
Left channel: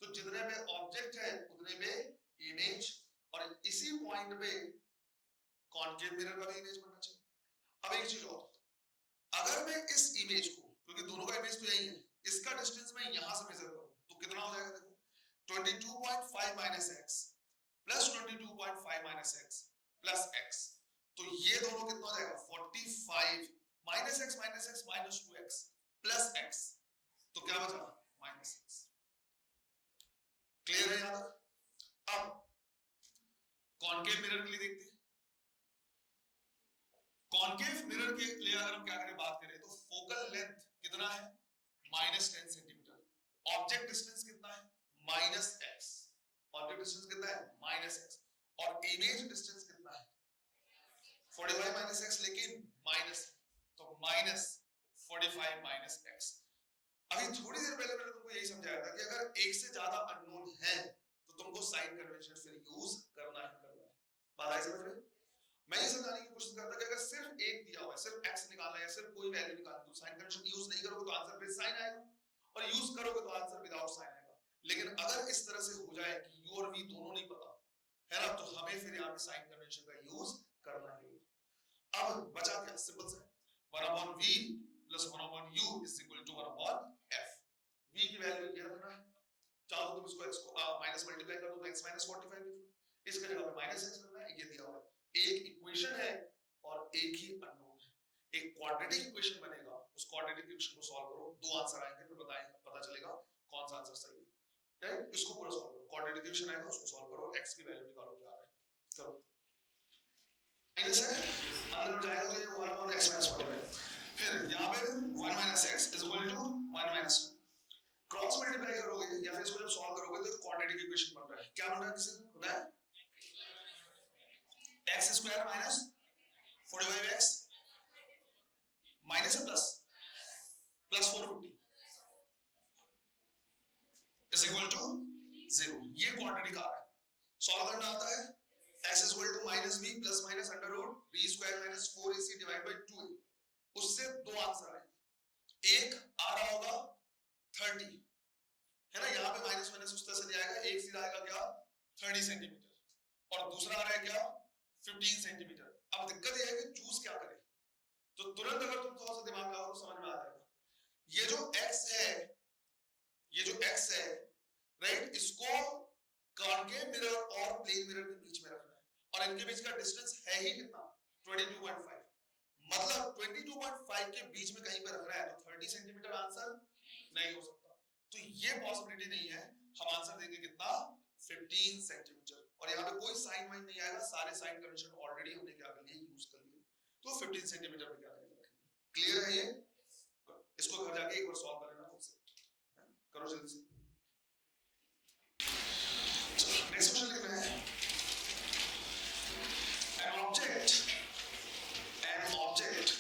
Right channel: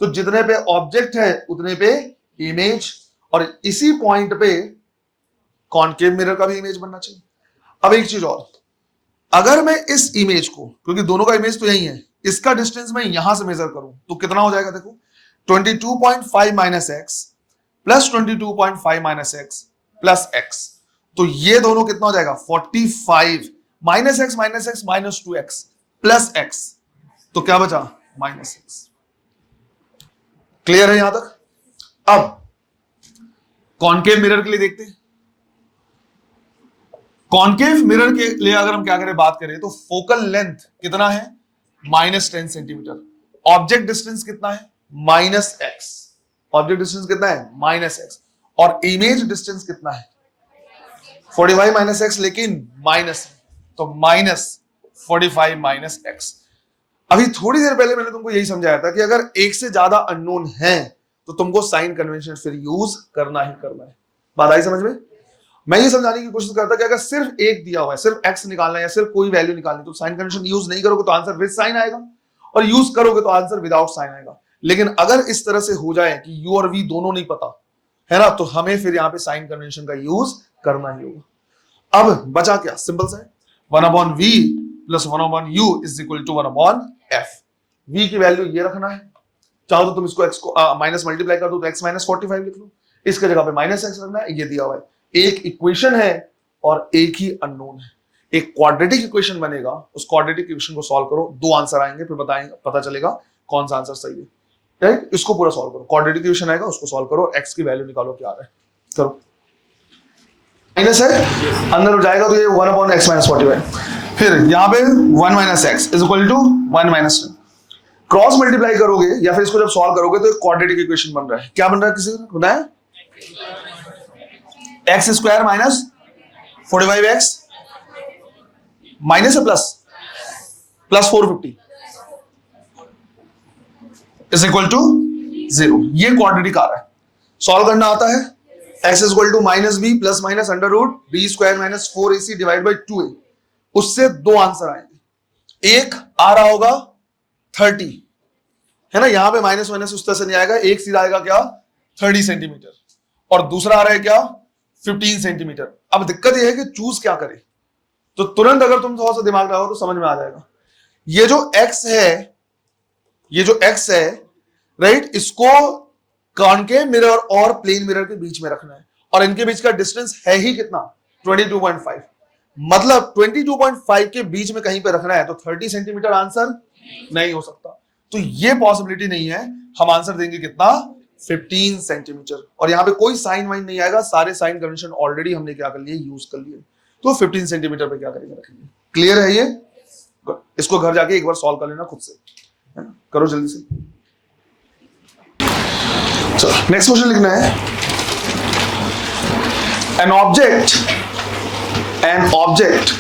तो जितने पे ऑब्जेक्ट है उतने पे इमेज, और इसी पॉइंट पे कॉनकेव मिरर का भी इमेज बनना चाहिए. अब एक चीज और, अगर मैं इस इमेज को, क्योंकि दोनों का इमेज तो यही है, इसका डिस्टेंस मैं यहां से मेजर करूं तो कितना हो जाएगा, देखो 22.5 minus x plus 22.5 minus x plus x. तो ये दोनों कितना हो जाएगा, 45 minus x minus 2x plus x. तो क्या बचा, माइनस x. क्लियर है यहां तक. अब कॉनकेव मिरर के लिए देखते हैं. कॉनकेव मिरर के लिए अगर हम क्या करें, बात करें तो फोकल लेंथ कितना है, -10 सेंटीमीटर. ऑब्जेक्ट डिस्टेंस कितना है, -x. ऑब्जेक्ट डिस्टेंस कितना है, -x. और इमेज डिस्टेंस कितना है, 45 माइनस x, लेकिन माइनस, तो -45 माइनस x. अभी थोड़ी देर पहले मैंने तुमको यही समझाया था कि अगर एक से ज्यादा अननोन है तो तुमको साइन कन्वेंशन फिर यूज करना ही करना है। बात आई समझ में? मैं ये समझाने की कोशिश करता कि अगर सिर्फ एक दिया हुआ है, सिर्फ x निकालना है या सिर्फ कोई वैल्यू निकालनी, तो साइन कन्वेंशन यूज नहीं करोगे तो आंसर विद साइन आएगा, और यूज करोगे तो आंसर विदाउट साइन आएगा। लेकिन अगर इस तरह से हो जाए कि u और v दोनों नहीं पता है ना, तो हमें फिर यहाँ पे साइन कन्वेंशन का यूज करना ही होगा। अब बचा क्या? सिंपल सा है, 1/v plus 1/u is equal to 1/f। v की वैल्यू ये रखना है, चाहो तो तुम इसको x को माइनस मल्टीप्लाई कर दो तो x माइनस 45 लिख लो, इसके जगह पे माइनस x रखना है, ये दिया हुआ है। एक इक्वेशन है और एक ही अननोन है, एक क्वाड्रेटिक इक्वेशन बनेगा, उस क्वाड्रेटिक इक्वेशन को सॉल्व करो, दो आंसर आएंगे, फिर बताएंगे, पता चलेगा कौन सा आंसर सही है। राइट, इसको पूरा सॉल्व करो, क्वाड्रेटिक इक्वेशन आएगा, उसको सॉल्व करो, x की वैल्यू निकालो क्या आ रहा है, करो। माइनस है, अंदर हो जाएगा तो ये 1/x माइनस 45, फिर यहाँ पे 1 minus x is equal to 1 minus 10। Cross multiply करोगे या फिर इसको जब सॉल्व करोगे तो एक क्वाड्रेटिक इक्वेशन बन रहा है। क्या बन रहा है, किसी को बताया? X square minus 45x minus plus 450 is equal to 0। ये क्वाड्रेटिक आ रहा है, सॉल्व करना आता है। x is equal to minus b plus minus under root b square minus 4ac divide by 2a। उससे दो आंसर आएंगे, एक आ रहा होगा 30 है ना, यहां पे माइनस माइनस उस तरह से नहीं आएगा, एक सीधा आएगा क्या 30 सेंटीमीटर, और दूसरा आ रहा है क्या 15 सेंटीमीटर। अब दिक्कत यह है कि चूज क्या करें, तो तुरंत अगर तुम थोड़ा सा दिमाग लगाओ तो समझ में आ जाएगा। ये जो x है, ये जो x है राइट, इसको कॉनकेव मिरर और प्लेन मिरर के बीच में रखना है, और इनके बीच का डिस्टेंस है ही कितना 22.5, मतलब 22.5 के बीच में कहीं पे रखना है, तो 30 सेंटीमीटर आंसर नहीं हो सकता, तो ये पॉसिबिलिटी नहीं है। हम आंसर देंगे कितना 15 सेंटीमीटर, और यहां पे कोई साइन वाइन नहीं आएगा, सारे साइन कन्वेंशन ऑलरेडी हमने क्या कर लिए, यूज कर लिए, तो 15 सेंटीमीटर पे क्या करेंगे, रखेंगे। क्लियर है ये? इसको घर जाके एक बार सॉल्व कर लेना खुद से, है ना, करो जल्दी से। चलो नेक्स्ट क्वेश्चन लिखना है, an object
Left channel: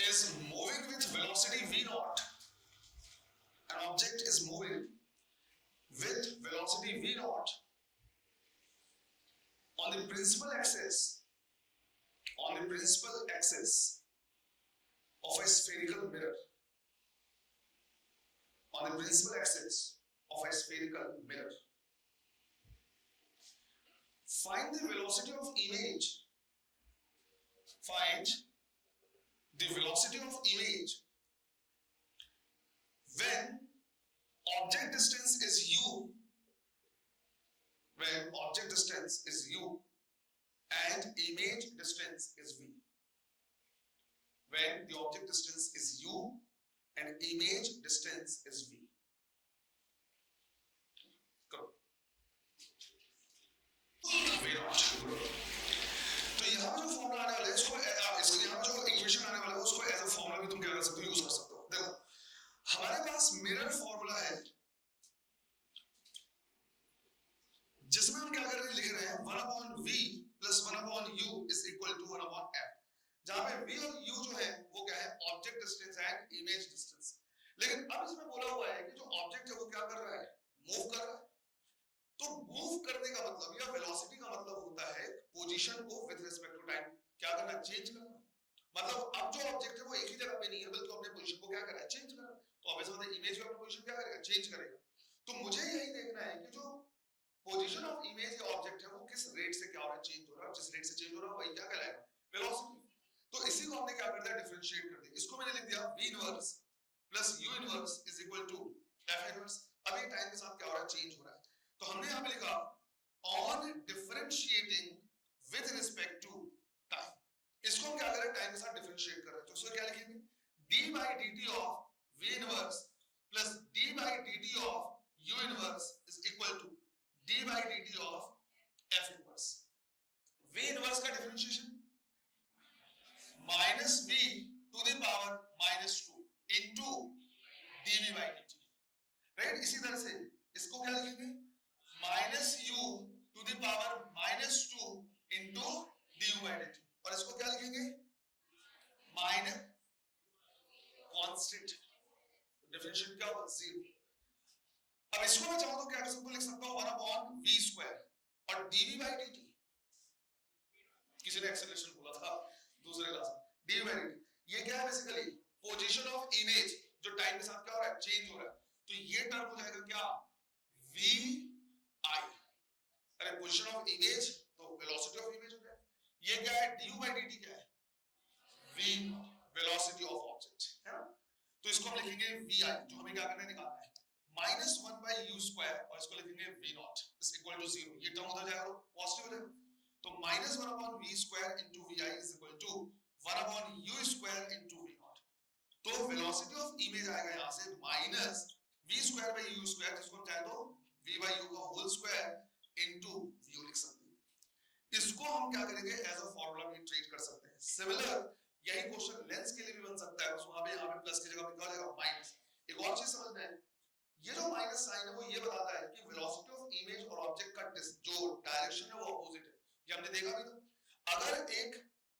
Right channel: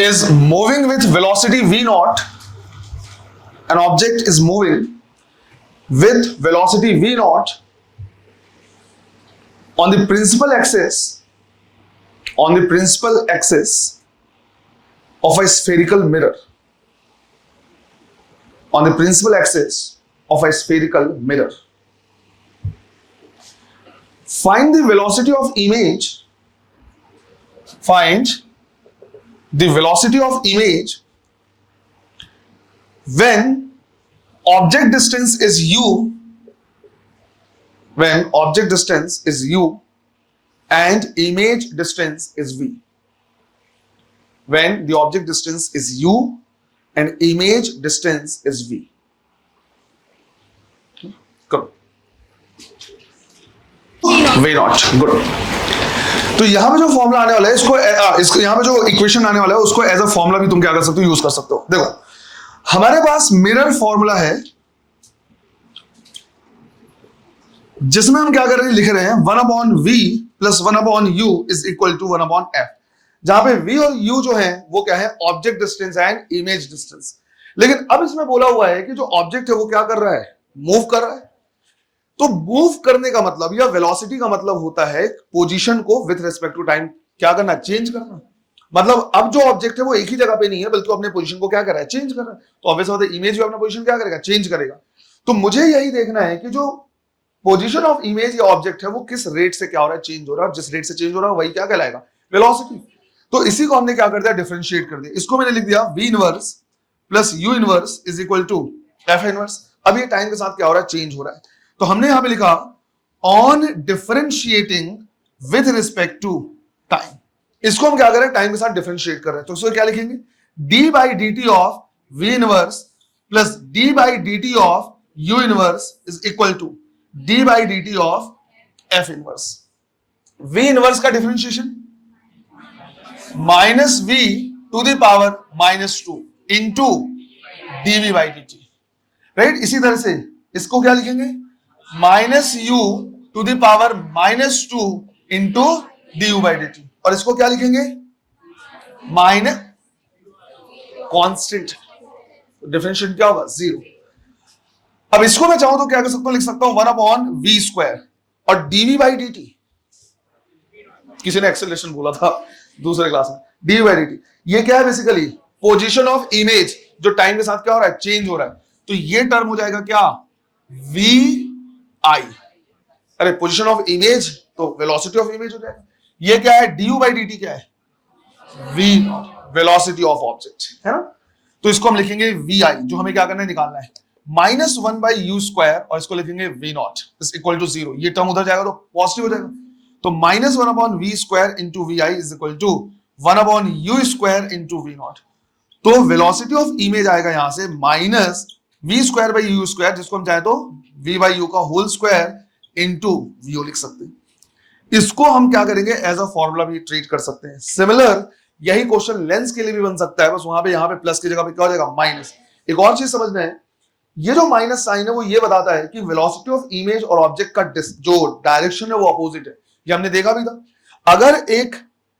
is moving with velocity v naught. An object is moving with velocity v naught on the principal axis of a spherical mirror. On the principal axis of a spherical mirror. Find the velocity of image. Find the velocity of image when object distance is u. When object distance is u and image distance is v. When the object distance is u and image distance is v. करो। वे नॉट, गुड। तो यहां पे जो फॉर्मूला आने वाला है, इसको यहां पे जो इक्वेशन आने वाला है, उसको एज अ फॉर्मूला भी तुम क्या कर सकते हो, यूज कर सकते हो। देखो हमारे पास मिरर फॉर्मूला है, जिसमें हम क्या कर रहे हैं, लिख रहे हैं 1/v plus 1/u is equal to 1/f, जहां पे v और u जो है वो क्या है, object distance and image distance. लेकिन अब इसमें बोला हुआ है कि जो ऑब्जेक्ट है वो क्या कर रहा है, मूव कर रहा है। तो मूव करने का मतलब या वेलोसिटी का मतलब होता है पोजीशन को विथ रिस्पेक्ट टू टाइम क्या करना, चेंज करना। मतलब अब जो ऑब्जेक्ट है वो एक ही जगह पे नहीं है, बल्कि अपने पोजीशन को क्या कर रहा है, चेंज कर रहा है। तो ऑब्वियस बात है इमेज भी अपना पोजीशन क्या करेगा, चेंज करेगा। तो मुझे यही देखना है कि जो पोजीशन ऑफ इमेज या ऑब्जेक्ट है वो किस रेट से क्या हो रहा है, चेंज हो रहा है। जिस रेट से चेंज हो रहा है वही क्या कहलाएगा, वेलोसिटी। तो इसी को हमने क्या कर दिया, डिफरेंशिएट कर दिया। इसको मैंने लिख दिया v inverse plus u inverse is equal to f inverse. अब ये टाइम के साथ क्या हो रहा है, चेंज हो रहा है। तो हमने यहां पे लिखा on differentiating with respect to time. इसको हम क्या कर रहे हैं, टाइम के साथ डिफरेंशिएट कर रहे हैं। तो इसको क्या लिखेंगे, d by D T of v inverse plus d by D T of u inverse is equal to d by D T of f inverse. v inverse का differentiation minus v to the power -2 into dv by D T, right. इसी तरह से इसको क्या लिखेंगे, -u to the power -2 into du by D T, और इसको क्या लिखेंगे, माइनस कांस्टेंट, डिफरेंशिएट क्या होगा, 0। अब इसको मैं चाहूं तो क्या कर सकता हूं, लिख सकता हूं 1/v², और dv बाई dt, किसी ने एक्सेलरेशन बोला था दूसरे क्लास में, dv बाई dt, ये क्या है बेसिकली पोजीशन ऑफ इमेज, जो टाइम के साथ क्या हो रहा है, चेंज हो रहा है। तो ये टर्म हो जाएगा क्या, vi, अरे पोजीशन ऑफ इमेज तो वेलोसिटी ऑफ इमेज हो जाएगा। ये क्या है, du बाई dt क्या है, v, वेलोसिटी ऑफ ऑब्जेक्ट, है ना। तो इसको हम लिखेंगे vi, जो हमें क्या करना है, निकालना है, -1/u², और इसको लिखेंगे v0 इज इक्वल टू 0। ये टर्म उधर जाएगा तो पॉजिटिव हो जाएगा, तो -1/v² into vi is equal to 1/u² into v0। तो वेलोसिटी ऑफ इमेज आएगा यहां से -v²/u², जिसको हम चाहे तो v/u का होल स्क्वायर इंटू vo लिख सकते हैं। इसको हम क्या करेंगे, एज अ फॉर्मूला भी ट्रीट कर सकते हैं। सिमिलर यही क्वेश्चन लेंस के लिए भी बन सकता है, बस वहां पे यहाँ पे प्लस की जगह पे क्या हो जाएगा, माइनस। एक और चीज समझना है, ये जो माइनस साइन है वो ये बताता है कि वेलोसिटी ऑफ इमेज और ऑब्जेक्ट का जो डायरेक्शन है वो अपोजिट है। ये हमने देखा भी था, अगर एक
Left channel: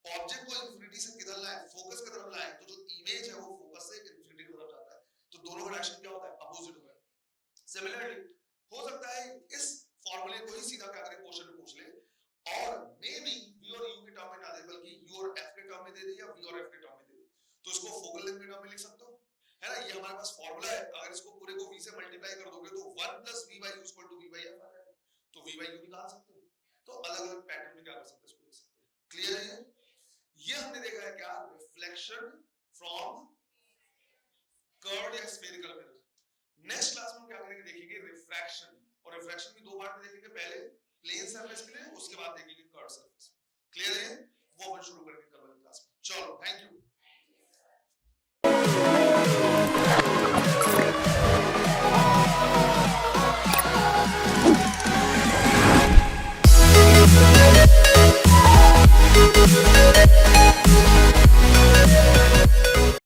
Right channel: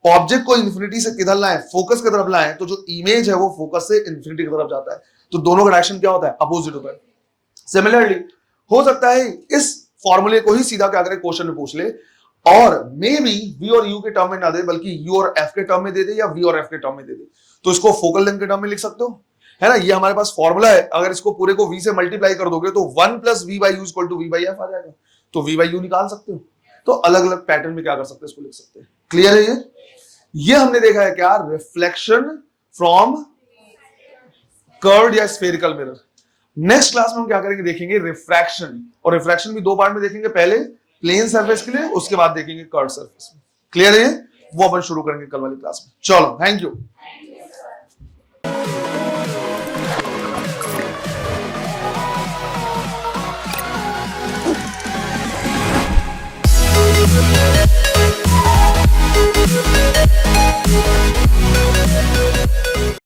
ऑब्जेक्ट को इंफिनिटी से किधर लाए, फोकस की तरफ लाए, तो जो इमेज है वो फोकस से इंफिनिटी की तरफ जाता है, तो दोनों का डायरेक्शन क्या होता है, अपोजिट होता है। सिमिलरली हो सकता है इस फॉर्मूले को ही सीधा क्या करे, क्वेश्चन में पूछ ले, और मे बी v और u के टर्म में ना दे, बल्कि u और f के टर्म में दे दे, या v और f के टर्म में दे दे, तो इसको फोकल लेंथ के टर्म में लिख सकते हो, है ना। ये हमारे पास फॉर्मूला है, अगर इसको पूरे को v से मल्टीप्लाई कर दोगे तो 1 + v/u = v/f आ जाएगा, तो v/u निकाल सकते हो। तो अलग अलग पैटर्न में क्या कर सकते हैं, इसको लिख सकते हैं। क्लियर है ये हमने देखा है क्या, रिफ्लेक्शन फ्रॉम कर्व्ड या स्फेरिकल मिरर। नेक्स्ट क्लास में हम क्या करेंगे, देखेंगे रिफ्रैक्शन, और रिफ्रैक्शन भी दो पार्ट में देखेंगे, पहले प्लेन सरफेस के लिए, उसके बाद देखेंगे कर्व सरफेस में। क्लियर है, वो अपन शुरू करेंगे कल वाली क्लास में। चलो, थैंक यू।